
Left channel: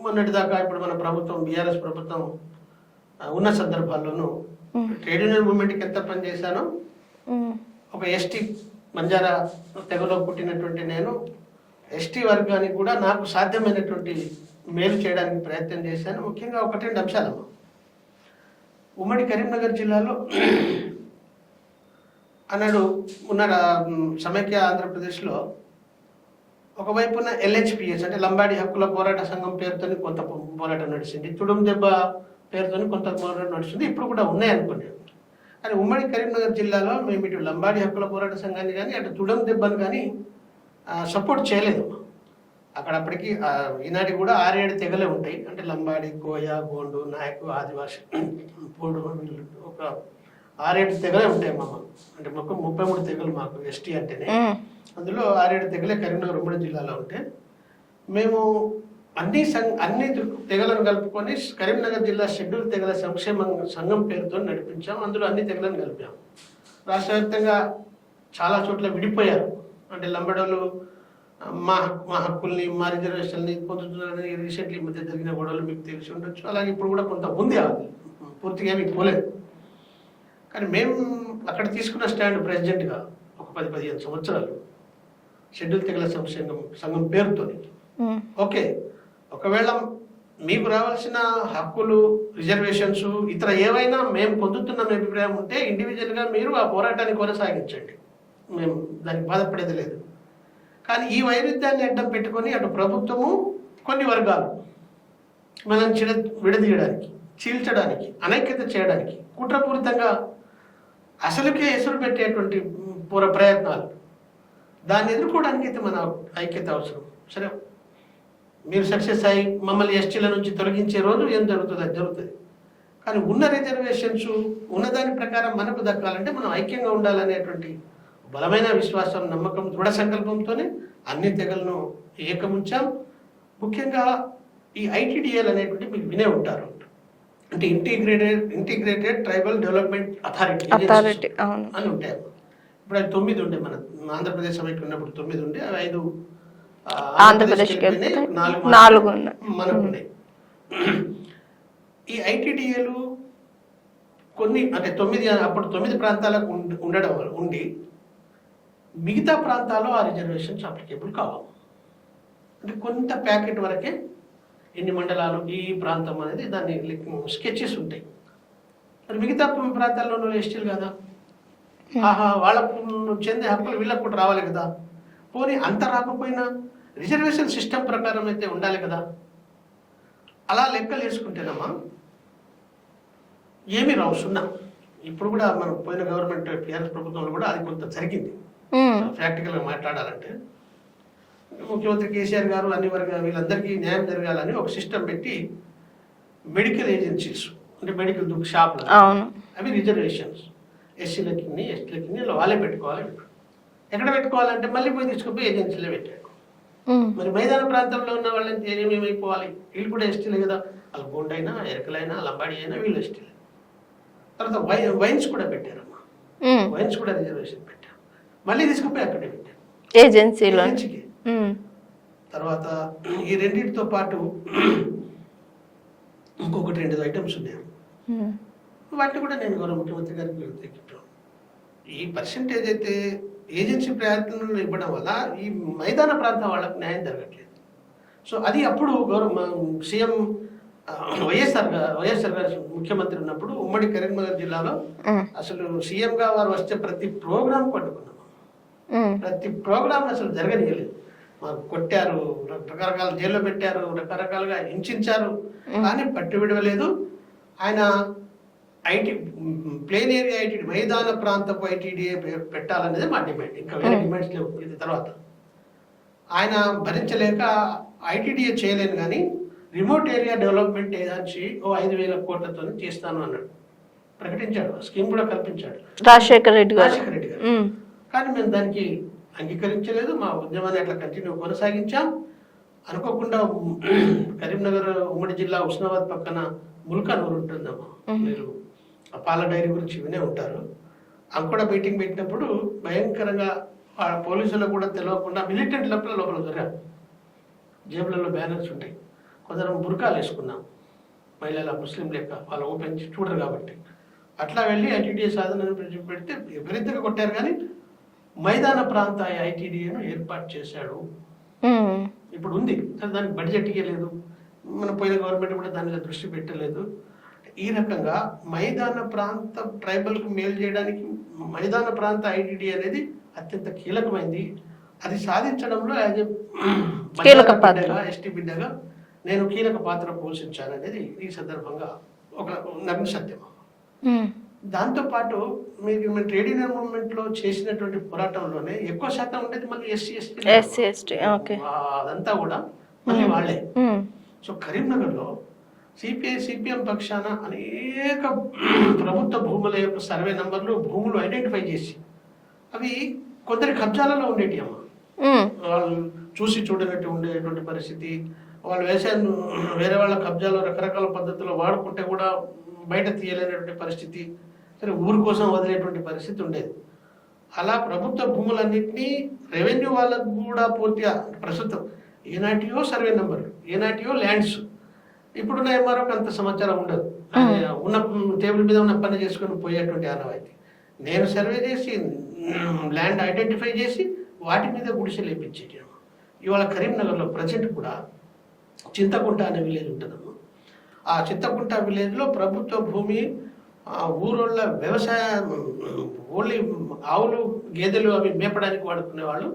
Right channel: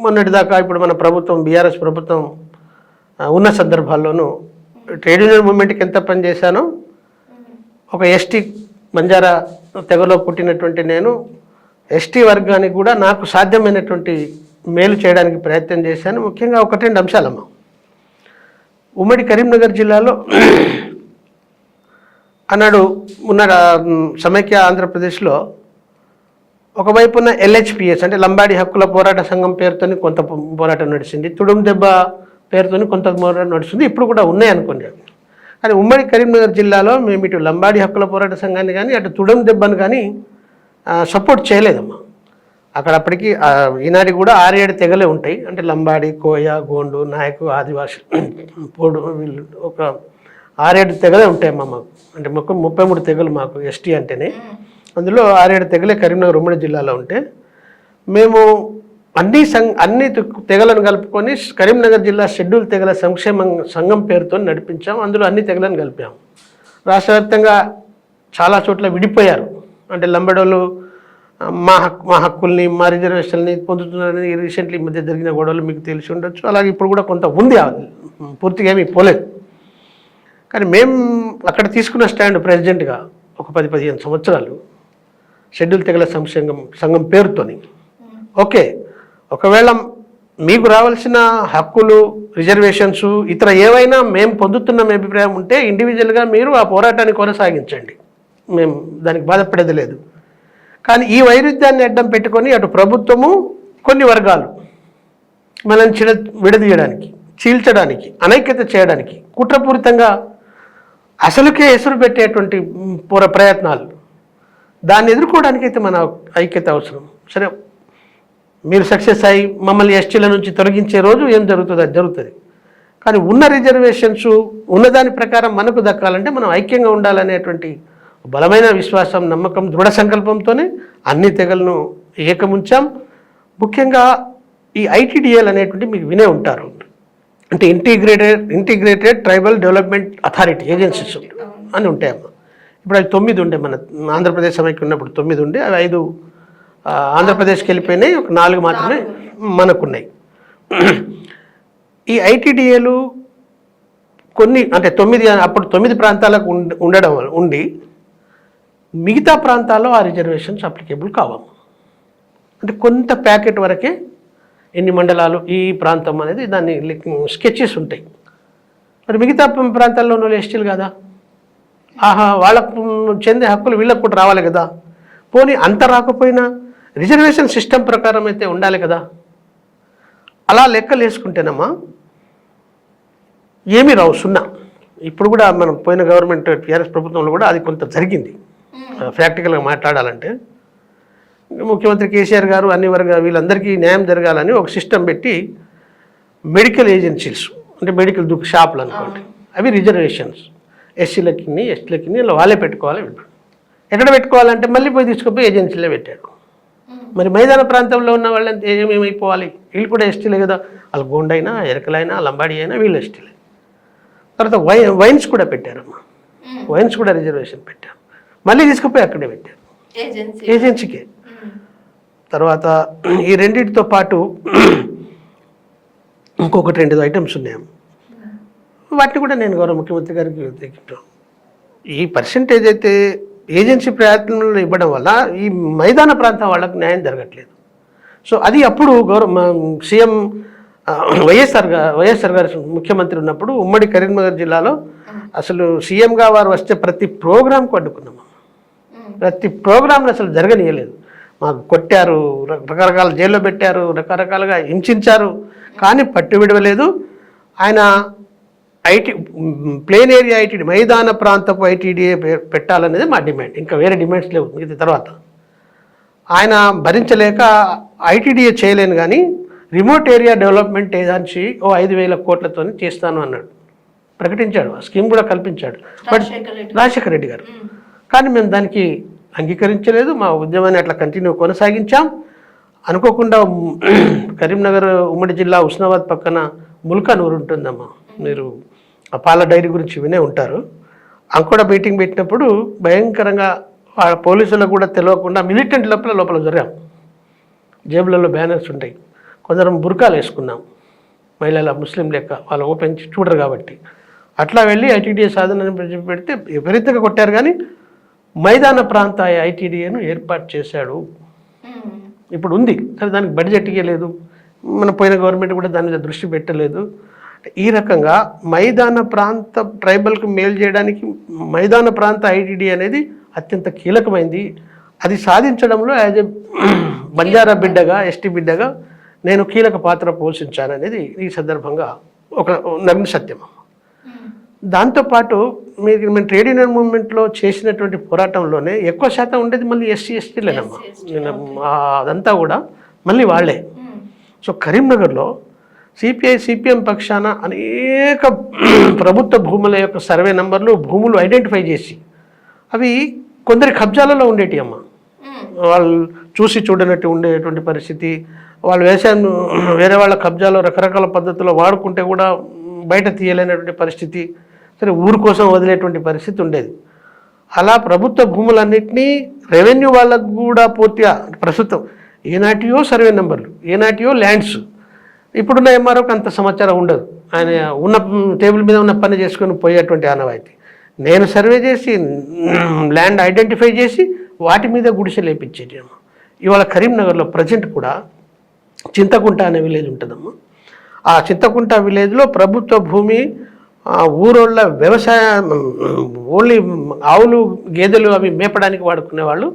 మొన్నటిదాకా ఇప్పుడు మన ప్రభుత్వం బీఆర్ఎస్ ప్రభుత్వం ఉన్న సందర్భాల్లోనూ ట్రేడ్ యూనియన్ మూవ్మెంట్కి ఎంత పని చేశానో, ఒక ఎస్టీ బంజారా తెగలో పుట్టినటువంటి నేను ఎస్టీ వర్గానికి కూడా నాకు సాధ్యమైనటువంటి మేలు చేయడానికి ప్రయత్నం చేశాను. ముఖ్యంగా 1-2 అంశాలమ్మా. ఉమ్మడి కరీంనగర్ జిల్లాలో అన్నాడు ఉన్న సమైక్య ఆంధ్రప్రదేశ్లో ఒకవైపున ఎల్హెచ్పిఎస్ అంటే లంబాడి హక్కుల పోరాట సంఘం పేరుతోని కొంత పోరాటం నడిచింది, తుడుం దెబ్బ పేరుతోని కొంత పోరాటం నడుస్తుంది, ఇప్పుడు కూడా ఉన్నాయి అనుకోండి. కానీ ఉమ్మడి కరీంనగర్ జిల్లాలో మేము ఇటు లంబాడి హక్కుల పోరాట సంఘాన్ని కానీ అటు తుడం దెబ్బను కానీ సపోర్ట్ చేయలేదమ్మా. అక్కడ అప్పటికి ఈనాటికి కూడా 6-7 తెగలే ఉంటాయి. అంటే లంబాడి, కోయ, గోండు, నాయకు, ఆదివాసి, పోడు, వీళ్ళు ఒక 6-7 తెగలే ఉంటాయమ్మా మాకు. అంటే మొత్తం 33 తెగలు మాకు ఎస్టీ అంటేనే. అందులో 6-7 తెగలే కరీంనగర్ ఉమ్మడి జిల్లాలో ఉంటే మేము అన్ని తెగలను కలుపుకొని కరీంనగర్ జిల్లా షెడ్యూల్ తెగల సంక్షేమ సంఘం పేరుతో నడిపించాం. అందులో అన్ని తెగలను కలిపాం. రాష్ట్ర వ్యాప్తంగా చాలా చోట్ల విడిపోయారు. అంటే లంబడోళ్ళు మా హక్కుల్ని, మా రిజర్వేషన్ని పొందుతున్నారని రీసెంట్లీ మధ్య జరిగిన గొడవలు మీకు తెలిసి ఉండొచ్చు. అలాగే ఇప్పుడు కూడా కొంత ఉంది, పూర్తిగా ఏమీ పోలేదు. కానీ మేము అక్కడ తీసుకున్న స్టాండ్ ప్రెసిడెంట్గా ఒక 10-15 సంవత్సరాలు షెడ్యూల్ తెగల సంఘం పేరుతోని, ఓకే ఒకవేళ మీకు రావాల్సిన హక్కులు, రిజర్వేషన్స్ ఇతర ఏవైనా మేము పొందుతున్న అభిప్రాయం ఉంటే ఇండివిజువల్గా మీరు ఆ పోరాటాన్ని కొనసాగించండి, మేము దానికి బాధపడేది లేదు. కానీ ఈ వైరుధ్యాన్ని అడ్డం పెట్టుకొని అటు ప్రభుత్వము, కొన్ని వర్గాలు మనల్ని విడదీయడానికి, చీల్చడానికి, అనైక్యత చేయడానికి కుట్రపూరితంగా అసలుకే ఎసురు పెట్టేటువంటి ప్రయత్నాలు, దాన్ని ఎదుర్కోవడానికి అయితే మన ఐక్యత అవసరం. సరే, మీరు సక్సెస్ అయ్యి మమ్మల్ని ఎస్టీల నుంచి తొలగించే రోజు ఏం జరుగుతుంది, అది జరుగుతుంది. కానీ ఉన్న రిజర్వేషన్స్ ఉన్నదాని ప్రకారం మనకు దక్కాలంటే మనం ఐక్యంగా ఉండాలనేటువంటి బలమైన విశ్వాసం, నమ్మకం, దృఢ సంకల్పంతోనే అన్ని తెగలను ఏకముంచాం. ముఖ్యంగా ఈ ఐటీడీఏలు అనేటువంటి మీకు వినే ఉంటారు, అంటే integrated tribal development authority agencies అని ఉంటాయమ్మా. ఇప్పుడు అవి 9 ఉండే, మన ఆంధ్రప్రదేశ్ సమైక్య ఉన్నప్పుడు 9 ఉండే, అవి 5 ఆంధ్రప్రదేశ్కి వెళ్ళిపోయినాయి, ఒక 4 మాత్రమే మనకున్నాయి. ఈ ఐటీడీఏలు కొన్ని అంటే 9 అప్పుడు 9 ప్రాంతాలకు ఉండి మిగతా ప్రాంతాల్లో ఆ రిజర్వేషన్స్ అప్లికేబుల్ కావాలి. అంటే కొంత ప్యాకెట్ వరకే ఎన్ని మండలాలు ఈ ప్రాంతం అనేది దాన్ని స్కెచెస్ ఉంటాయి. మరి మిగతా ప్రాంతాల్లో ఉన్న ఎస్టీలు కదా, వాళ్ళకు చెందే హక్కులు వీళ్ళకు కూడా రావాలి కదా. పోనీ అంత రాకపోయినా రిజర్వేషన్ సిస్టమ్ ప్రకారం అయితే ఉండాలి కదా. అలా లెక్కలు వేసుకుంటేనమ్మా ఏమీ రావు, 0. ఇప్పుడు కూడా మనం పోయిన గవర్నమెంట్ టీఆర్ఎస్ ప్రభుత్వంలో కూడా అది కొంత జరిగింది. ప్రాక్టికల్గా మాట్లాడాలంటే ముఖ్యమంత్రి కేసీఆర్ గారు అన్ని వీళ్ళందరికీ న్యాయం జరగాలని ఒక సిస్టమ్ పెట్టి మెడికల్ ఏజెన్సీస్ అంటే మెడికల్ షాపులు అవి రిజర్వేషన్స్ ఎస్సీలకి ఎస్టీలకి వాళ్ళే పెట్టుకోవాలి. ఎక్కడ పెట్టుకోవాలంటే మళ్ళీ పోయి తీసుకుపోయి ఏజెన్సీలో పెట్టాడు. మరి మైదాన ప్రాంతంలో ఉన్న వాళ్ళంతా ఏమైపోవాలి, వీళ్ళు కూడా ఎస్టీలే కదా. వాళ్ళు గోండైనా, ఎరకలైనా, లంబాడి అయినా వీళ్ళు ఎస్టీలే. తర్వాత వైన్స్ కూడా పెట్టారమ్మా, వైన్స్ కూడా రిజర్వేషన్ పెట్టారు, మళ్ళీ తీసుకుపోయి అక్కడే పెట్టారు ఏజెన్సీకే. తర్వాత ఈ రెండింటితో పాటు ఇంకొకటి 2 ఐటమ్స్ ఉన్నాయి, వాటిని కూడా నేను గౌరవ ముఖ్యమంత్రి గారికి తెచ్చాను. ఈ పర్సెంటేజ్ అయితే ఏజెన్సీ ప్రయత్నంలో ఇవ్వడం వల్ల ఈ మైదాన ప్రాంతం వాళ్ళకు న్యాయం జరగట్లేదు. సో అది అప్పుడు సీఎం వైఎస్ఆర్ గారు ముఖ్యమంత్రి ఉన్నప్పుడు ఉమ్మడి కరీంనగర్ జిల్లాలో అసలు సీఎంగా వారు వస్తే ప్రతి ప్రోగ్రాంకు అడ్డుకున్నాము. ప్రతి ప్రోగ్రాంను అసలు జరగనీయలేదు. మాకు కొట్టారు, రకరకాల జైల్లో పెట్టారు, రకరకాలుగా హింసించారు, కానీ పట్టు విడవలేదు. ఆయన ప్లేన్ ఏరియా ఐటీడీ, మైదాన ప్రాంతపు ఐటీడీఏ పెట్టాలనేది మా డిమాండ్. ఇంకా వేరే డిమాండ్స్ లేవు. ఇది తర్వాత ఆయన భరించలేక ఐటీడీఏ చేయలేను కానీ రిమోట్ ఏరియా డెవలప్మెంట్ ఏదాంచి 5,000 కోట్లతో చేస్తాను అన్నాడు, ప్రకటించాడు. ఆ స్కీమ్ కూడా కల్పించాడు రాజశేఖర రెడ్డి గారు. కానీ మేము దానికి అంగీకరించలేదు. మా ఉద్యమాన్ని అట్లా కంటిన్యూ కొనసాగించాం. అనుకోకుండా కరీంనగర్ ఉమ్మడి జిల్లా ఉస్నాబాద్ పక్కన ముల్కానూరు ఉంటుందమ్మా, మీరు ఆ పాల డైరీ గురించి వినే ఉంటారు. అక్కడ మీటింగ్ పెట్టినప్పుడు భయంకరంగా పోలీసులకు కూడా తెలియకుండా మిలిటెంట్ లోపల జరిగాం. జేబులలో బ్యానర్స్ ఉంటాయి, కొందరు బుర్కాలు వేసుకున్నాం, మహిళల ముస్లిం లెక్క, వాళ్ళు ఓపెన్ చూడరు కాబట్టి. అట్లా వెళ్ళి ఐటీడీఏ సాధన పెడితే విపరీతంగా కొట్టారు. కానీ మైదాన ప్రాంత ఐటీడీఏను ఏర్పాటు చేశాడు. ఇప్పుడు ఉంది, సరే దానికి బడ్జెట్ ఇవ్వలేదు. మన పోయిన గవర్నమెంట్ కూడా దాని మీద దృష్టి పెట్టలేదు. ఈ రకంగా మైదాన ప్రాంత ట్రైబల్కి మేలు చేయడానికి మైదాన ప్రాంత ఐటీడీ అనేది అత్యంత కీలకమైంది. అది సాధించడంలో యాజ్ ఎ బంజారా బిడ్డగా, ఎస్టీ బిడ్డగా నేను కీలక పాత్ర పోషించాననేది ఈ సందర్భంగా ఒక నగ్న సత్యం. దాంతోపాటు మేము ట్రేడ్ యూనియన్ మూవ్మెంట్లో చేసినటువంటి పోరాటంలోనే ఎక్కువ శాతం ఉండేది మళ్ళీ ఎస్సీ ఎస్టీలే. అదంతా కూడా మళ్ళీ వాళ్ళే. సో కరీంనగర్లో సిపిఎం పక్షాన అనేక ప్రభుత్వ భూముల యొక్క సర్వే నంబర్లు, భూములు ఐడెంటిఫై చేసి అవి కొందరి కబ్జాలలో ఉండేటి అమ్మ. వాళ్ళు చూసి చూడనట్టు ఉండేటువంటి పరిస్థితి. వాళ్ళు వ్యవసాయం వేరే వాళ్ళ కబ్జాలో రకరకాల పద్ధతుల్లో వాడుకుంటే కూడా బయట తీయలేనటువంటి పరిస్థితి, సరే ఊరు కోసం వదిలేటువంటి పరిస్థితి ఉండేది. అలా ప్రభుత్వ భూములన్నింటినీ రెవెన్యూ వాళ్ళకు కూడా పూర్తిగా ప్రస్తుతం ఏనాటియో సర్వే నెంబర్లు, ఏనాటియో ల్యాండ్స్, ఇప్పుడున్న ఎంఆర్ఓకి అంత సమాచారం ఉండదు. ఆయన ఉన్న టేబుల్ మీద ఉన్న పని చేసుకొని పోయేటువంటి ఆనవాయితీ. నేను సర్వే చేసి ల్యాండ్ ఐడెంటిఫై చేసి వాటి మీద గుడిసె లేపించేది. ఇవాళ కరీంనగర్లో ప్రజెంట్ కూడా చింతకుంట అనే విలేజ్ ఉంటుందమ్మా. ఆ చింతకుంట విలేజ్లో ప్రభుత్వ భూమి, ఊరోళ్ళ వ్యవసాయం, ఓన్లీ ఆవులు గేదెలు అవి మేపడానికి వాడుకునేవాళ్ళు.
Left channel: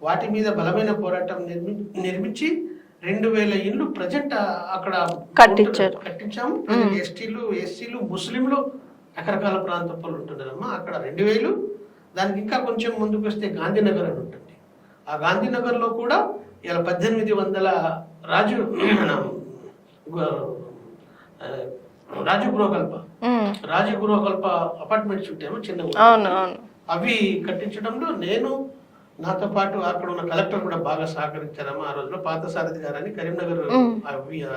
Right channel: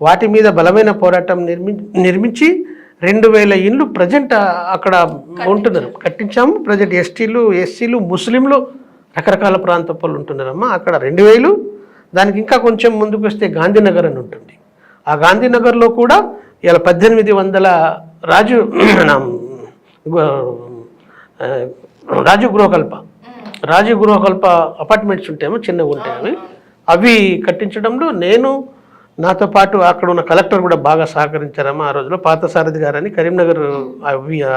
వాటి మీద బలమైన పోరాటం నిర్మించి 2,000 ఇండ్లు ప్రజెంట్ అక్కడ ఉంటున్నారు, కట్టించాము. ప్రజెంట్ ఎస్టీలు, ఎస్సీలు, ముస్లింలు రకరకాల ప్రాంత వాళ్ళు ఉంటున్నారమ్మా. అక్కడ 2000, దానికి ఇంకా కొంచెం ముందుకు వస్తే గాంధీనగర్ అని ఉంటుంది. ఆ గాంధీనగర్లో కూడా ఇలా 1800 రాజు గృహకల్ప అపార్ట్మెంట్స్ ఉంటాయేమో చిన్న ఉంటాయి. అవి కట్టించడంలో నేను, నాతో పాటు అక్కడ ఉన్న కలెక్టర్ కూడా బాగా సహకరించారమ్మా. ఆ రోజులో పార్థసారథి గారని కరీంనగర్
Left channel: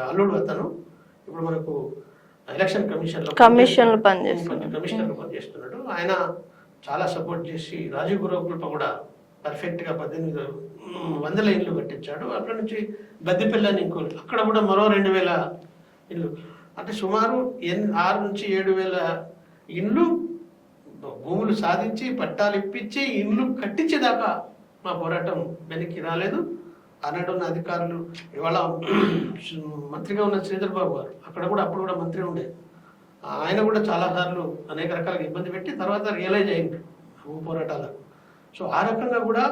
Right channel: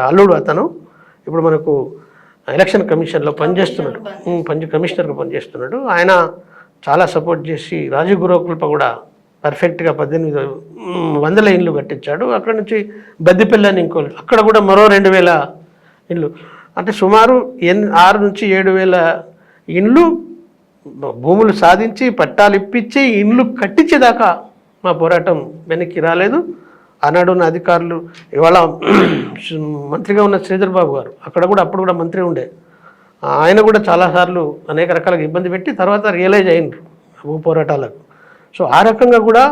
అల్లుడు అతను, ఇప్పుడు మనకు ఎలక్షన్ కమిషన్లో కమిషనర్గా పనిచేస్తున్నాడు. ఆయన చాలా సపోర్ట్ చేసి రాజు గృహకల్ప కూడా పర్ఫెక్ట్గా 1800 ఇండ్లు కట్టించాడు. అక్కడ నుంచి బద్దిపల్లి అని ఇంకో, అక్కడ కూడా మరో 2000 ఇండ్లు. అంటే సుమారు 6 నుంచి 7,000 ఇండ్లు భూములు సాధించి పట్టాలు ఇప్పించి ఇండ్లు కట్టించేదాకా మా పోరాటం వెనక్కి రాలేదు. ఆనాడు ఉన్న అధికారులు, ఇవాళ మంత్రిగా ఉన్న శ్రీధర్ బాబు గారు అప్పుడు కూడా మంత్రి ఉండే, ఆయన కూడా చాలాసార్లు అనేక రకాలుగా ఇబ్బంది పెట్టి తర్వాత రియలైజ్ అయినారు భూ పోరాటాలకు. సో ఆ రకంగా కూడా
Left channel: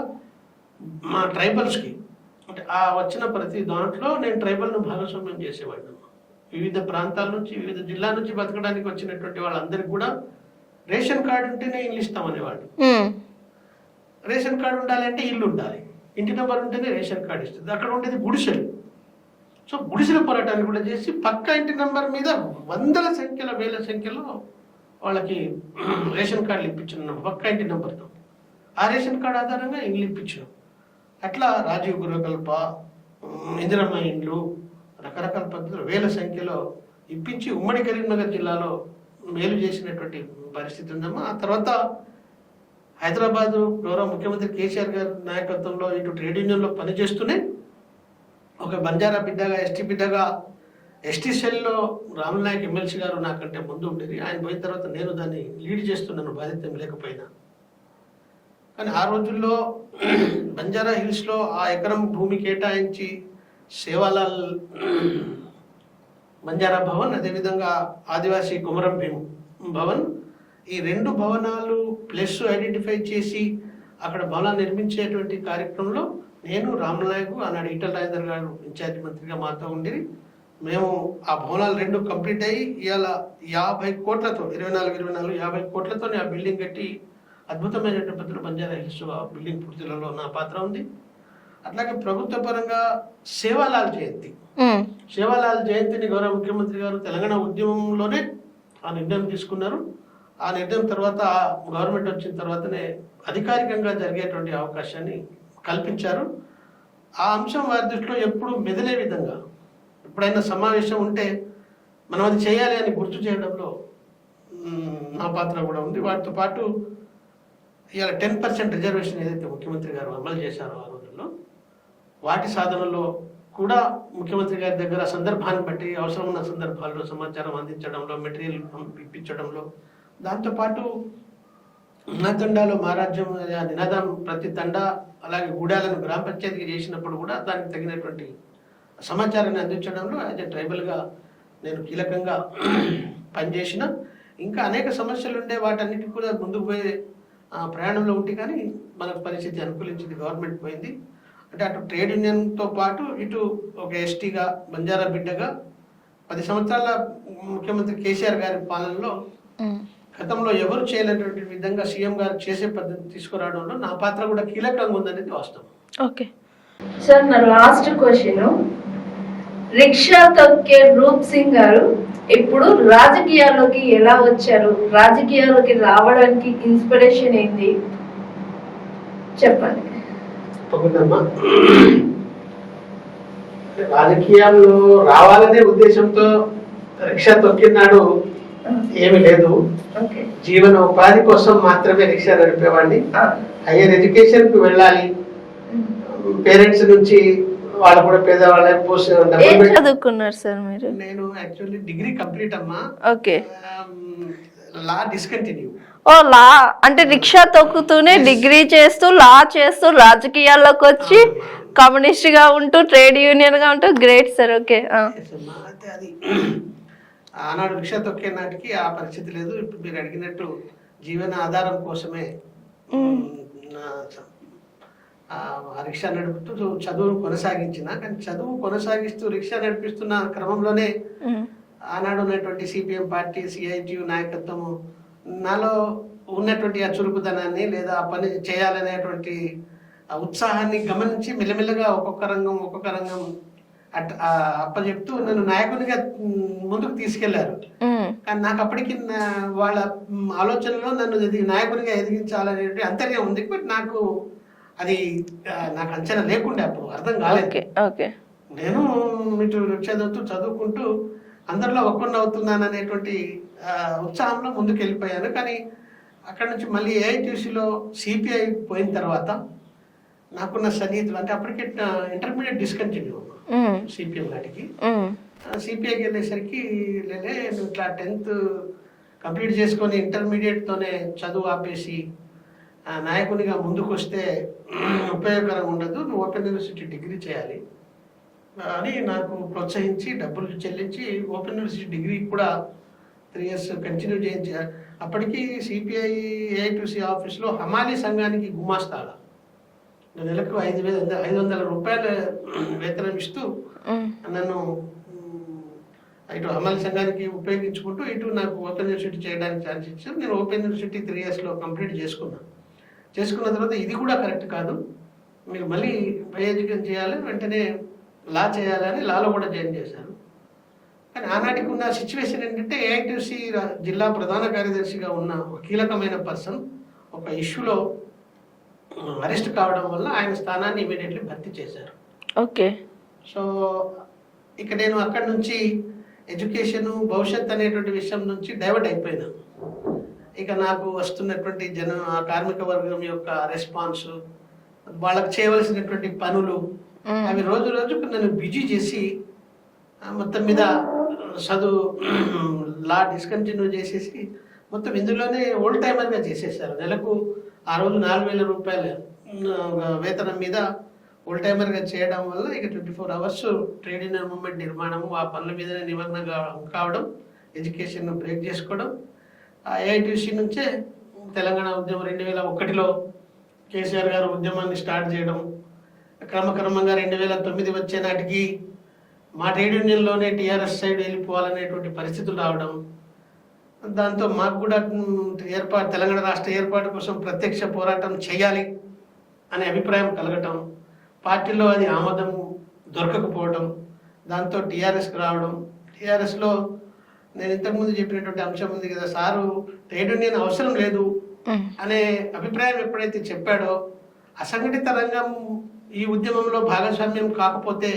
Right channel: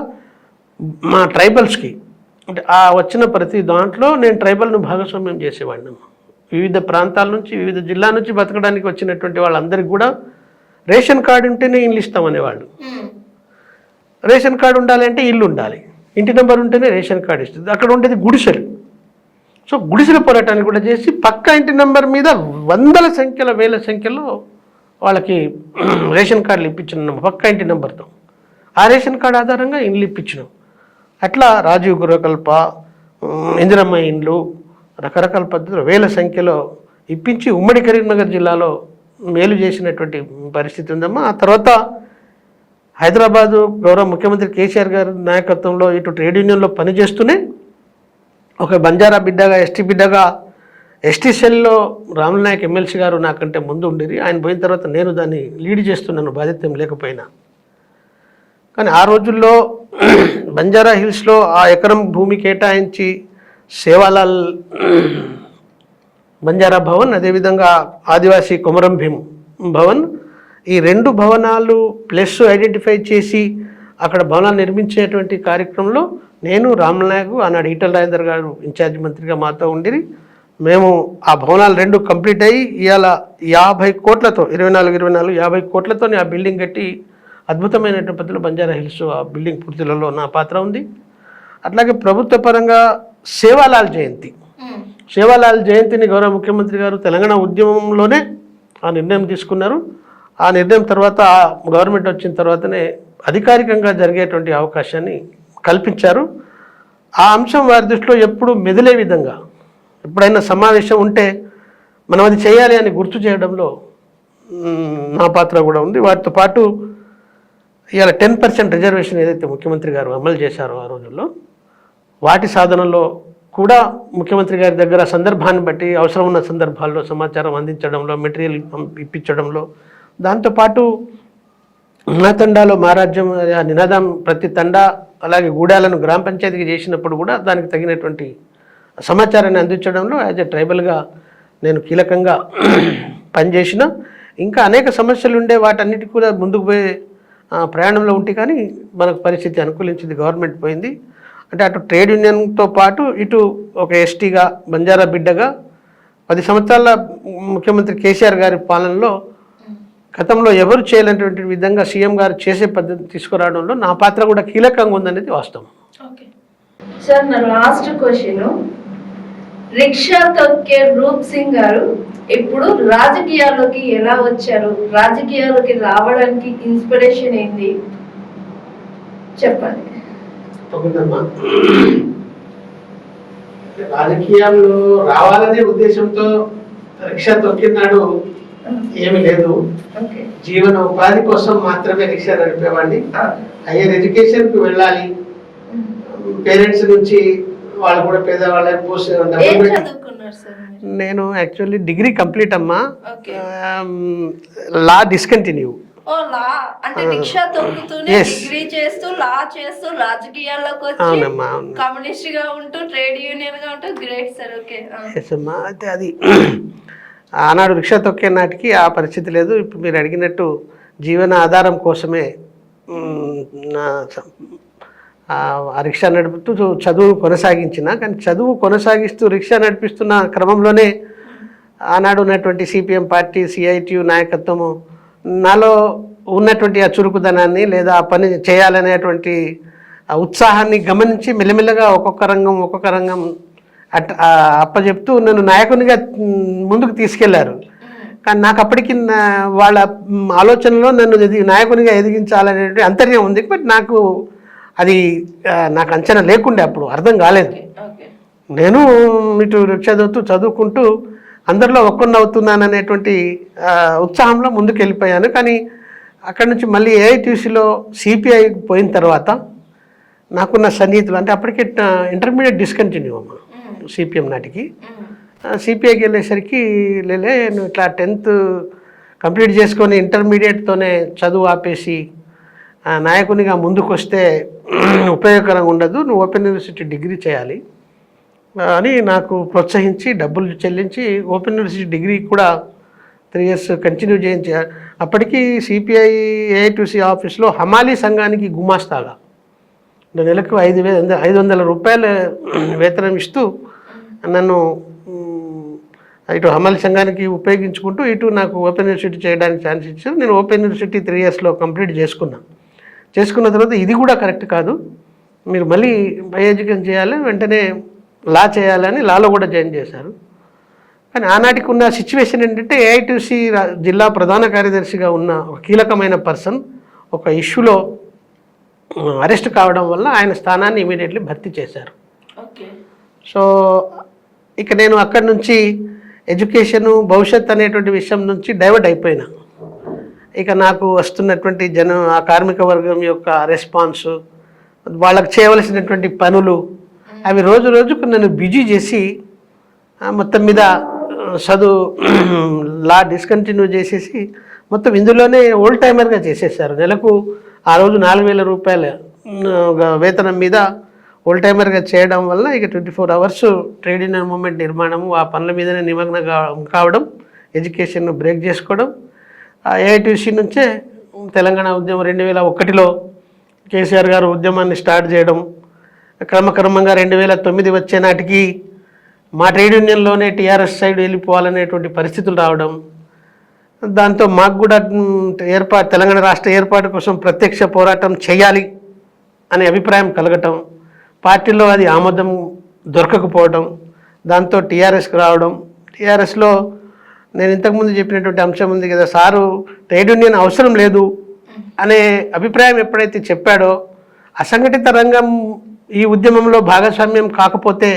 మా ట్రైబల్స్కి, అంటే ఆ వచ్చిన ప్రతి దాంట్లో నేను ట్రైబల్ను భాగస్వామ్యం చేసేవాడిని. వివిధ ప్రాంతాల నుంచి, వివిధ జిల్లా నుంచి బతకడానికి వచ్చినటువంటి వాళ్ళందరికీ కూడా రేషన్ కార్డు ఉంటేనే ఇల్లు ఇస్తామనేవాళ్ళు. రేషన్ కార్డు ఉండాలి అంటే ఇల్లు ఉండాలి, ఇంటి నెంబర్ ఉంటేనే రేషన్ కార్డు ఇస్తుంది. అక్కడ ఉండేది గుడిసెలు. సో గుడిసెల పోరాటాన్ని కూడా చేసి పక్క ఇంటి నెంబర్ మీద 100 సంఖ్యలో వాళ్ళకి రేషన్ కార్డులు ఇప్పించినాం పక్క ఇంటి నెంబర్తో. ఆ రేషన్ కార్డు ఆధారంగా ఇండ్లు ఇప్పించినాం. అట్లా రాజీవ్ గృహకల్ప, ఇందిరమ్మ ఇండ్లు, రకరకాల పద్ధతులు 1000 సంఖ్యలో ఇప్పించి ఉమ్మడి కరీంనగర్ జిల్లాలో మేలు చేసినటువంటి పరిస్థితి ఉందమ్మా. ఆ తర్వాత హైదరాబాదు గౌరవ ముఖ్యమంత్రి కేసీఆర్ గారి నాయకత్వంలో ఇటు ట్రేడ్ యూనియన్లో పనిచేస్తూనే ఒక బంజారా బిడ్డగా, ఎస్టీ బిడ్డగా, ఎస్టీ సెల్లో రాముల నాయక్ ఎమ్మెల్సీ గారు నాకంటే ముందు ఉండేది. ఆయన పోయిన తర్వాత నేను దాన్ని లీడ్ చేస్తున్నాను, బాధ్యత లేకపోయినా. కానీ ఆ రోజుల్లో బంజారా హిల్స్లో ఆ ఎకరం భూమి కేటాయించి సేవాలాల్ బంజారా భవన్, అదేవిధంగా ఆదివాసీ కొమరం భీమ్ భవన్, ఈ 2 భవనాలు ప్లస్ ఐడెంటిఫై చేసి అక్కడ భవనాలు నిర్మించేటువంటి కార్యక్రమంలో నేను, రాముల నాయక్, ఆనాడు ఈటల రాజేందర్ గారు ఇన్ఛార్జ్ మంత్రిగా మాతో ఉండి మేము ఆ భవనాలు 2 కంప్లీట్ అయ్యి ఇవాళ 50 కోట్లతో 50 కోట్లతో ఆ బిల్డింగ్ కట్టి అద్భుతమైనటువంటి పద్ధతిలో బంజారా హిల్స్ ఆ బిల్డింగ్ పూర్తిలో నా పాత్ర ఉంది. అట్లాగే ప్రభుత్వ పరంగా సేవాలాల్ జయంతిని గౌరవ ముఖ్యమంత్రి గారు తెలంగాణ ఉద్యమంలోనే ఆ నిర్ణయం తీసుకున్నారు. ఆ నిర్ణయం తర్వాత గవర్నమెంట్ వచ్చిన తర్వాతనే అధికారికంగా జరిగేటువంటి అవకాశాన్ని కల్పించారు. ఆ అంశం వారి దృష్టిలో ఎప్పుడు మెదిలే విధంగా, ఎప్పుడైనా సమావేశం ఉంటే మనం అది చేయాలి అని గుర్తు చేయడంలో నా పాత్ర కూడా ఉంది. వాటితో పాటు ఇవాళ 10% రిజర్వేషన్ ఏదైతే ముఖ్యమంత్రి గారు అమలు చేశారో ఆ రోజుల్లో, వాటి సాధనలో కూడా ముఖ్యమంత్రి గారి దగ్గర సందర్భాన్ని బట్టి అవసరం ఉన్న సందర్భాల్లో సమాచారం అందించడంలో, మెటీరియల్ ఇప్పించడంలో, దాంతోపాటు నా తండాలో మహారాజ్యం ఆ నినాదం ప్రతి తండా అలాగే గూడాలను గ్రామ పంచాయతీకి చేసినప్పుడు కూడా దానికి తగినటువంటి సమాచారాన్ని అందించడంలో యాజ్ ఎ ట్రైబల్గా నేను కీలకంగా పనిచేసిన. ఇంకా అనేక సమస్యలు ఉండే, వాటన్నిటికీ కూడా ముందుకు పోయే ప్రయాణంలో ఉంటే కానీ మనకు పరిస్థితి అనుకూలించింది, గవర్నమెంట్ పోయింది. అంటే అటు ట్రేడ్ యూనియన్తో పాటు ఇటు ఒక ఎస్టీగా, బంజారా బిడ్డగా 10 సంవత్సరాల ముఖ్యమంత్రి కేసీఆర్ గారి పాలనలో గతంలో ఎవరు చేయలేనటువంటి విధంగా సీఎం గారు చేసే పద్ధతి తీసుకురావడంలో నా పాత్ర కూడా కీలకంగా ఉందనేది వాస్తవం. ఓకే సార్, నా లాస్ట్ క్వశ్చన్, రిక్షా తొక్కే రూప్ సింగ్ గారు ఇప్పుడు రాజకీయాల్లోకి ఎలా వచ్చారు? రాజకీయాల్లోకి రావడానికి ఇన్స్పిరేషన్ ఏంటి చెప్పండి. రాజకీయాల్లో రావాలనే ఉద్దేశంతో రిక్షా తొక్కినాడు ఏమి లేదు. జీవన ఉపాధి కోసం మాత్రమే రిక్షా నడిపేవాడిని. హైయర్ ఎడ్యుకేషన్ కు వెళ్ళాలి, పేరెంట్స్ నుంచి వాళ్ళు కూడా పేదవాళ్ళ చదువుకున్నారు సార్ మీరు? నేను యాక్చువల్లీ డిగ్రీ కంప్లీట్ అమ్మా. లా డిస్కంటిన్యూ. ఓ లా అంటే రిక్షా తొక్కుతూనే డిగ్రీ చేస్తూ లా చేస్తూ రాజకీయాల్లోకి వచ్చి కమ్యూనిస్ట్ గా ఉంటూ ట్రేడ్ యూనియన్ గా ఉంటూ గ్రేట్ సార్. ఓకే అయితే అది ఆనాడు రిక్షా తొక్కే నాటికి ఆ పరిస్థితి లేదు. ఇప్పుడు మీరు అడిగినట్టు జీవన ఆధారం కోసమే ఆ రిక్షా నడుపుతూ చదువు కొనసాగించిన. కానీ చదువు కొనసాగిస్తూ రిక్షా నడిపిస్తున్న క్రమంలోనే ఆనాడు ఉన్నటువంటి సిపిఎం పార్టీ, సిఐటియు నాయకత్వము నాలో ఉన్నటువంటి ఆ చురుకుదనాన్ని లేదా ఆ పని చేయాలనేటువంటి ఆ ఉత్సాహాన్ని గమనించి మెల్లమెల్లగా ఒక్కొక్క రంగం అప్పచెప్తూ నన్ను నాయకునిగా ముందుకు తీసుకెళ్లారు. కానీ నాకు అప్పటికి వాళ్ళ ఆలోచనలో నన్ను నాయకునిగా ఎదిగించాలనేటువంటి అంతర్యం ఉంది. బట్ నాకు అది నాకు అంచనా లేకుండే, అప్పుడు అర్థం కాలేదు. నేను ఇటు చదువుకుంటూ అందరిలో ఒక్కడిని అవుతున్నాను అనేటువంటి ఉత్సాహంలో ముందుకు వెళ్ళిపోయాను. కానీ అక్కడి నుంచి మళ్ళీ ఏఐటీసీలో సిపిఐ పోయిన తర్వాత నాకున్న సన్నిహితులు, అంటే అప్పటికే ఇంటర్మీడియట్ డిస్కంటిన్యూ అమ్మ సిపిఎం నాటికి. సిపిఐకి వెళ్ళేసరికి నువ్వు ఇట్లా 10th కంప్లీట్ చేసుకొని ఇంటర్మీడియట్తోనే చదువు ఆపేసి నాయకునిగా ముందుకు వస్తే ఉపయోగకరంగా ఉండదు, నువ్వు ఓపెన్ యూనివర్సిటీ డిగ్రీ చేయాలి అని నాకు ప్రోత్సహించి డబ్బులు చెల్లించి ఓపెన్ యూనివర్సిటీ డిగ్రీ కూడా 3 years కంటిన్యూ చేయించి, అప్పటికి సిపిఐ ఏఐటీసీ ఆఫీస్లో హమాలీ సంఘానికి గుమాస్తాగా నెలకు 500 రూపాయలు వేతనం ఇస్తూ నన్ను ఇటు హమాలీ సంఘానికి ఉపయోగించుకుంటూ ఇటు నాకు ఓపెన్ యూనివర్సిటీ చేయడానికి ఛాన్స్ ఇచ్చారు. నేను ఓపెన్ యూనివర్సిటీ 3 yearsలో కంప్లీట్ చేసుకున్న తర్వాత ఇది కూడా కరెక్ట్ కాదు, మీరు మళ్ళీ హై ఎడ్యుకేషన్ చేయాలి, వెంటనే లా చేయాలని లాలో కూడా జాయిన్ చేశారు. కానీ ఆనాటికి ఉన్న సిచ్యువేషన్ ఏంటంటే ఏఐటీసీ జిల్లా ప్రధాన కార్యదర్శిగా ఉన్న ఒక కీలకమైన పర్సన్ ఒక ఇష్యూలో అరెస్ట్ కావడం వల్ల ఆయన స్థానాన్ని ఇమీడియట్లీ భర్తీ చేశారు. ఓకే. సో ఇక నేను అక్కడి నుంచి ఎడ్యుకేషను భవిష్యత్ అనేటువంటి విషయం నుంచి డైవర్ట్ అయిపోయినా. ఇక నాకు వస్తున్నటువంటి ఆ కార్మిక వర్గం యొక్క రెస్పాన్స్, వాళ్ళకి చేయవలసినటువంటి పనులు, అవి రోజు రోజుకు నన్ను బిజీ చేసి మొత్తం మీద చదువు లా డిస్కంటిన్యూ చేసేసి మొత్తం ఇందులోనే ఓల్డ్ టైమర్గా చేసేసారు. నెలకు ఆ రోజు 4,000 రూపాయల వేతనం మీద ఓల్డ్ టైమర్గా చేయడం వల్ల ఇక 24 hours ట్రేడ్ యూనియన్ మూవ్మెంట్ నిర్మాణము, ఆ పనుల మీదనే నిమగ్నం కావడం, ఎడ్యుకేషన్ బ్రేక్ చేసుకోవడం. ఏఐటీసీ నుంచే తెలంగాణ ఉద్యమం 2001లో కేసీఆర్ గారు ఉద్యమాన్ని స్టార్ట్ చేయడం, క్రమక్రమంగా 2009 వచ్చే నాటికి మా ట్రేడ్ యూనియన్లోనే టీఆర్ఎస్ సైడ్ వెళ్ళిపోవాలనేటువంటి పరిస్థితులు రావడం, దాంతో మాకు కూడా తెలంగాణ రాష్ట్ర ఏర్పాటు కోసం ప్రత్యక్ష పోరాటం చేయాలి అనే అభిప్రాయం కలగటం, పార్టీలో అది ఆమోదం దొరకకపోవడం, దాంతో టీఆర్ఎస్కి రావడం. టీఆర్ఎస్లో నేను ఇంతకుముందు చెప్పినటువంటి అంశం ఉంది కదా, సారు ట్రేడ్ యూనియన్ అవసరం లేదు అనే అభిప్రాయం ఎప్పుడైతే చెప్పాడో, అసంఘటిత రంగం ఈ ఉద్యమంలో భాగస్వామ్యం కాకపోతే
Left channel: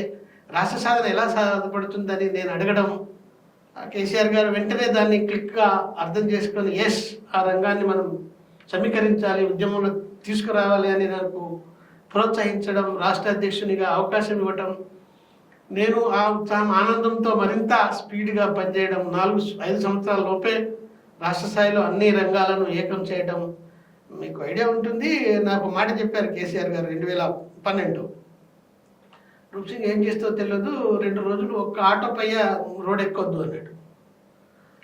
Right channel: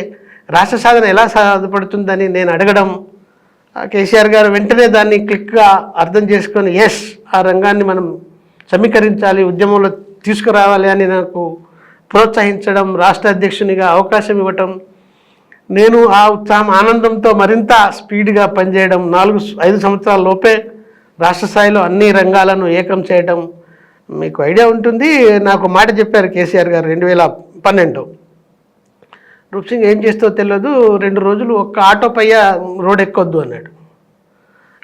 రాష్ట్ర సాధన ఎలా సాధపడుతుందని నేను అడగడం, కేసీఆర్ గారు వెంటనే దాన్ని క్లిక్గా అర్థం చేసుకొని ఎస్ ఆ రంగాన్ని మనం సమీకరించాలి, ఉద్యమంలో తీసుకురావాలి అని నాకు ప్రోత్సహించడం, రాష్ట్ర అధ్యక్షునిగా అవకాశం ఇవ్వటం, నేను ఆ ఉత్సాహం ఆనందంతో మరింత స్పీడ్గా పనిచేయడం, 4-5 సంవత్సరాల లోపే రాష్ట్ర స్థాయిలో అన్ని రంగాలను ఏకం చేయడం. మీకు ఐడియా ఉంటుంది, నాకు మాట చెప్పారు కేసీఆర్ గారు 2012. రూప్ సింగ్ ఏం చేస్తో తెలియదు, 2 రోజులు ఒక్క ఆటో పయ్య రోడ్ ఎక్కొద్దు అన్నాడు.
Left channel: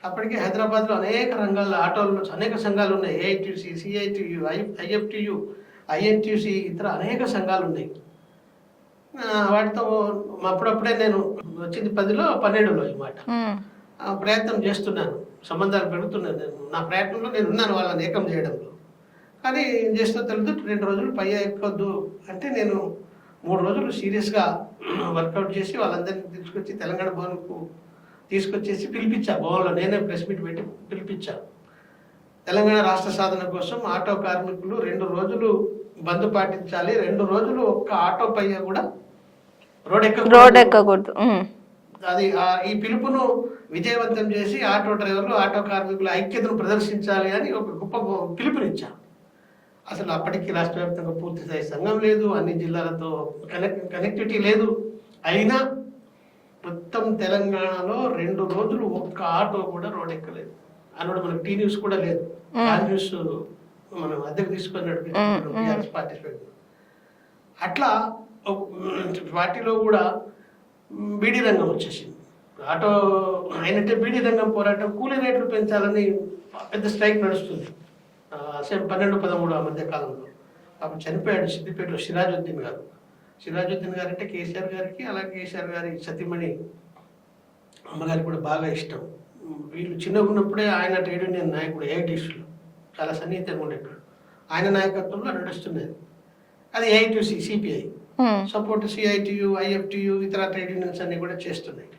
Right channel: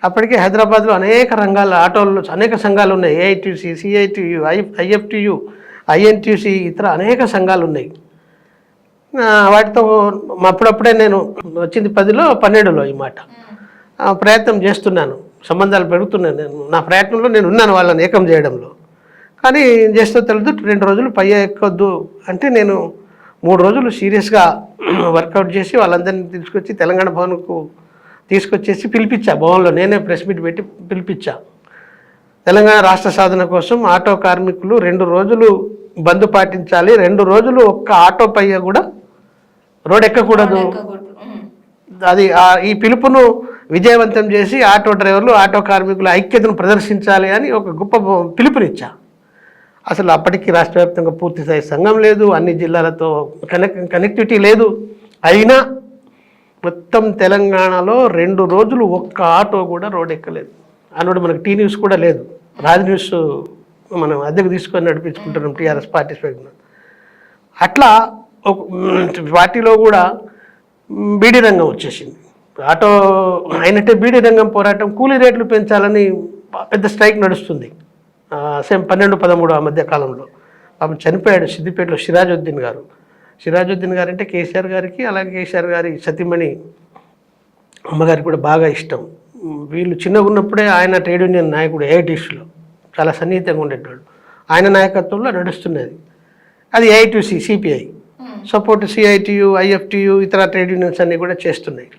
అప్పటికే హైదరాబాద్లో అనేక రంగాల ఆటోల్లో అనేక సంఘాలు ఉన్నాయి, ఏఐటీసీ, సిఐటియు, ఐఎఫ్టియు, ఐఎన్టీసీ, ఇతర అనేక సంఘాలు ఉన్నాయి. వాటితో అప్పుడప్పుడే నేను వచ్చింది 10లో 12లో ఈ మాట ప్రయత్నం చేస్తున్నాను, సంబంధాలు పెరుగుతున్నాను. నా ప్రయత్నంలో నేను ఉన్నాను వాళ్ళని ఏకం చేయడంలో. కానీ చేస్తూ తెలియదు 2 రోజులు పయ్య ఎక్కొద్దు అంటే నేను 3 రోజులు సీరియస్గా వర్కౌట్ చేసి వాళ్ళందరినీ తీసుకొచ్చి తెలంగాణ భవన్కు తీసుకొచ్చేసి పిలిపించా. భవన్లో నేనే ప్రెస్ మీట్ పెట్టి పిలిపించా. తెలంగాణ రాష్ట్ర సాధన కోసం ఆటో కార్మికులు 2 రోజులు బంద్ పాటించాలి, 2 రోజులు ఒక్క ఆటో పయ్య కూడా రోడ్ ఎక్కకూడదు. అది ఈ పిలుపును విజయవంతం చేసి ఆటో డ్రైవర్లు, ఆటో కార్మికుల ఐక్యతను ప్రదర్శించాలి అని ఒక గొప్ప పిలుపునిచ్చా. అసలు అప్పటికి రాష్ట్ర వ్యాప్తంగా పూర్తిస్థాయి సంఘం లేదు, అన్ని జిల్లాలతో కనెక్టివిటీ లేదు. అయినా మొత్తం తెలంగాణలో 2 రోజులు ఒక్క ఆటో కూడా రోడ్ ఎక్కలేదు. అన్నోడు మనకు టీ న్యూస్ కూడా లేదు, రాజ్ న్యూస్ మనం అద్దెకు తీసుకొని నడిపించుకుంటున్నాం టీఆర్ఎస్ పార్టిసిపేట్. అట్లా ఒక పార్టీలో కూడా బీడీ రంగం వచ్చేసింది. ఆటో అయినట్టే బీడీ రంగం పోరాటం, కూలీ రేట్లు పెంచాలని పెద్ద స్ట్రైక్ నడుస్తుంది. సేమ్ 12-13 ఆ మధ్య కాలంలో పాపం చనిపోయాడు సిద్దిపేటలో సిరాజుద్దీన్ గారు. సిరాజుద్దీన్ గారు అంటే కేసీఆర్ గారికి, అలాగే కేసీఆర్ గారి సతీమణి అమ్మగారికి కూడా బాగా ఇష్టం. వీళ్ళు చిన్నగా ఉన్నప్పుడే ఆయన ట్రేడ్ యూనియన్ నాయకుడు ఏఐటీసీలో చాలా సన్నిహితంగా ఉండేటోడు. ఆయన నాయకత్వంలో నడుస్తున్నది. అది AITC CPI support CITU IFTU ఇతర ట్రేడ్ యూనియన్స్ అన్నీ కూడా చేస్తున్నాయి.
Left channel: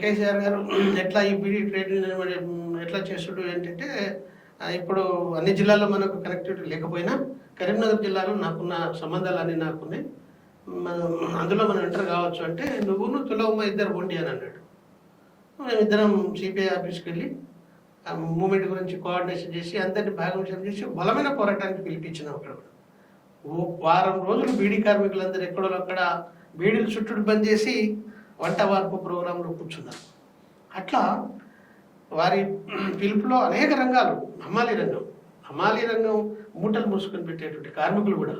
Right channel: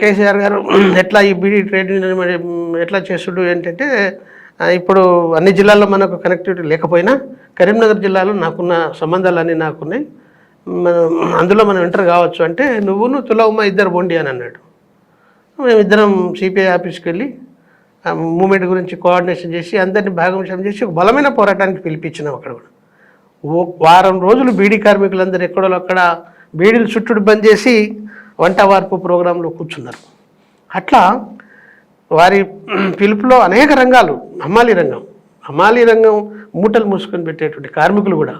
కేసీఆర్ గారు ఎట్లా ఈ బీడీ ట్రేడ్ యూనియన్ మరి ఎట్లా చేస్తుడు ఏంటంటే ఇప్పుడు అన్ని జిల్లాల్లో మనకు కనెక్టివిటీ లేకపోయినా కరీంనగర్ జిల్లాలో నాకున్న సంబంధాలన్నీ నాకున్నాయి, అందులో మనం ఎంటర్ కావచ్చు అంటే నువ్వును తులవమ్మ ఇద్దరు బొండి అని అన్నాడు. మేమిద్దరం సిపిఐ ఆఫీస్కి వెళ్ళి మూమెంట్ గురించి కోఆర్డినేషన్ చేసి అందరినీ భాగంశం చేసి ఒక బలమైన పోరాటానికి పిలిపించినాం. అక్కడ కూడా వారం రోజులు బీడీ కార్మికులందరూ ఎక్కడో అక్కడ బీడీలు చుట్టూ బంద్ చేసి వంట వార్పు ప్రోగ్రాంలో కూర్చున్నారు. అట్లా వారి పిలుపులో అనేక రంగాలు, హమాలీ రంగం మూటలు మూసుకొని పెట్టేటువంటి కార్మికులు కూడా,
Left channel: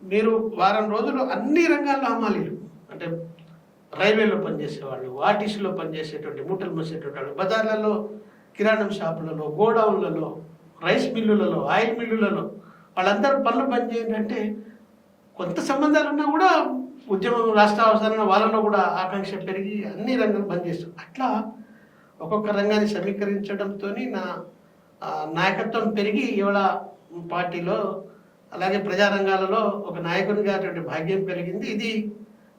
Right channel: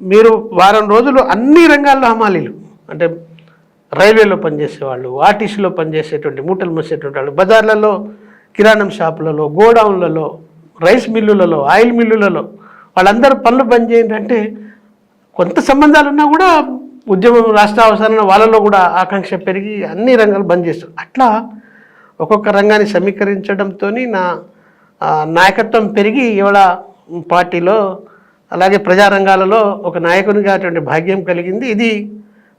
మీరు వారం రోజులు అన్ని రంగాల్లో హమాలీలు అంటే రైల్వేలో పనిచేసేవాళ్ళు, ఆర్టీసీలో పనిచేసేటువంటి మూటలు మూసేటువంటి వాళ్ళు, బజార్లలో, కిరాణం షాపులలో, గోడౌన్లలో, రైస్ మిల్లులలో, ఆయిల్ మిల్లులలో వాళ్ళందరూ పనులు బంద్ చేయండి అంటే కొంత సంబంధాలు ఉన్నా కూడా ఉద్యమం రాష్ట్ర అవసరాల వాళ్ళలో కూడా ఆకాంక్ష పెరిగి అన్ని రంగాలు బంద్ చేస్తారు. అట్లా ఒక్కొక్క రంగాన్ని సమీకరించడంతో నా నాయకత్వం పెరిగి ఇవాళ పార్టీలో అలాగే ప్రజారంగాలలో ఒక నాయకునిగా అటువంటి భాగ్యం కలిగింది. ఇది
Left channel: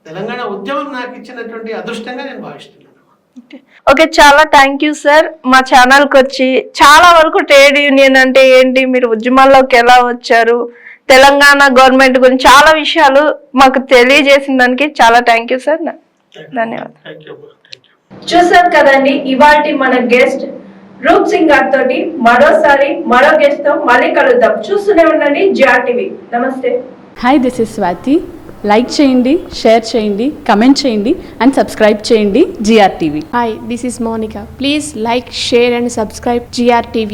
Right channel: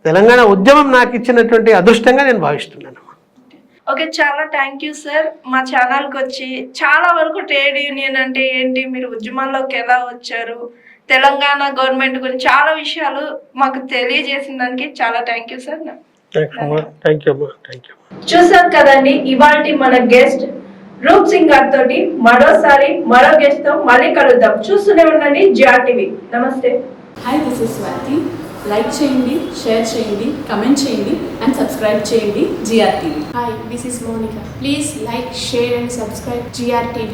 తెలంగాణ ఉద్యమం నాకు ఇచ్చినటువంటి అదృష్టంగా నేను భావిస్తున్నాను. ఓకే, చాలా థ్యాంక్ యూ సార్. మా ఛానల్కి వచ్చి చాలా వరకు ట్రేడ్ యూనియన్ అంటే ఏంటి, మీరు ఉద్యమాల్లోకి ఎలా వచ్చారు, తెలంగాణ గవర్నమెంట్ గురించి చాలా విషయాలు మాకు తెలియజేసిన దానికి చాలా థ్యాంక్ యూ సార్. చూసారు కదండి ఇవాల్టి మన గెస్ట్ రూప్ సింగ్ గారితో. మరోసారి మరో గెస్ట్ తో మళ్ళీ కలుద్దాం. చూస్తూనే ఉండండి జిఆర్ టీవీ. నమస్తే. Hi, this is Swathi. Like చేయండి, షేర్ చేయండి, కమెంట్ చేయండి అండ్ సబ్స్క్రైబ్ చేయండి G R TV. Hi, this is Monica. Please like, share and subscribe GR TV.